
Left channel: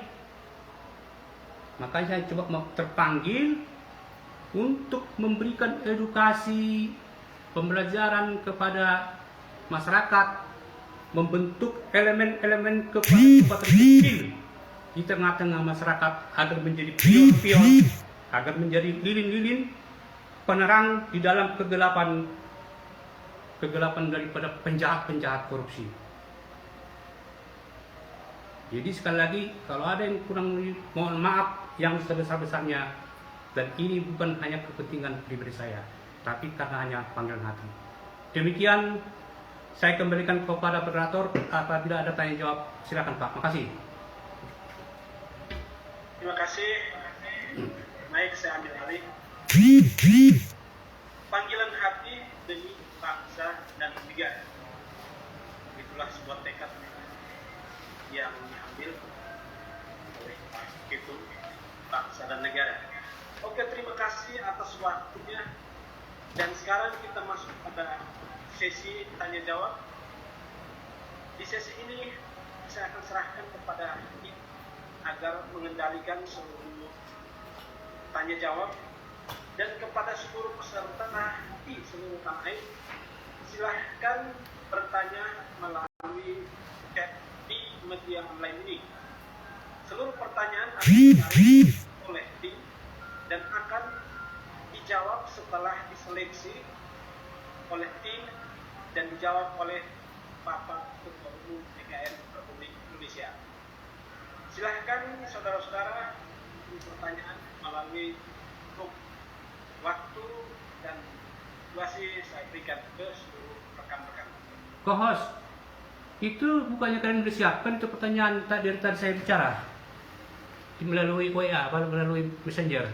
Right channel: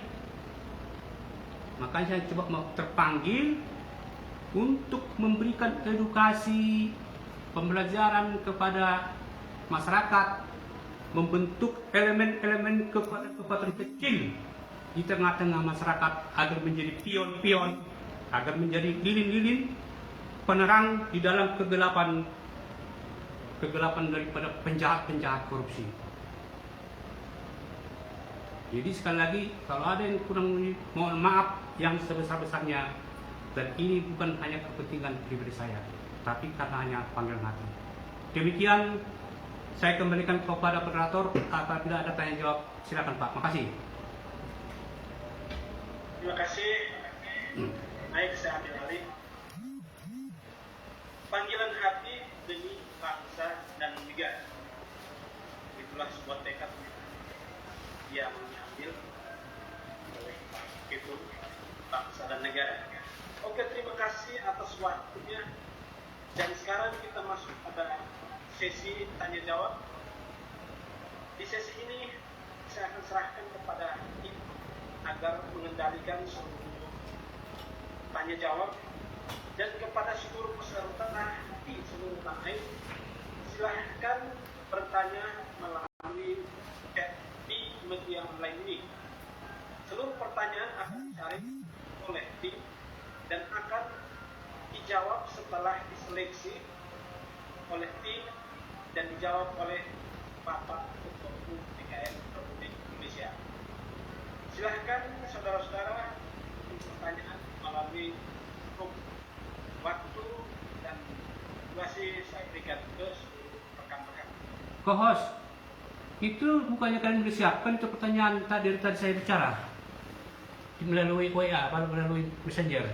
Makanya saya coba terpanggil untuk memberikan edukasi, pembelajaran kepada masyarakat, membentuk elemen-elemen kekuatan kecil di tengah-tengah masyarakat agar menjadi pion-pion, agar menjadi lilin-lilin penerang di dalam kegelapan daripada penjahat-penjahat korupsi. Jadi sekali lagi, kalau ada yang kurang, mohon maaf yang sebesar-besarnya. Dan ini bukan hanya kepentingan pribadi saya, tapi karena hanya panggilan hati. Demikian, saya kembalikan kepada moderator. Apabila ada tanya jawab, silakan Pak. Makasih. Terima kasih. Baik, saya ambil alih. Panggilan hati demi bangsa dan negara. Itulah sebuah tekad yang diambil oleh Pak Ketum bangsa dan negara. Oke, terima kasih atas waktunya. Dan sekarang kita masuk pada sesi tanya jawab. Di sesi ini saya akan serahkan kepada tim agar mengendalikan seluruh tanya jawab, dan kepada seluruh peserta di seluruh tanah air, silahkan bertanya melalui chat di media online ini. Seluruh pertanyaan akan ditarik oleh tim dan akan dijawab setelah diseleksi oleh tim dan dijawab oleh Bapak Ketua Umum DKN Republik Indonesia. Silahkan saudara-saudara pertanyaan melalui grup. Waktu dan durasi saya berikan ke seluruh rekan-rekan. Co-host, itu bukannya kalian sudah siapkan itu pertanyaan dari tadi saya bicara melalui WA, melalui Messenger?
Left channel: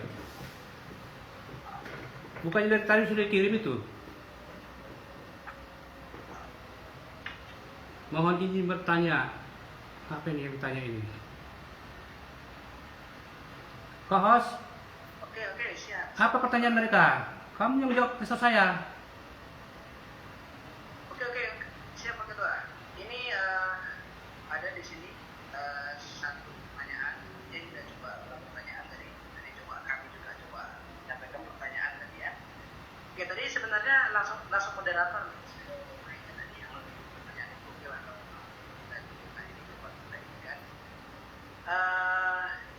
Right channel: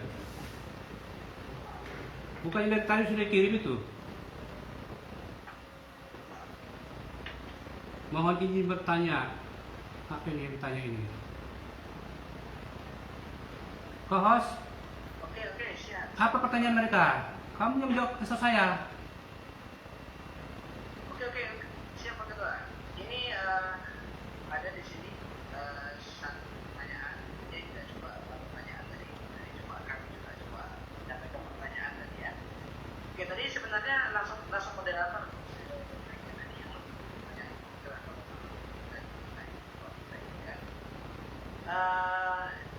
Bukannya dari tadi sudah kirim itu? Mohon izin bertanya. Apa ini yang ditanya ini? Co-host, Oke, siap. apa pertanyaan mereka? Kamu yang jawab kesal saya. Oke, siap Pak Ketua. Ini ada di sini satu pertanyaan. Ini kita coba pertanyaan dari coba kami juga coba mendapatkan pertanyaan tadi ya. Ya tadi sebenarnya langsung moderator.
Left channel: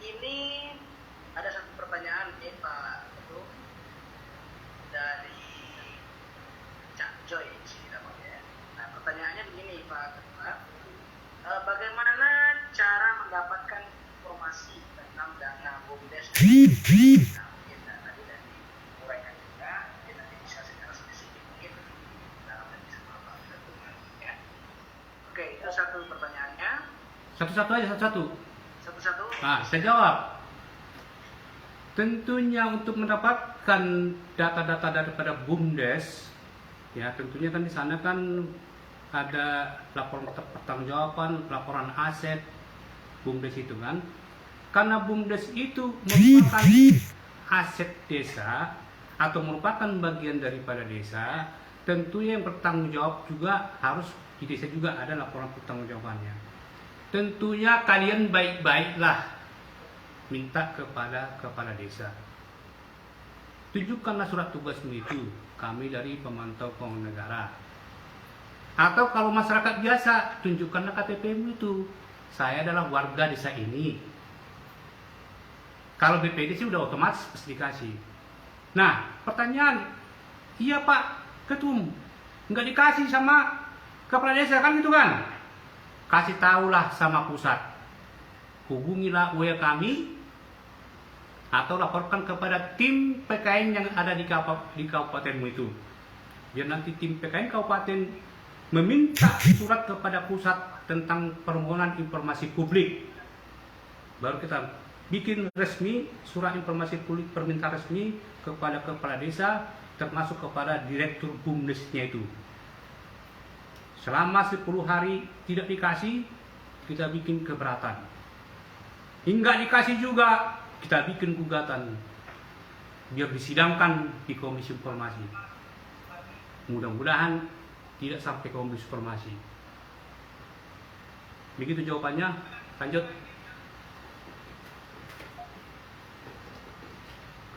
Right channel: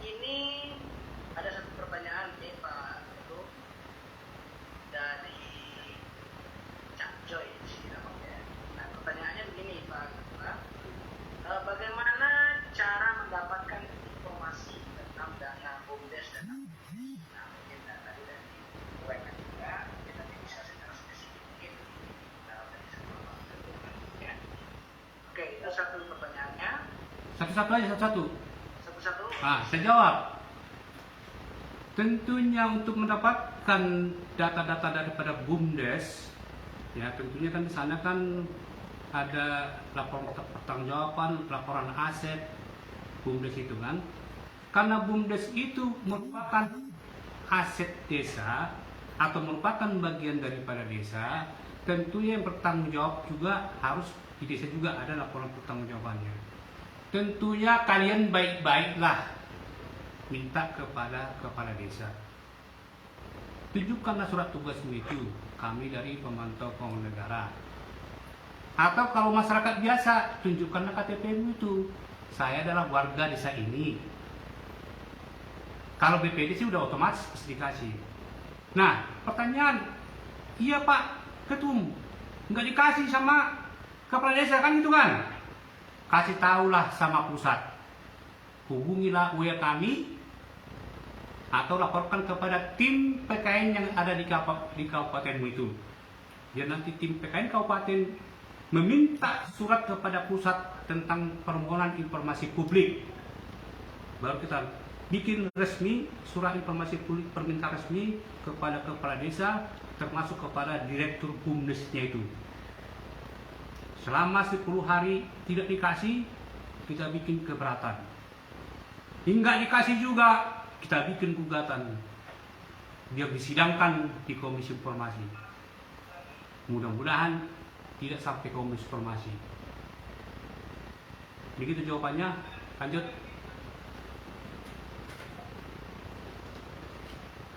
Ini ada satu pertanyaan nih Pak Ketua dari Cak Joy di sini namanya. Nah, pertanyaannya begini Pak Ketua, bagaimana cara mendapatkan informasi tentang dana BUMDes? Nah, mungkin tadi dari uraikan juga, mungkin nanti bisa secara spesifik mungkin sama Pak Ketua. Ya. Oke, itu satu pertanyaannya. Satu-satu aja, satu-satu. Satu-satu. Nah, saya jawab. Tentunya untuk mendapatkan data-data daripada BUMDes, ya tentunya kan di sana kan ada laporan pertanggungjawaban, laporan aset BUMDes itu kan. Karena BUMDes itu merupakan aset desa atau merupakan bagian daripada desa, tentunya yang bertanggung jawab juga harus di desa juga ada laporan pertanggungjawabannya. Tentunya kalian baik-baiklah minta kepada kepala desa, tunjukkanlah surat tugasmu itu, kami dari pemantau keuangan negara. Atau kalau masyarakat biasa, tunjukkanlah KTP-mu itu, saya adalah warga desa ini. Kalau BPD sih udah otomatis pasti dikasih. Nah, pertanyaan, iya Pak Ketum, nggak dikasih sama kepala desa kan gitu kan? Kasih tahulah sama pusat, hubungilah WA kami atau laporkan kepada tim PKN yang ada di kabupatenmu itu. Biar nanti tim PKN kabupaten meminta surat kepada pusat tentang permohonan informasi publik. Baru kita bikin resmi surat informasi publik permintaan resmi kepada kepala desa termasuk kepada direktur BUMDesnya itu. Selama 10 hari tidak dikasih, kita bikin keberatan. Hingga dikasih juga, kita bikin gugatan biar disidangkan di Komisi Informasi. Mudah-mudahan tidak sampai Komisi Informasi. Begitu jawabannya. Lanjut.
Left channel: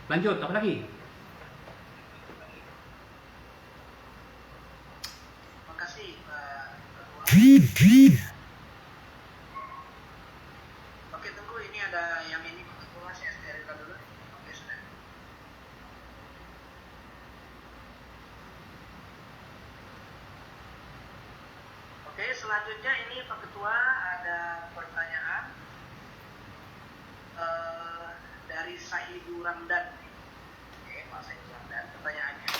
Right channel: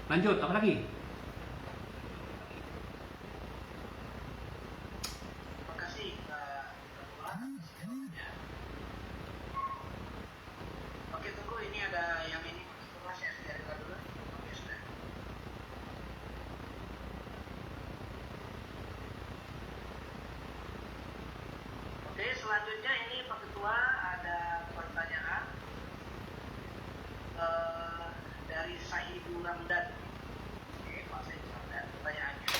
Apa lagi? Terima kasih Pak Ketua. Oke, tunggu, ini ada yang ini Pak Ketua, saya steril dulu. Oke, sudah. Oke, selanjutnya ini Pak Ketua ada pertanyaan dari Sahidul Ramdan. Oke, Pak Sahidul Ramdan, pertanyaannya,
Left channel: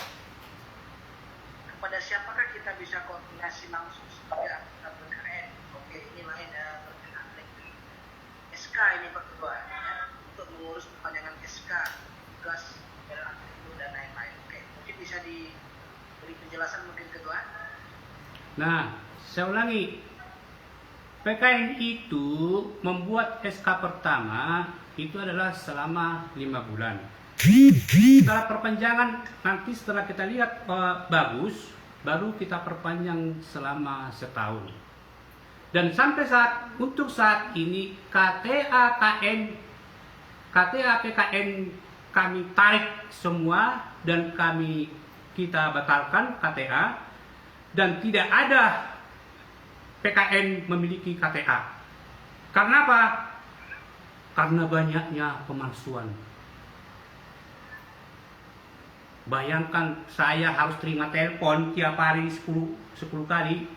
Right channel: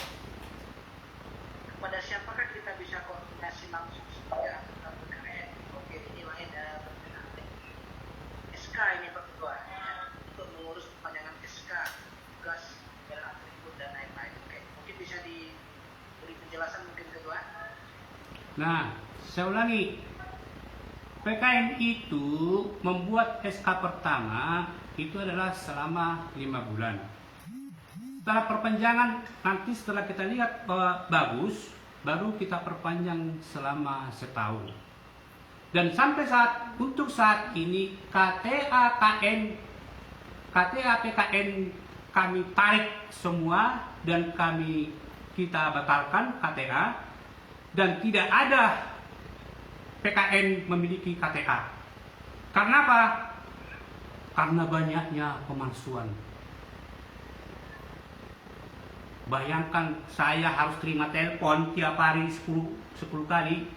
kepada siapakah kita bisa koordinasi langsung supaya kita PKN? Oke, ini lain ya, SK ini Pak Ketua ya, untuk mengurus perpanjangan SK. tugas atribut dan lain-lain. Oke, mungkin bisa diberi penjelasan mungkin kedua. Nah, saya ulangi. PKN itu membuat SK pertama itu adalah selama 5 bulan. Setelah perpanjangan, nanti setelah kita lihat bagus, baru kita perpanjang selama setahun. Dan sampai untuk saat ini KTA PKN kami tarik semua dan kita batalkan KTA, dan tidak ada PKN memiliki KTA. Karena apa? Karena banyaknya pemalsuan. Bayangkan saya harus terima telepon tiap hari 10 kali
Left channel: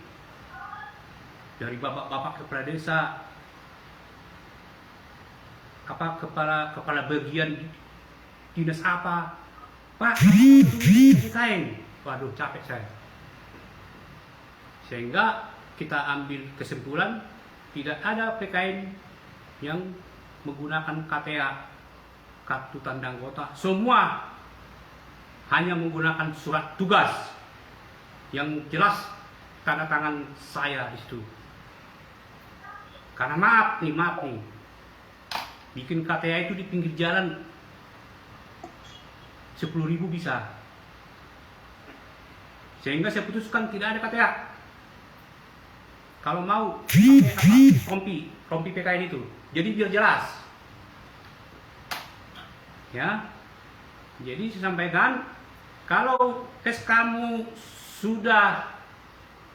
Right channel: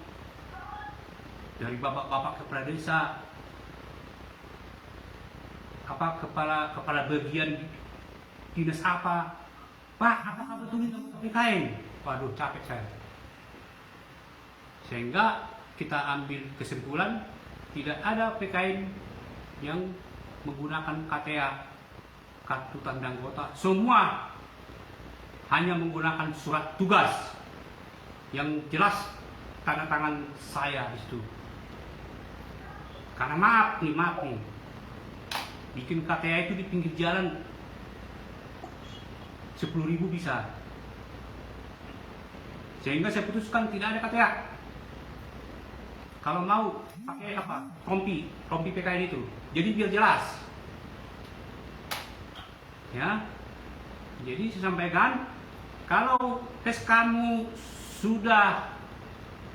dari bapak-bapak kepala desa, kepala bagian dinas apa, Pak, PKN. Waduh, capek saya. Sehingga kita ambil kesimpulan tidak ada PKN yang menggunakan KTA, kartu tanda anggota. Semua hanya menggunakan surat tugas yang jelas tanda tangan saya di situ. Karena maaf nih, bikin KTA itu di pinggir jalan 10.000 bisa. Sehingga saya putuskan tidak ada KTA. Kalau mau pakai kompi PKN itu. Jadi biar jelas. Ya. Jadi saya sampaikan, kalau tes kamu sudah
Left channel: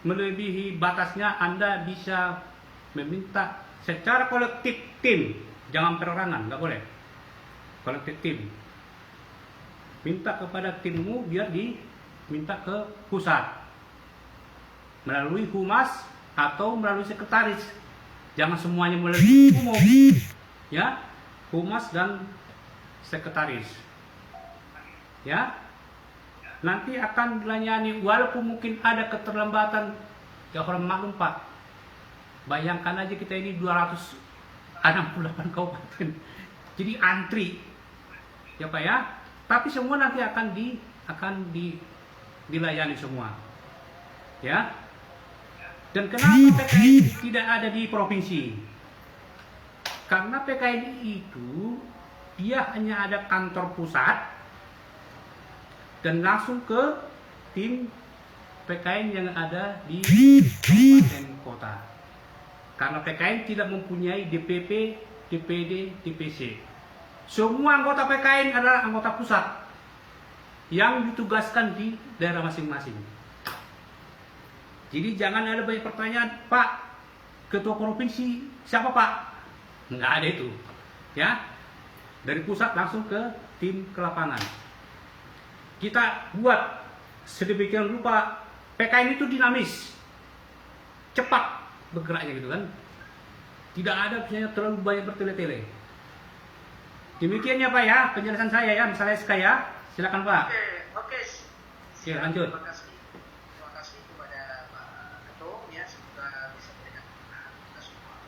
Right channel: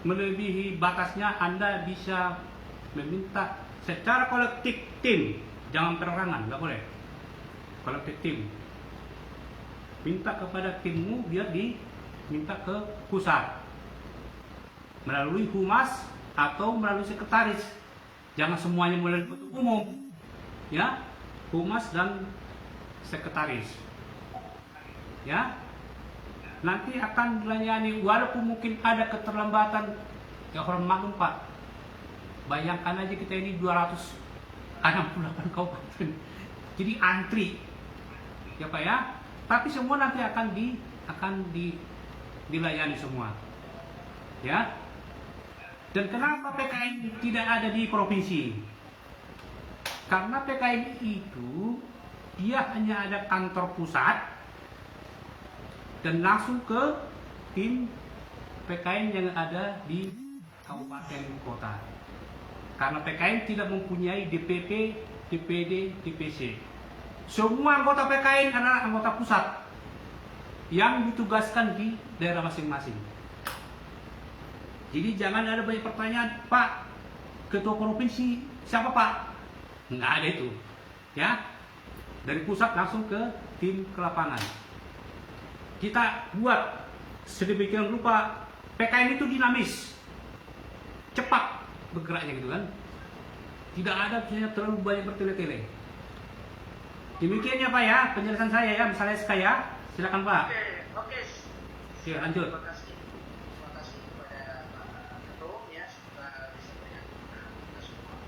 melebihi batasnya, Anda bisa meminta secara kolektif tim, jangan perorangan, nggak boleh. Kolektif tim. Minta kepada timmu biar diminta ke pusat melalui humas atau melalui sekretaris. Jangan semuanya melalui umum, ya, humas dan sekretaris, ya. Nanti akan dilayani walaupun mungkin ada keterlambatan, ya orang maklum Pak. Bayangkan aja kita ini 268 kabupaten, jadi antri, ya Pak ya. Tapi semua nanti akan dilayani semua, ya. Dan kenapa PKN tidak ada di provinsi? Karena PKN itu dia hanya ada kantor pusat dan langsung ke tim PKN yang ada di kabupaten kota. Karena PKN tidak mempunyai DPP, DPD, DPC. Semua anggota PKN adalah anggota pusat yang ditugaskan di daerah masing-masing. Jadi jangan ada banyak pertanyaan, Pak, ketua provinsi siapa Pak? Nggak ada itu, ya. Dari pusat langsung ke tim ke lapangan. Kita buat sedemikian rupa PKN itu dinamis, cepat bergeraknya gitu kan. Tidak ada misalnya terlalu banyak bertele-tele. Demikian ya Pak ya, penjelasan saya ya, misalnya SK ya. Silakan Pak. Oke. Ya, lanjut. Terima kasih kepada Pak Ketum ya, semoga bisa berkenan kita semua.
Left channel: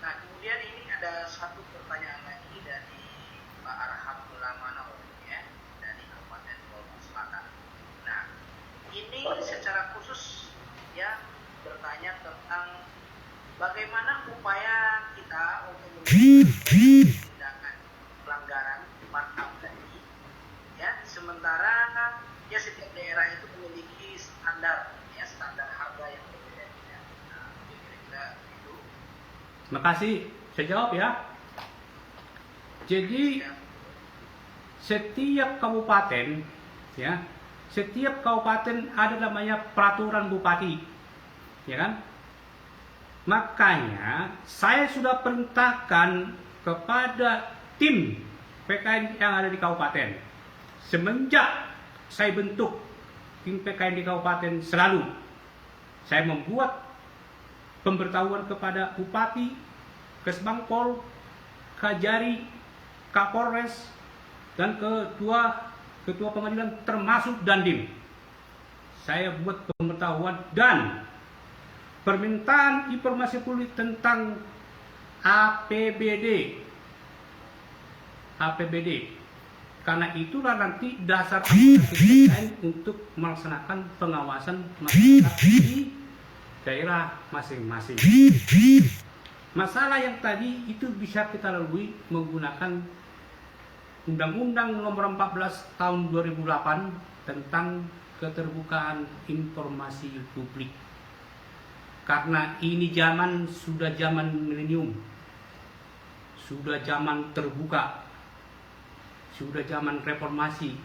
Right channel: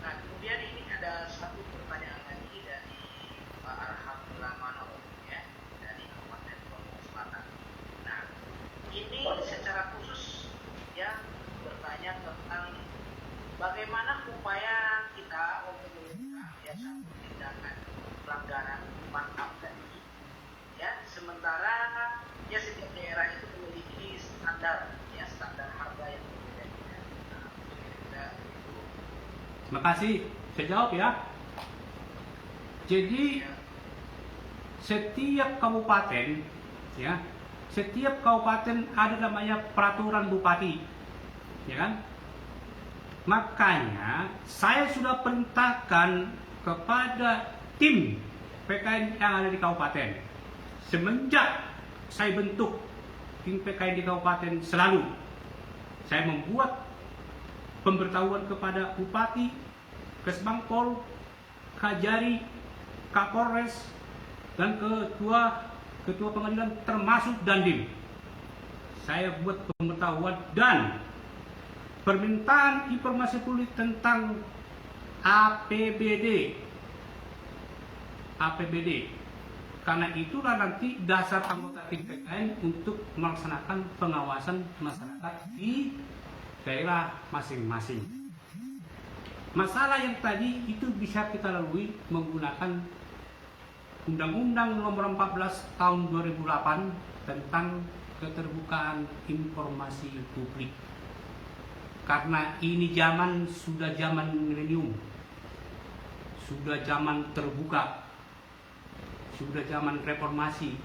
Nah, kemudian ini ada satu pertanyaan lagi dari Pak Arham Mulamano ya, dari Kabupaten Lombok Selatan. Nah, ini secara khusus ya bertanya tentang bagaimana upaya kita untuk tindakan pelanggaran markup tadi, ya. Sementara ya setiap daerah itu memiliki standar harga yang berbeda. Nah, itu. Terima kasih. Saya jawab ya. Jadi setiap kabupaten, ya, setiap kabupaten ada namanya peraturan bupati, ya kan? Makanya saya sudah perintahkan kepada tim PKN yang ada di kabupaten. Semenjak saya bentuk tim PKN di kabupaten, selalu saya membuat pemberitahuan kepada Bupati, Kesbangpol, Kajari, Kapolres, dan ketua pengadilan termasuk Dandim. Saya buat pemberitahuan dan permintaan informasi publik tentang APBD. Karena itulah nanti dasar anggota TKN untuk melaksanakan pengawasan masyarakat di daerah masing-masing. Masalah yang tadi itu bisa kita lalui menggunakan Undang-Undang Nomor 14 Tahun 2008 tentang keterbukaan informasi publik. Karena ini sudah zaman milenium, sudah zaman terbuka, sudah zaman reformasi.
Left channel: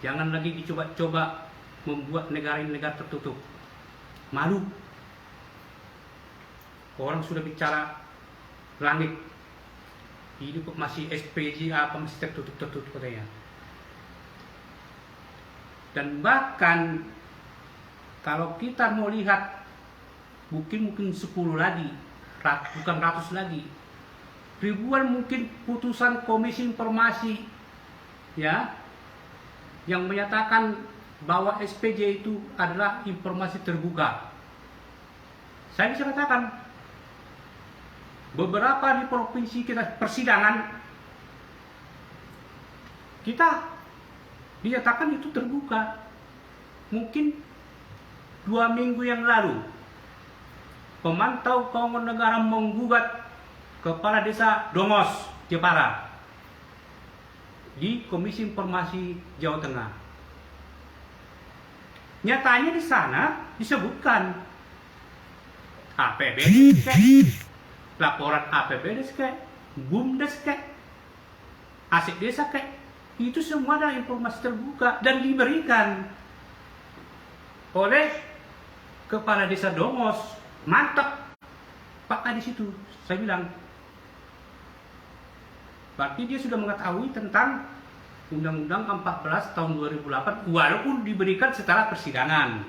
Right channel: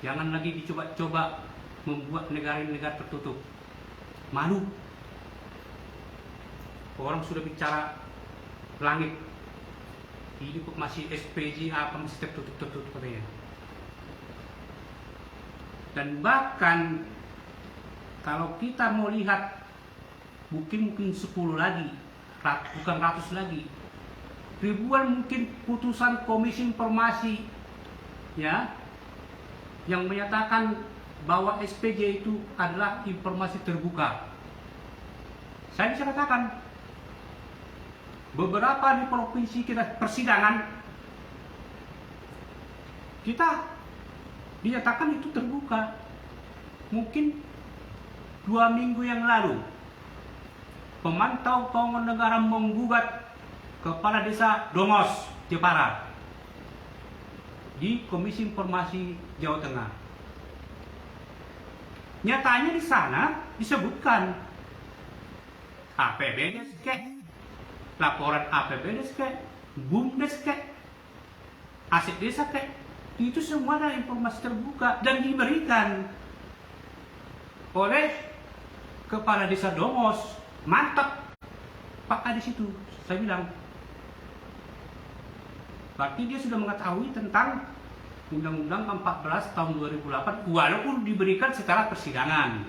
Jangan lagi dicoba-coba membuat negara-negara tertutup. Malu. Orang sudah bicara langit. Ini kok masih SPJ apa masih tertutup katanya. Dan bahkan kalau kita mau lihat mungkin 10 lagi, bukan ratus lagi. Ribuan mungkin putusan Komisi Informasi ya yang menyatakan bahwa SPJ itu adalah informasi terbuka. Saya bisa katakan beberapa di provinsi kita persidangan kita dinyatakan itu terbuka. Mungkin 2 minggu yang lalu pemantau keuangan negara menggugat Kepala Desa Dongos, Jepara di Komisi Informasi Jawa Tengah. Nyatanya di sana disebutkan APBD, laporan APBD, BUMDes, aset desa, itu semua adalah informasi terbuka dan diberikan oleh Kepala Desa Dongos. Mantap Pak di situ, saya bilang. Berarti dia sudah mengetahui tentang Undang-Undang 14 tahun 2008 walaupun diberikan setelah persidangan.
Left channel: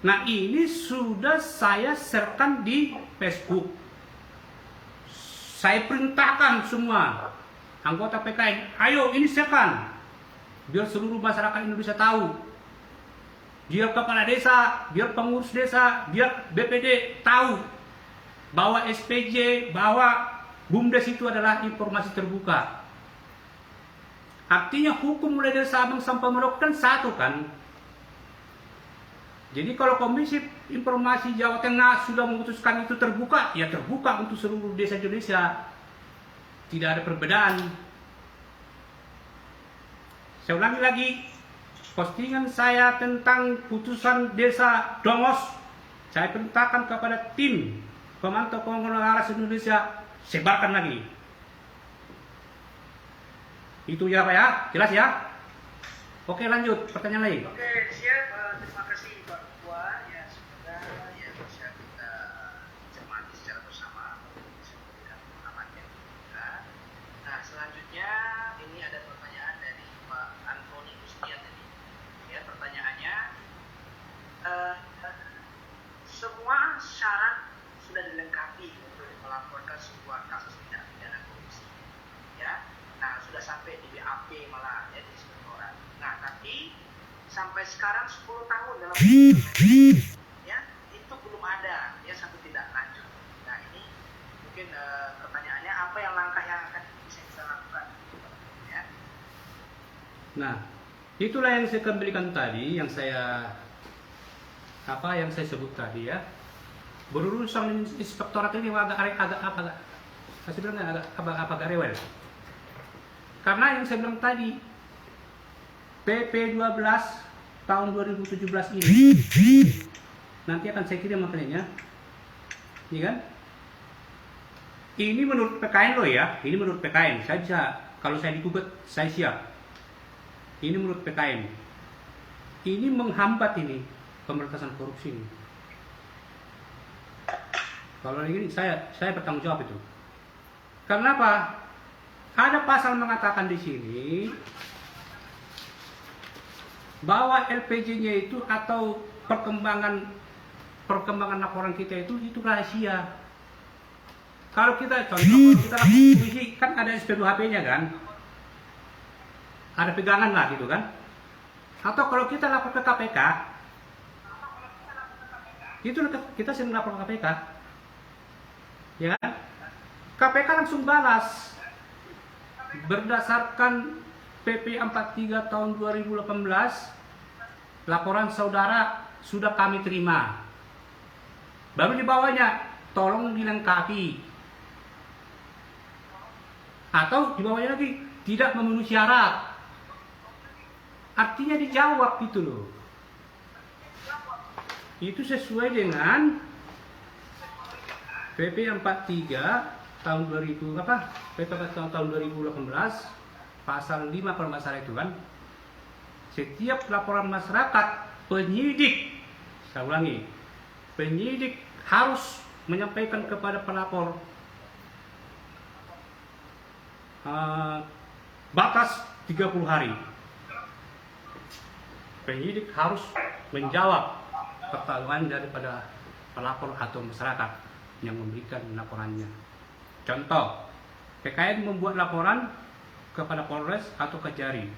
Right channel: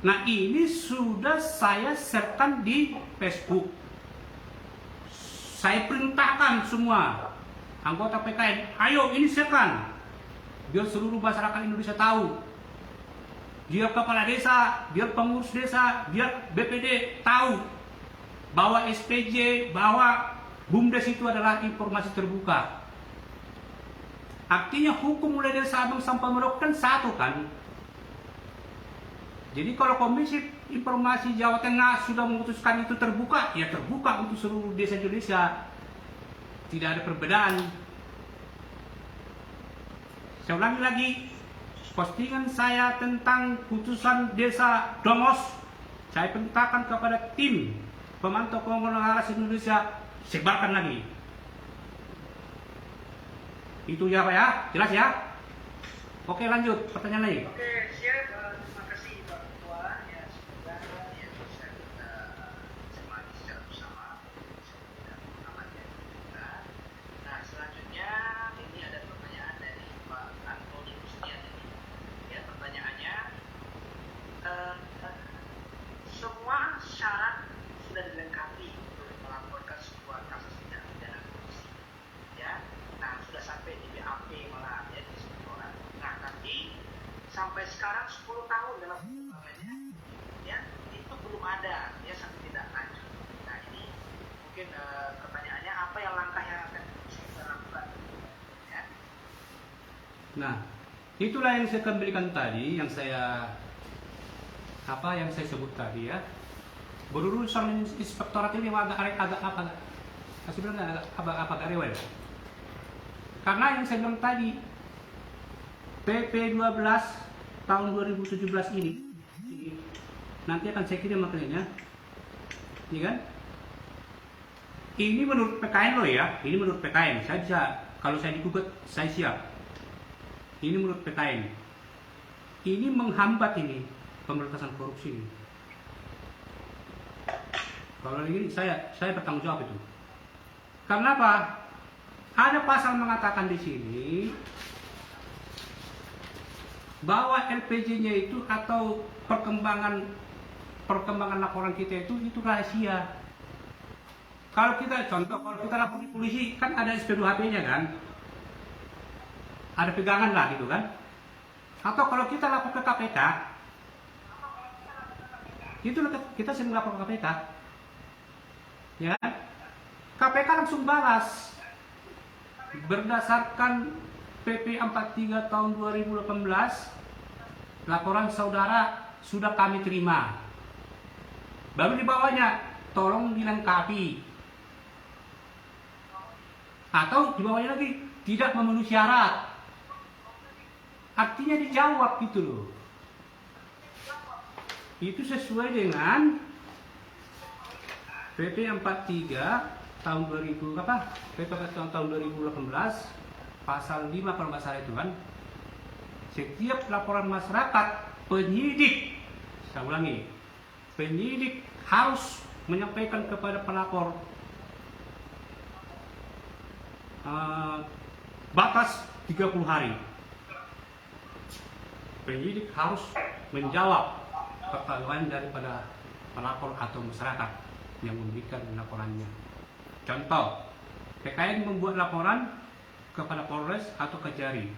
Nah, ini sudah saya share-kan di Facebook. Saya perintahkan semua anggota PKN, ayo ini share-kan biar seluruh masyarakat Indonesia tahu. Biar kepala desa, biar pengurus desa, biar BPD tahu bahwa SPJ, bahwa BUMDes itu adalah informasi terbuka. Artinya hukum mulai dari Sabang sampai Merauke kan satu kan. Jadi kalau Komisi Informasi Jawa Tengah sudah memutuskan itu terbuka, ya terbuka untuk seluruh desa Indonesia. Tidak ada perbedaan. Saya ulangi lagi, postingan saya tentang putusan Desa Dongos, saya perintahkan kepada tim pemantau keuangan negara Indonesia, sebarkan lagi. Itu ya Pak ya, jelas ya? Oke, lanjut, pertanyaan lain. Oke, siap. Terima kasih Pak Puan. Ya, semoga ya bisa kita cermati secara bersama. Bisa kita mengamati kita. Nah, selanjutnya ini ada pertanyaan dari Pak Antoni Gustian. Ya, pertanyaannya, semua syarat sudah dilengkapi untuk melaporkan sebuah kasus tindak pidana korupsi. Ya, nah sudah sampai di BAP malah ya di 10 orang. Nah, tapi sampai sekarang 10 tahun dalam ya itu belum ada ya satu tindak lanjut. Nah, ini mungkin pertanyaannya apa yang langkah yang akan bisa kita lakukan ya. Nah, itulah yang saya kembalikan tadi, yang saya sebut tadi ya. Berurusan inspektorat ini saya bilang agak rewel. Karena yang saya bilang tadi, PP 12 tahun 2017 ini nanti akan saya kirim maknanya, ya kan? Ini menurut PKN loh ya, ini menurut PKN. Saya bisa, kalau saya digugat, saya siap. Ini menurut PKN. Ini menghambat ini pemberantasan korupsi ini. Kalau ini saya bertanggung jawab itu. Karena apa? Ada pasal mengatakan di sini bahwa LPG-nya itu atau perkembangan laporan kita itu rahasia. Kalau kita contoh, kalau kita lapor polisi kan ada SP2HP-nya kan, ada pegangan lah gitu kan. Atau kalau kita lapor ke KPK, itu kita sering lapor ke KPK. Ya kan? KPK langsung balas. Berdasarkan PP 43 tahun 2018, laporan saudara sudah kami terima. Baru di bawahnya, tolong dilengkapi. Atau di bawahnya lagi, tidak memenuhi syarat. Artinya dijawab gitu loh. Itu sesuai dengan PP 43 tahun 2000 PP 43 tahun 2018 pasal 5 kalau nggak salah itu kan. Setiap laporan masyarakat, penyidik, saya ulangi, penyidik harus menyampaikan kepada pelapor batas 30 hari. Penyidik harus menjawab pertanyaan daripada pelapor atau masyarakat yang memberikan laporannya. Contoh, PKN membuat laporan kepada Polres atau Kejari.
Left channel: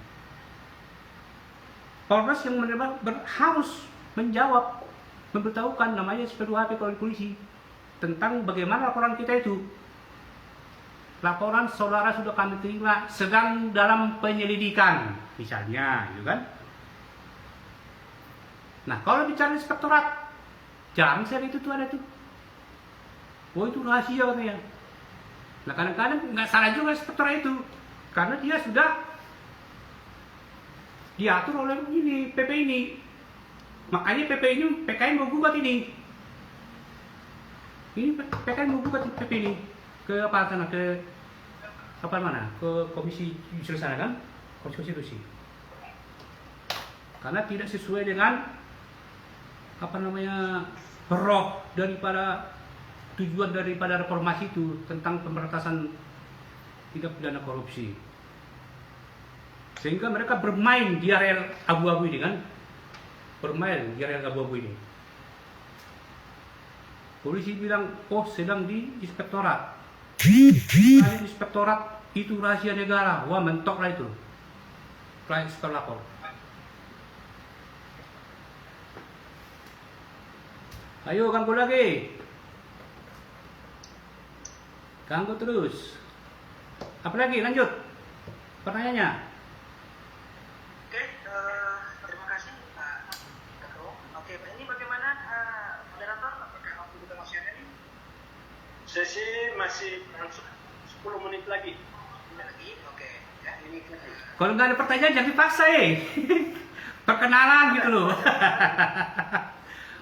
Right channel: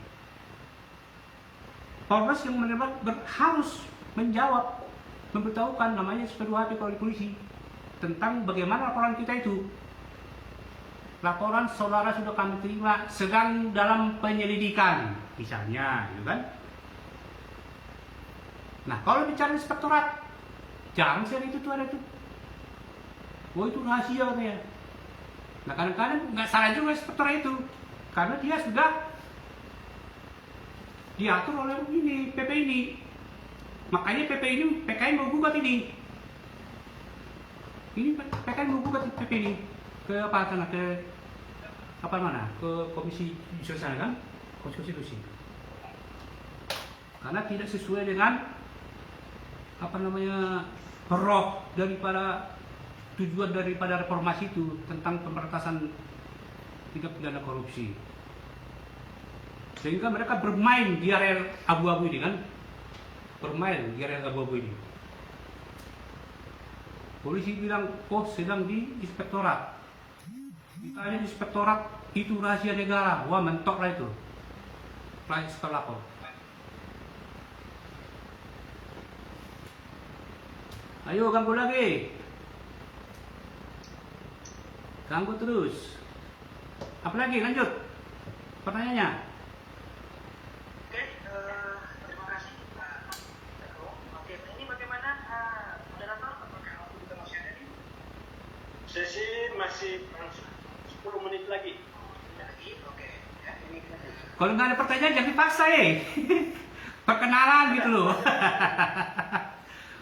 Polres yang menerima harus menjawab, memberitahukan namanya SP2HP kalau di polisi tentang bagaimana laporan kita itu. Laporan saudara sudah kami terima, sedang dalam penyelidikan, misalnya, gitu kan? Nah, kalau bicara inspektorat, jarang sih itu tuh ada tuh. Oh itu rahasia katanya. Nah kadang-kadang nggak salah juga inspektorat itu, karena dia sudah diatur oleh ini PP ini. Makanya PP ini PKN mau gugat ini. Ini PKN mau gugat PP ini ke apa sana ke apa mana? Ke komisi judisial sana kan, konstitusi. Karena tidak sesuai dengan roh daripada tujuan daripada reformasi itu tentang pemberantasan tindak pidana korupsi. Sehingga mereka bermain di area abu-abu ini kan, bermain di area abu-abu ini. Polisi bilang, oh sedang di inspektorat. Kali inspektorat itu rahasia negara, wah mentok lah itu. Inspektor lapor. Ayo ganggu lagi. Ganggu terus. Apa lagi? Lanjut. Pertanyaannya. Oke, terima kasih Pak Ketua. Oke, ini bagaimana moderator? Apakah waktu kita masih ada nih? Sesi masih 10 menit lagi. Oke. Ya, ini. Kalau nggak ada pertanyaan jangan dipaksa ya. Perkenalan gitu loh.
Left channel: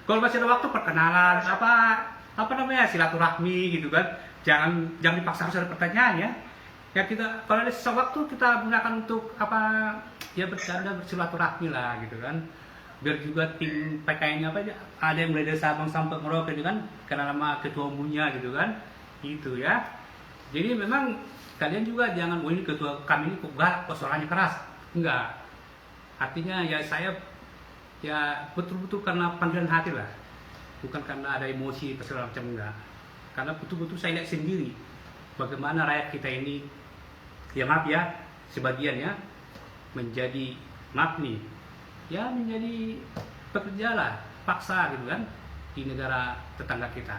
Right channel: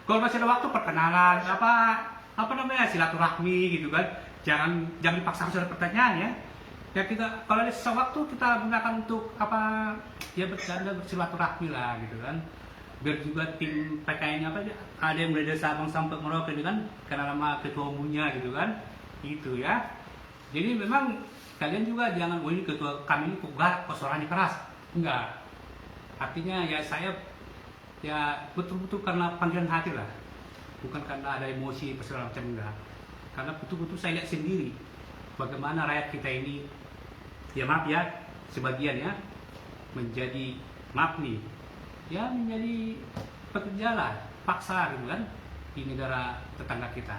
Kalau masih ada waktu perkenalan apa namanya silaturahmi gitu kan. Jangan dipaksa harus ada pertanyaan ya. Ya kita kalau ada waktu kita gunakan untuk bercanda bersilaturahmi lah gitu kan. Biar juga tim PKN-nya ada yang mulai dari Sabang sampai Merauke gitu kan, kenal sama ketua umumnya gitu kan. Itu ya. Jadi memang kalian juga jangan ini ketua kami ini kok galak, kok suaranya keras. Enggak. Artinya ya saya ya betul-betul karena panggilan hati lah, bukan karena ada emosi segala macam, enggak. Karena betul-betul saya lihat sendiri bagaimana rakyat kita ini, ya maaf ya, sebagian ya menjadi menjadi pekerja lah, paksa gitu kan di negara tetangga kita.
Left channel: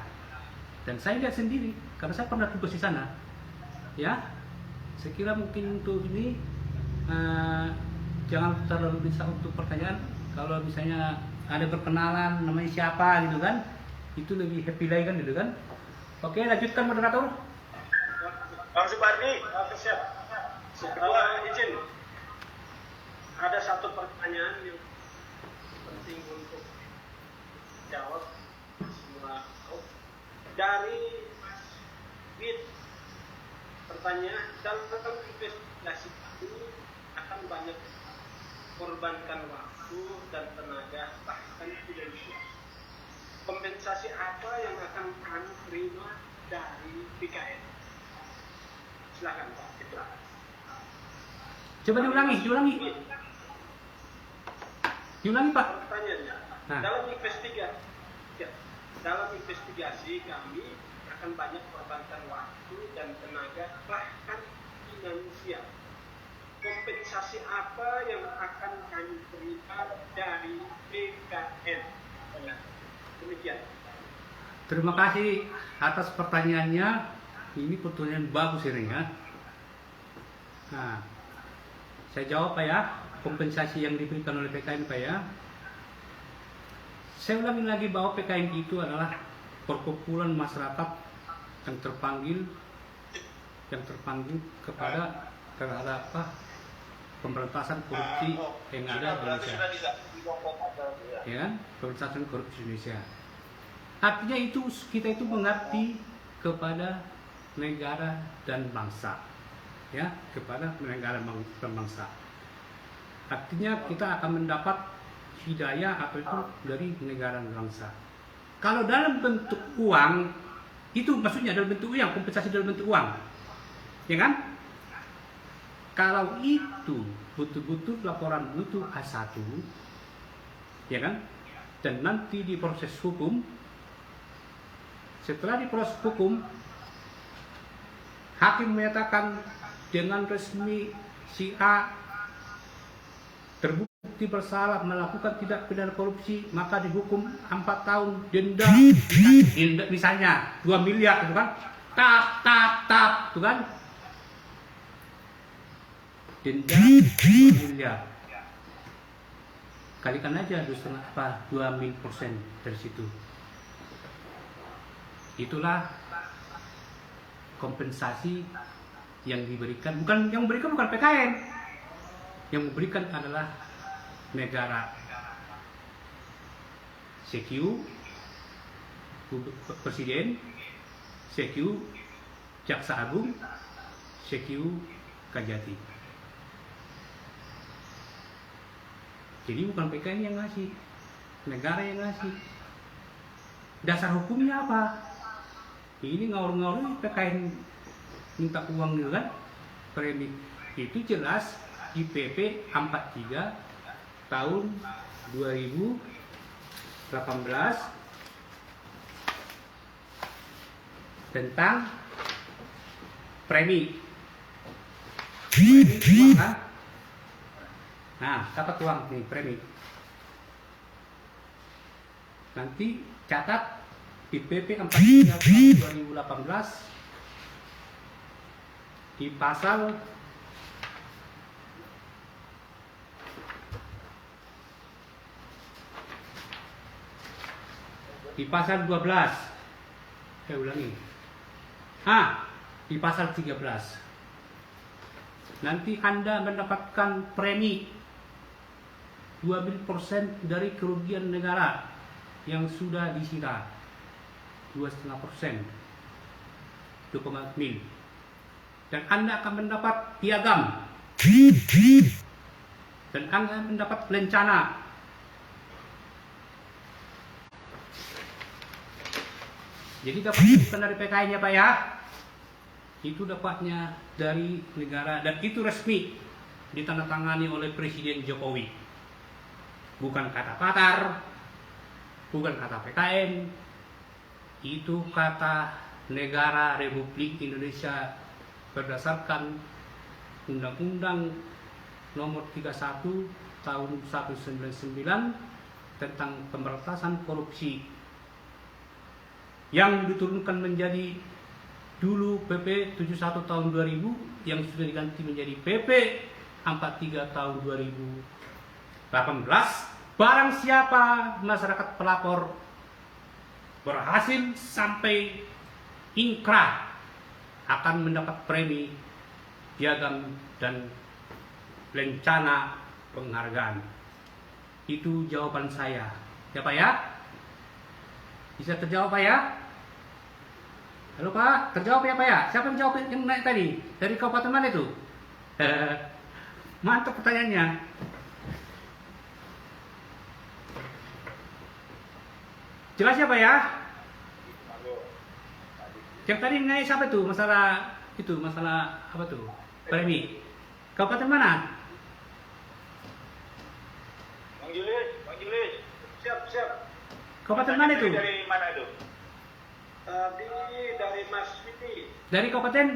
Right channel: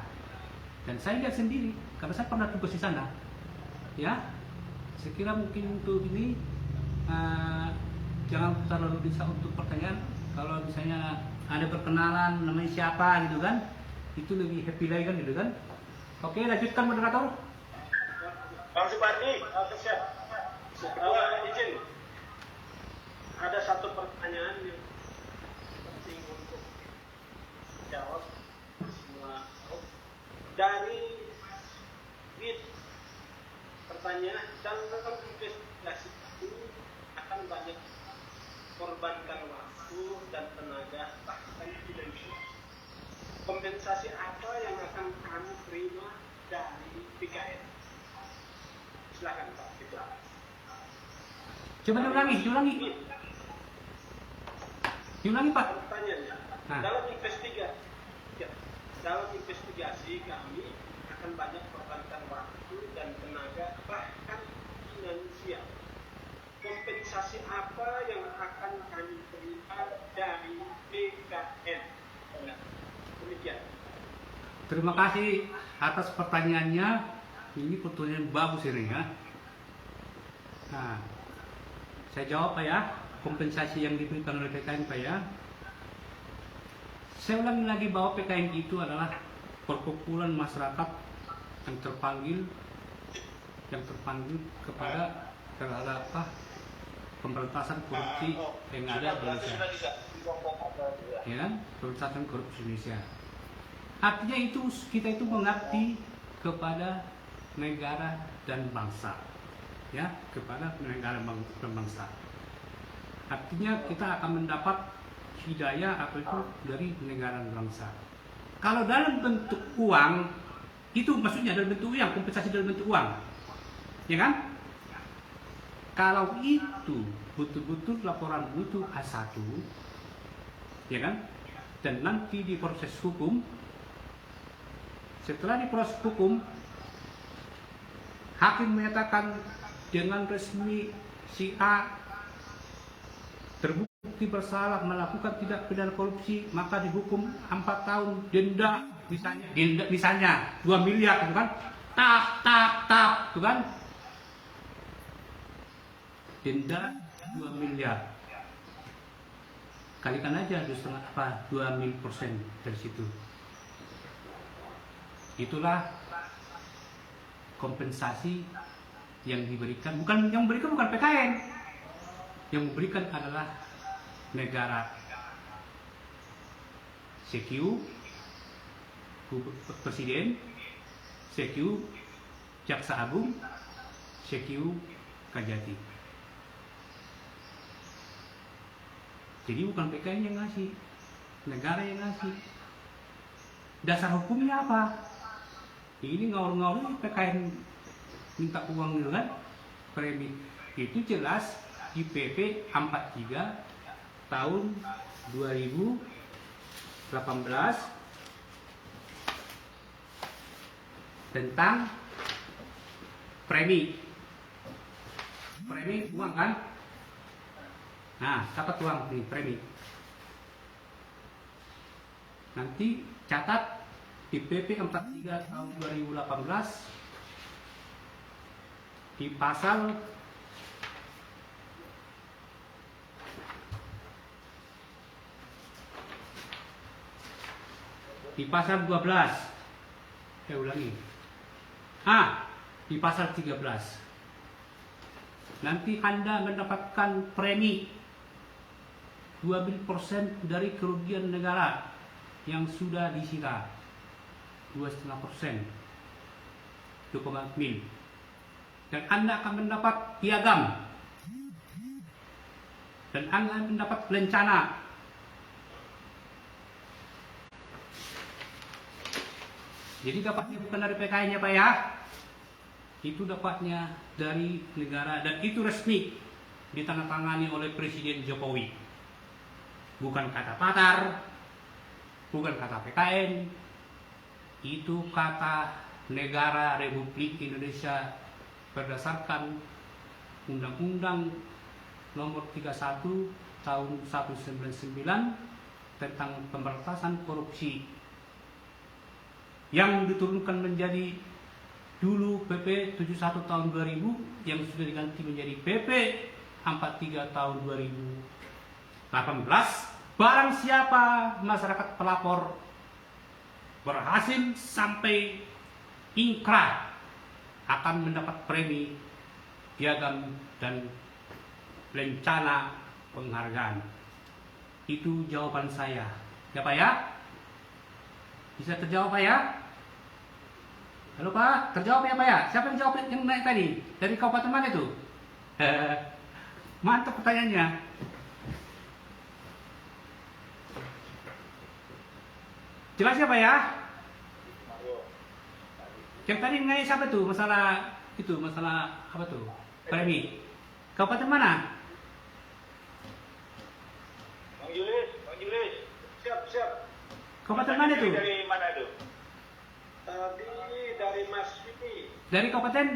Dan saya lihat sendiri karena saya pernah tugas di sana. Ya, saya kira mungkin untuk ini jangan terlalu bisa untuk pertanyaan. Kalau misalnya ada perkenalan namanya siapa gitu kan, itu lebih happy lagi kan gitu kan. Oke, lanjutkan moderator. Bang Supardi, siap. Izin. Ada satu pertanyaan yang penting untuk jawab semua. Dari Bit, pertanyaan dalam investigasi ini akan banyak korbankan waktu dan tenaga, bahkan finansial. Kompensasi apa yang akan kami terima dari PKN? Silakan Pak Citra. Coba diulangi Pak. Pertanyaannya, Nah. dalam investigasi kami akan banyak korbankan waktu dan tenaga, bahkan finansial. Kompensasi apa yang akan kami terima dari PKN? Demikian. Terima kasih atas pertanyaannya ini pertanyaan bagus ini ya. Nah, saya jawab Pak ya, kompensasi yang diberikan oleh PKN Pak ya. Saya ulangi lagi bahwa PKN itu adalah perkumpulan masyarakat yang terpanggil kepada terhadap pemberantasan korupsi yang ada di Indonesia. Ya kan? Pemberantasan korupsi Indonesia. Artinya itu kita itu mengerti kepada negara dan bangsa, ya, kepada negara dan bangsa. Artinya kita akan mendapat hidayah atau itu dari negara dan bangsa. Kalau dalam bentuk uang, itu maksudnya dalam bentuk uang, kompensasi dalam bentuk uang, ya kan? Kalau itu betul-betul laporan itu A1, ya kan? Dan nanti di proses hukum, setelah diproses hukum, hakim menyatakan dengan resmi si A terbukti bersalah melakukan tindak pidana korupsi, maka dihukum 4 tahun denda, misalnya 2 miliar, gitu kan? Tap, gitu kan? Denda 2 miliar. Kalikan aja 2,5% dari situ. Itulah kompensasi yang diberikan, yang memberikan bukan PKN, yang memberikan adalah negara. CQ Presiden, CQ Jaksa Agung, CQ Kajati. Jadi bukan PKN yang ngasih, negara yang ngasih. Dasar hukumnya apa? Ini ngawur-ngawur PKN minta uang juga kan, premi. Itu jelas di PP 43 tahun 2018 tentang premi uang kan. Nah, dapat uang nih premi. Nanti catat di PP 43 tahun 2018 di pasal di pasal 12. Saya ulangi. Di pasal 13. Nanti Anda mendapatkan premi 12% dari kerugian negara yang sudah disita. 2,5%. 2,5 mil. Dan Anda akan mendapat piagam. Dan Anda mendapat lencana. Jadi dapatnya bukan dari PKI-nya Pak ya. Itu dapatnya dari negara dan itu resmi ditandatangani oleh Presiden Jokowi. Bukan kata Patar, bukan kata PKN, itu kata negara Republik Indonesia berdasarkan Undang-Undang Nomor 31 Tahun 199 tentang pemberantasan korupsi yang diturunkan menjadi dulu PP 71 tahun 2000 yang sudah diganti menjadi PP 43 tahun 2018. Barang siapa masyarakat pelapor berhasil sampai ingkrah akan mendapat premi, piagam dan lencana penghargaan. Itu jawaban saya. Ya Pak ya? Bisa terjawab Pak ya? Halo Pak, terjawab ya Pak ya? Siapa yang jawab yang naik tadi? Dari kabupaten mana itu? Mantap pertanyaannya. Jelas ya Pak ya? Yang tadi naik siapa tuh? Masalah apa tuh? Premi. Kabupaten mana? Manggil. Siap. Kabupaten mana itu? Dari mana itu? Tadi dari Mas Viti. Dari kabupaten?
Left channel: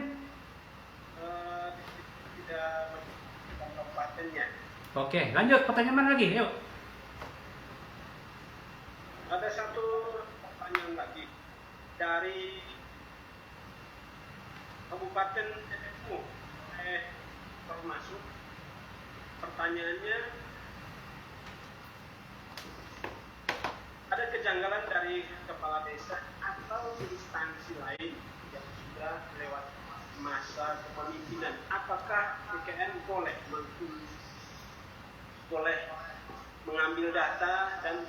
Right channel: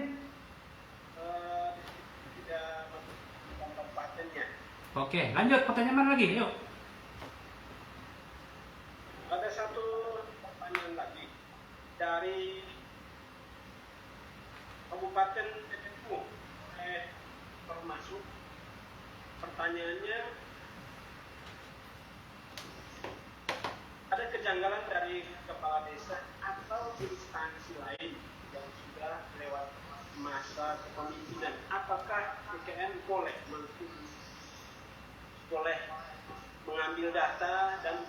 Tidak kabupatennya. Oke, lanjut. Pertanyaan mana lagi? Yuk. Ada satu pertanyaan lagi dari Kabupaten TPU oleh termasuk pertanyaannya, ada kejanggalan dari kepala desa atau instansi lain yang sudah lewat masa kepemimpinan. Apakah UKM boleh mengambil data dan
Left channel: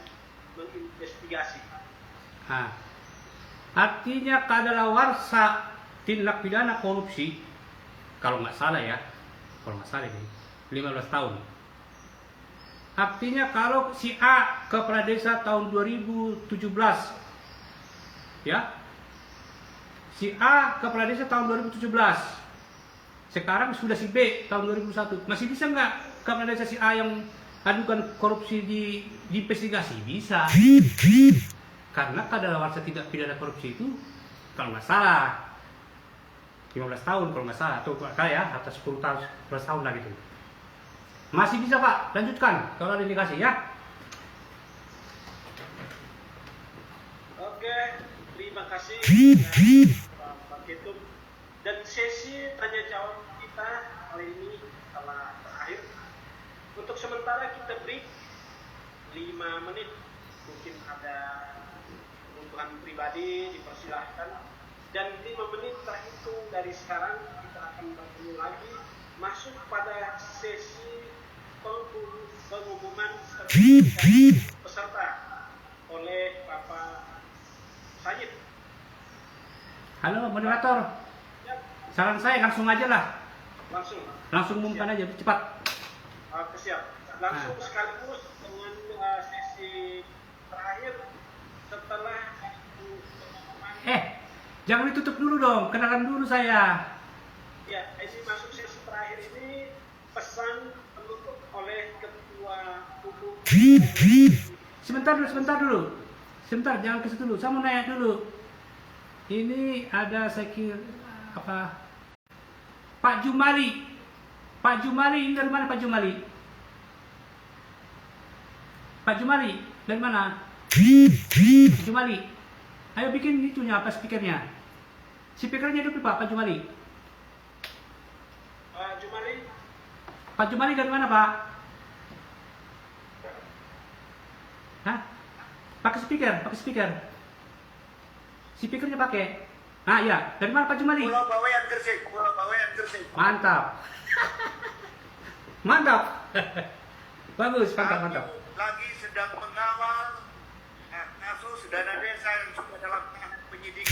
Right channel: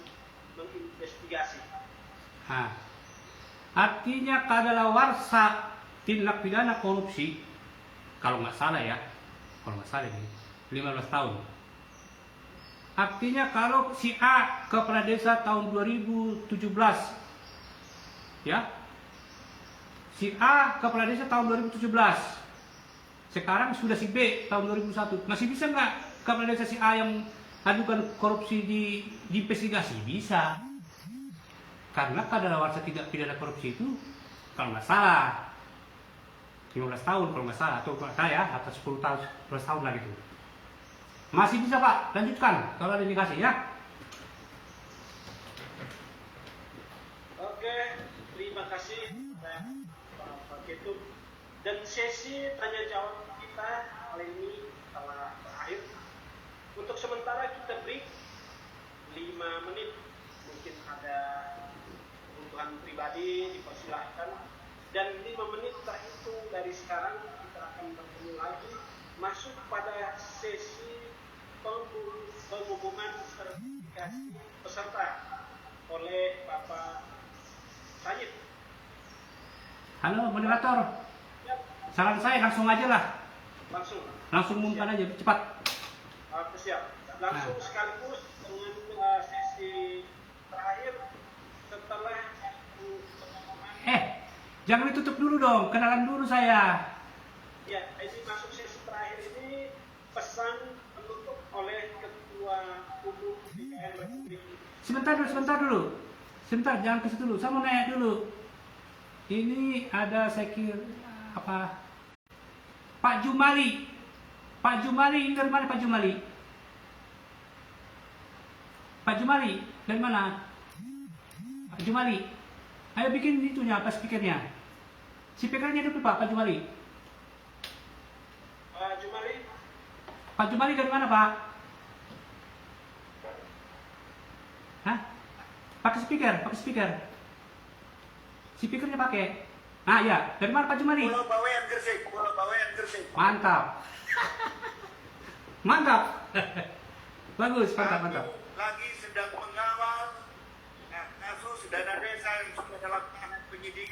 menginvestigasi? Artinya kadaluarsa tindak pidana korupsi, kalau nggak salah ini 15 tahun. Artinya kalau si A kepala desa tahun 2017, ya, si A kepala desa tahun 2017, sekarang sudah si B tahun 2001, masih bisa nggak kepala desa si A yang adukan korupsi diinvestigasi? Bisa. Karena kadaluarsa tidak pidana korupsi itu kalau nggak salah 15 tahun kalau nggak salah, atau ya atas 10 tahun 11 tahun lah gitu. Masih bisa Pak, lanjutkan kalau ada indikasi ya. Oke, terima kasih Pak Ketut. Dan sesi tanya jawab kita kali ini telah berakhir. Untuk sementara kita break 5 menit. Mungkin ada kebutuhan pribadi, dipersilahkan. Dan 5 menit terhitung dari sekarang kita akan bertemu lagi masuk pada sesi pengumuman peserta oleh Bapak Sajid. Halo moderator, Ya, saran saya langsung aja lah, langsung umumkan aja cepat. Siap. Langsung sekaligus dengan sesi terakhir setelah pengumuman. Jangan ditutup dulu dong, kenalan dulu saya. Ya, ini masuk sesi terakhir ini pesan penutup oleh Ketua Umum. Sebentar dulu. Sebentar, jangan ke situ dulu. Saya mau nanya dulu. Ini ada saya kira apa? Pak Jumali. Pak Jumali ini dari mana Pak Jumali? Pak Jumali dari mana? Pak Jumali. Ayo bikin itunya apa speakernya? Speakernya dulu Pak Jumali. Pak Jumali dari mana Pak? Hah? Pakai speaker. Speakernya pakai. Ah ya, dari mana Pak Jumali? Pulau Bawean Gresik. Mantap. Bagus, mantap. Lagi sedang mengawal kasus dana desa yang sudah dalam tahap penyidikan.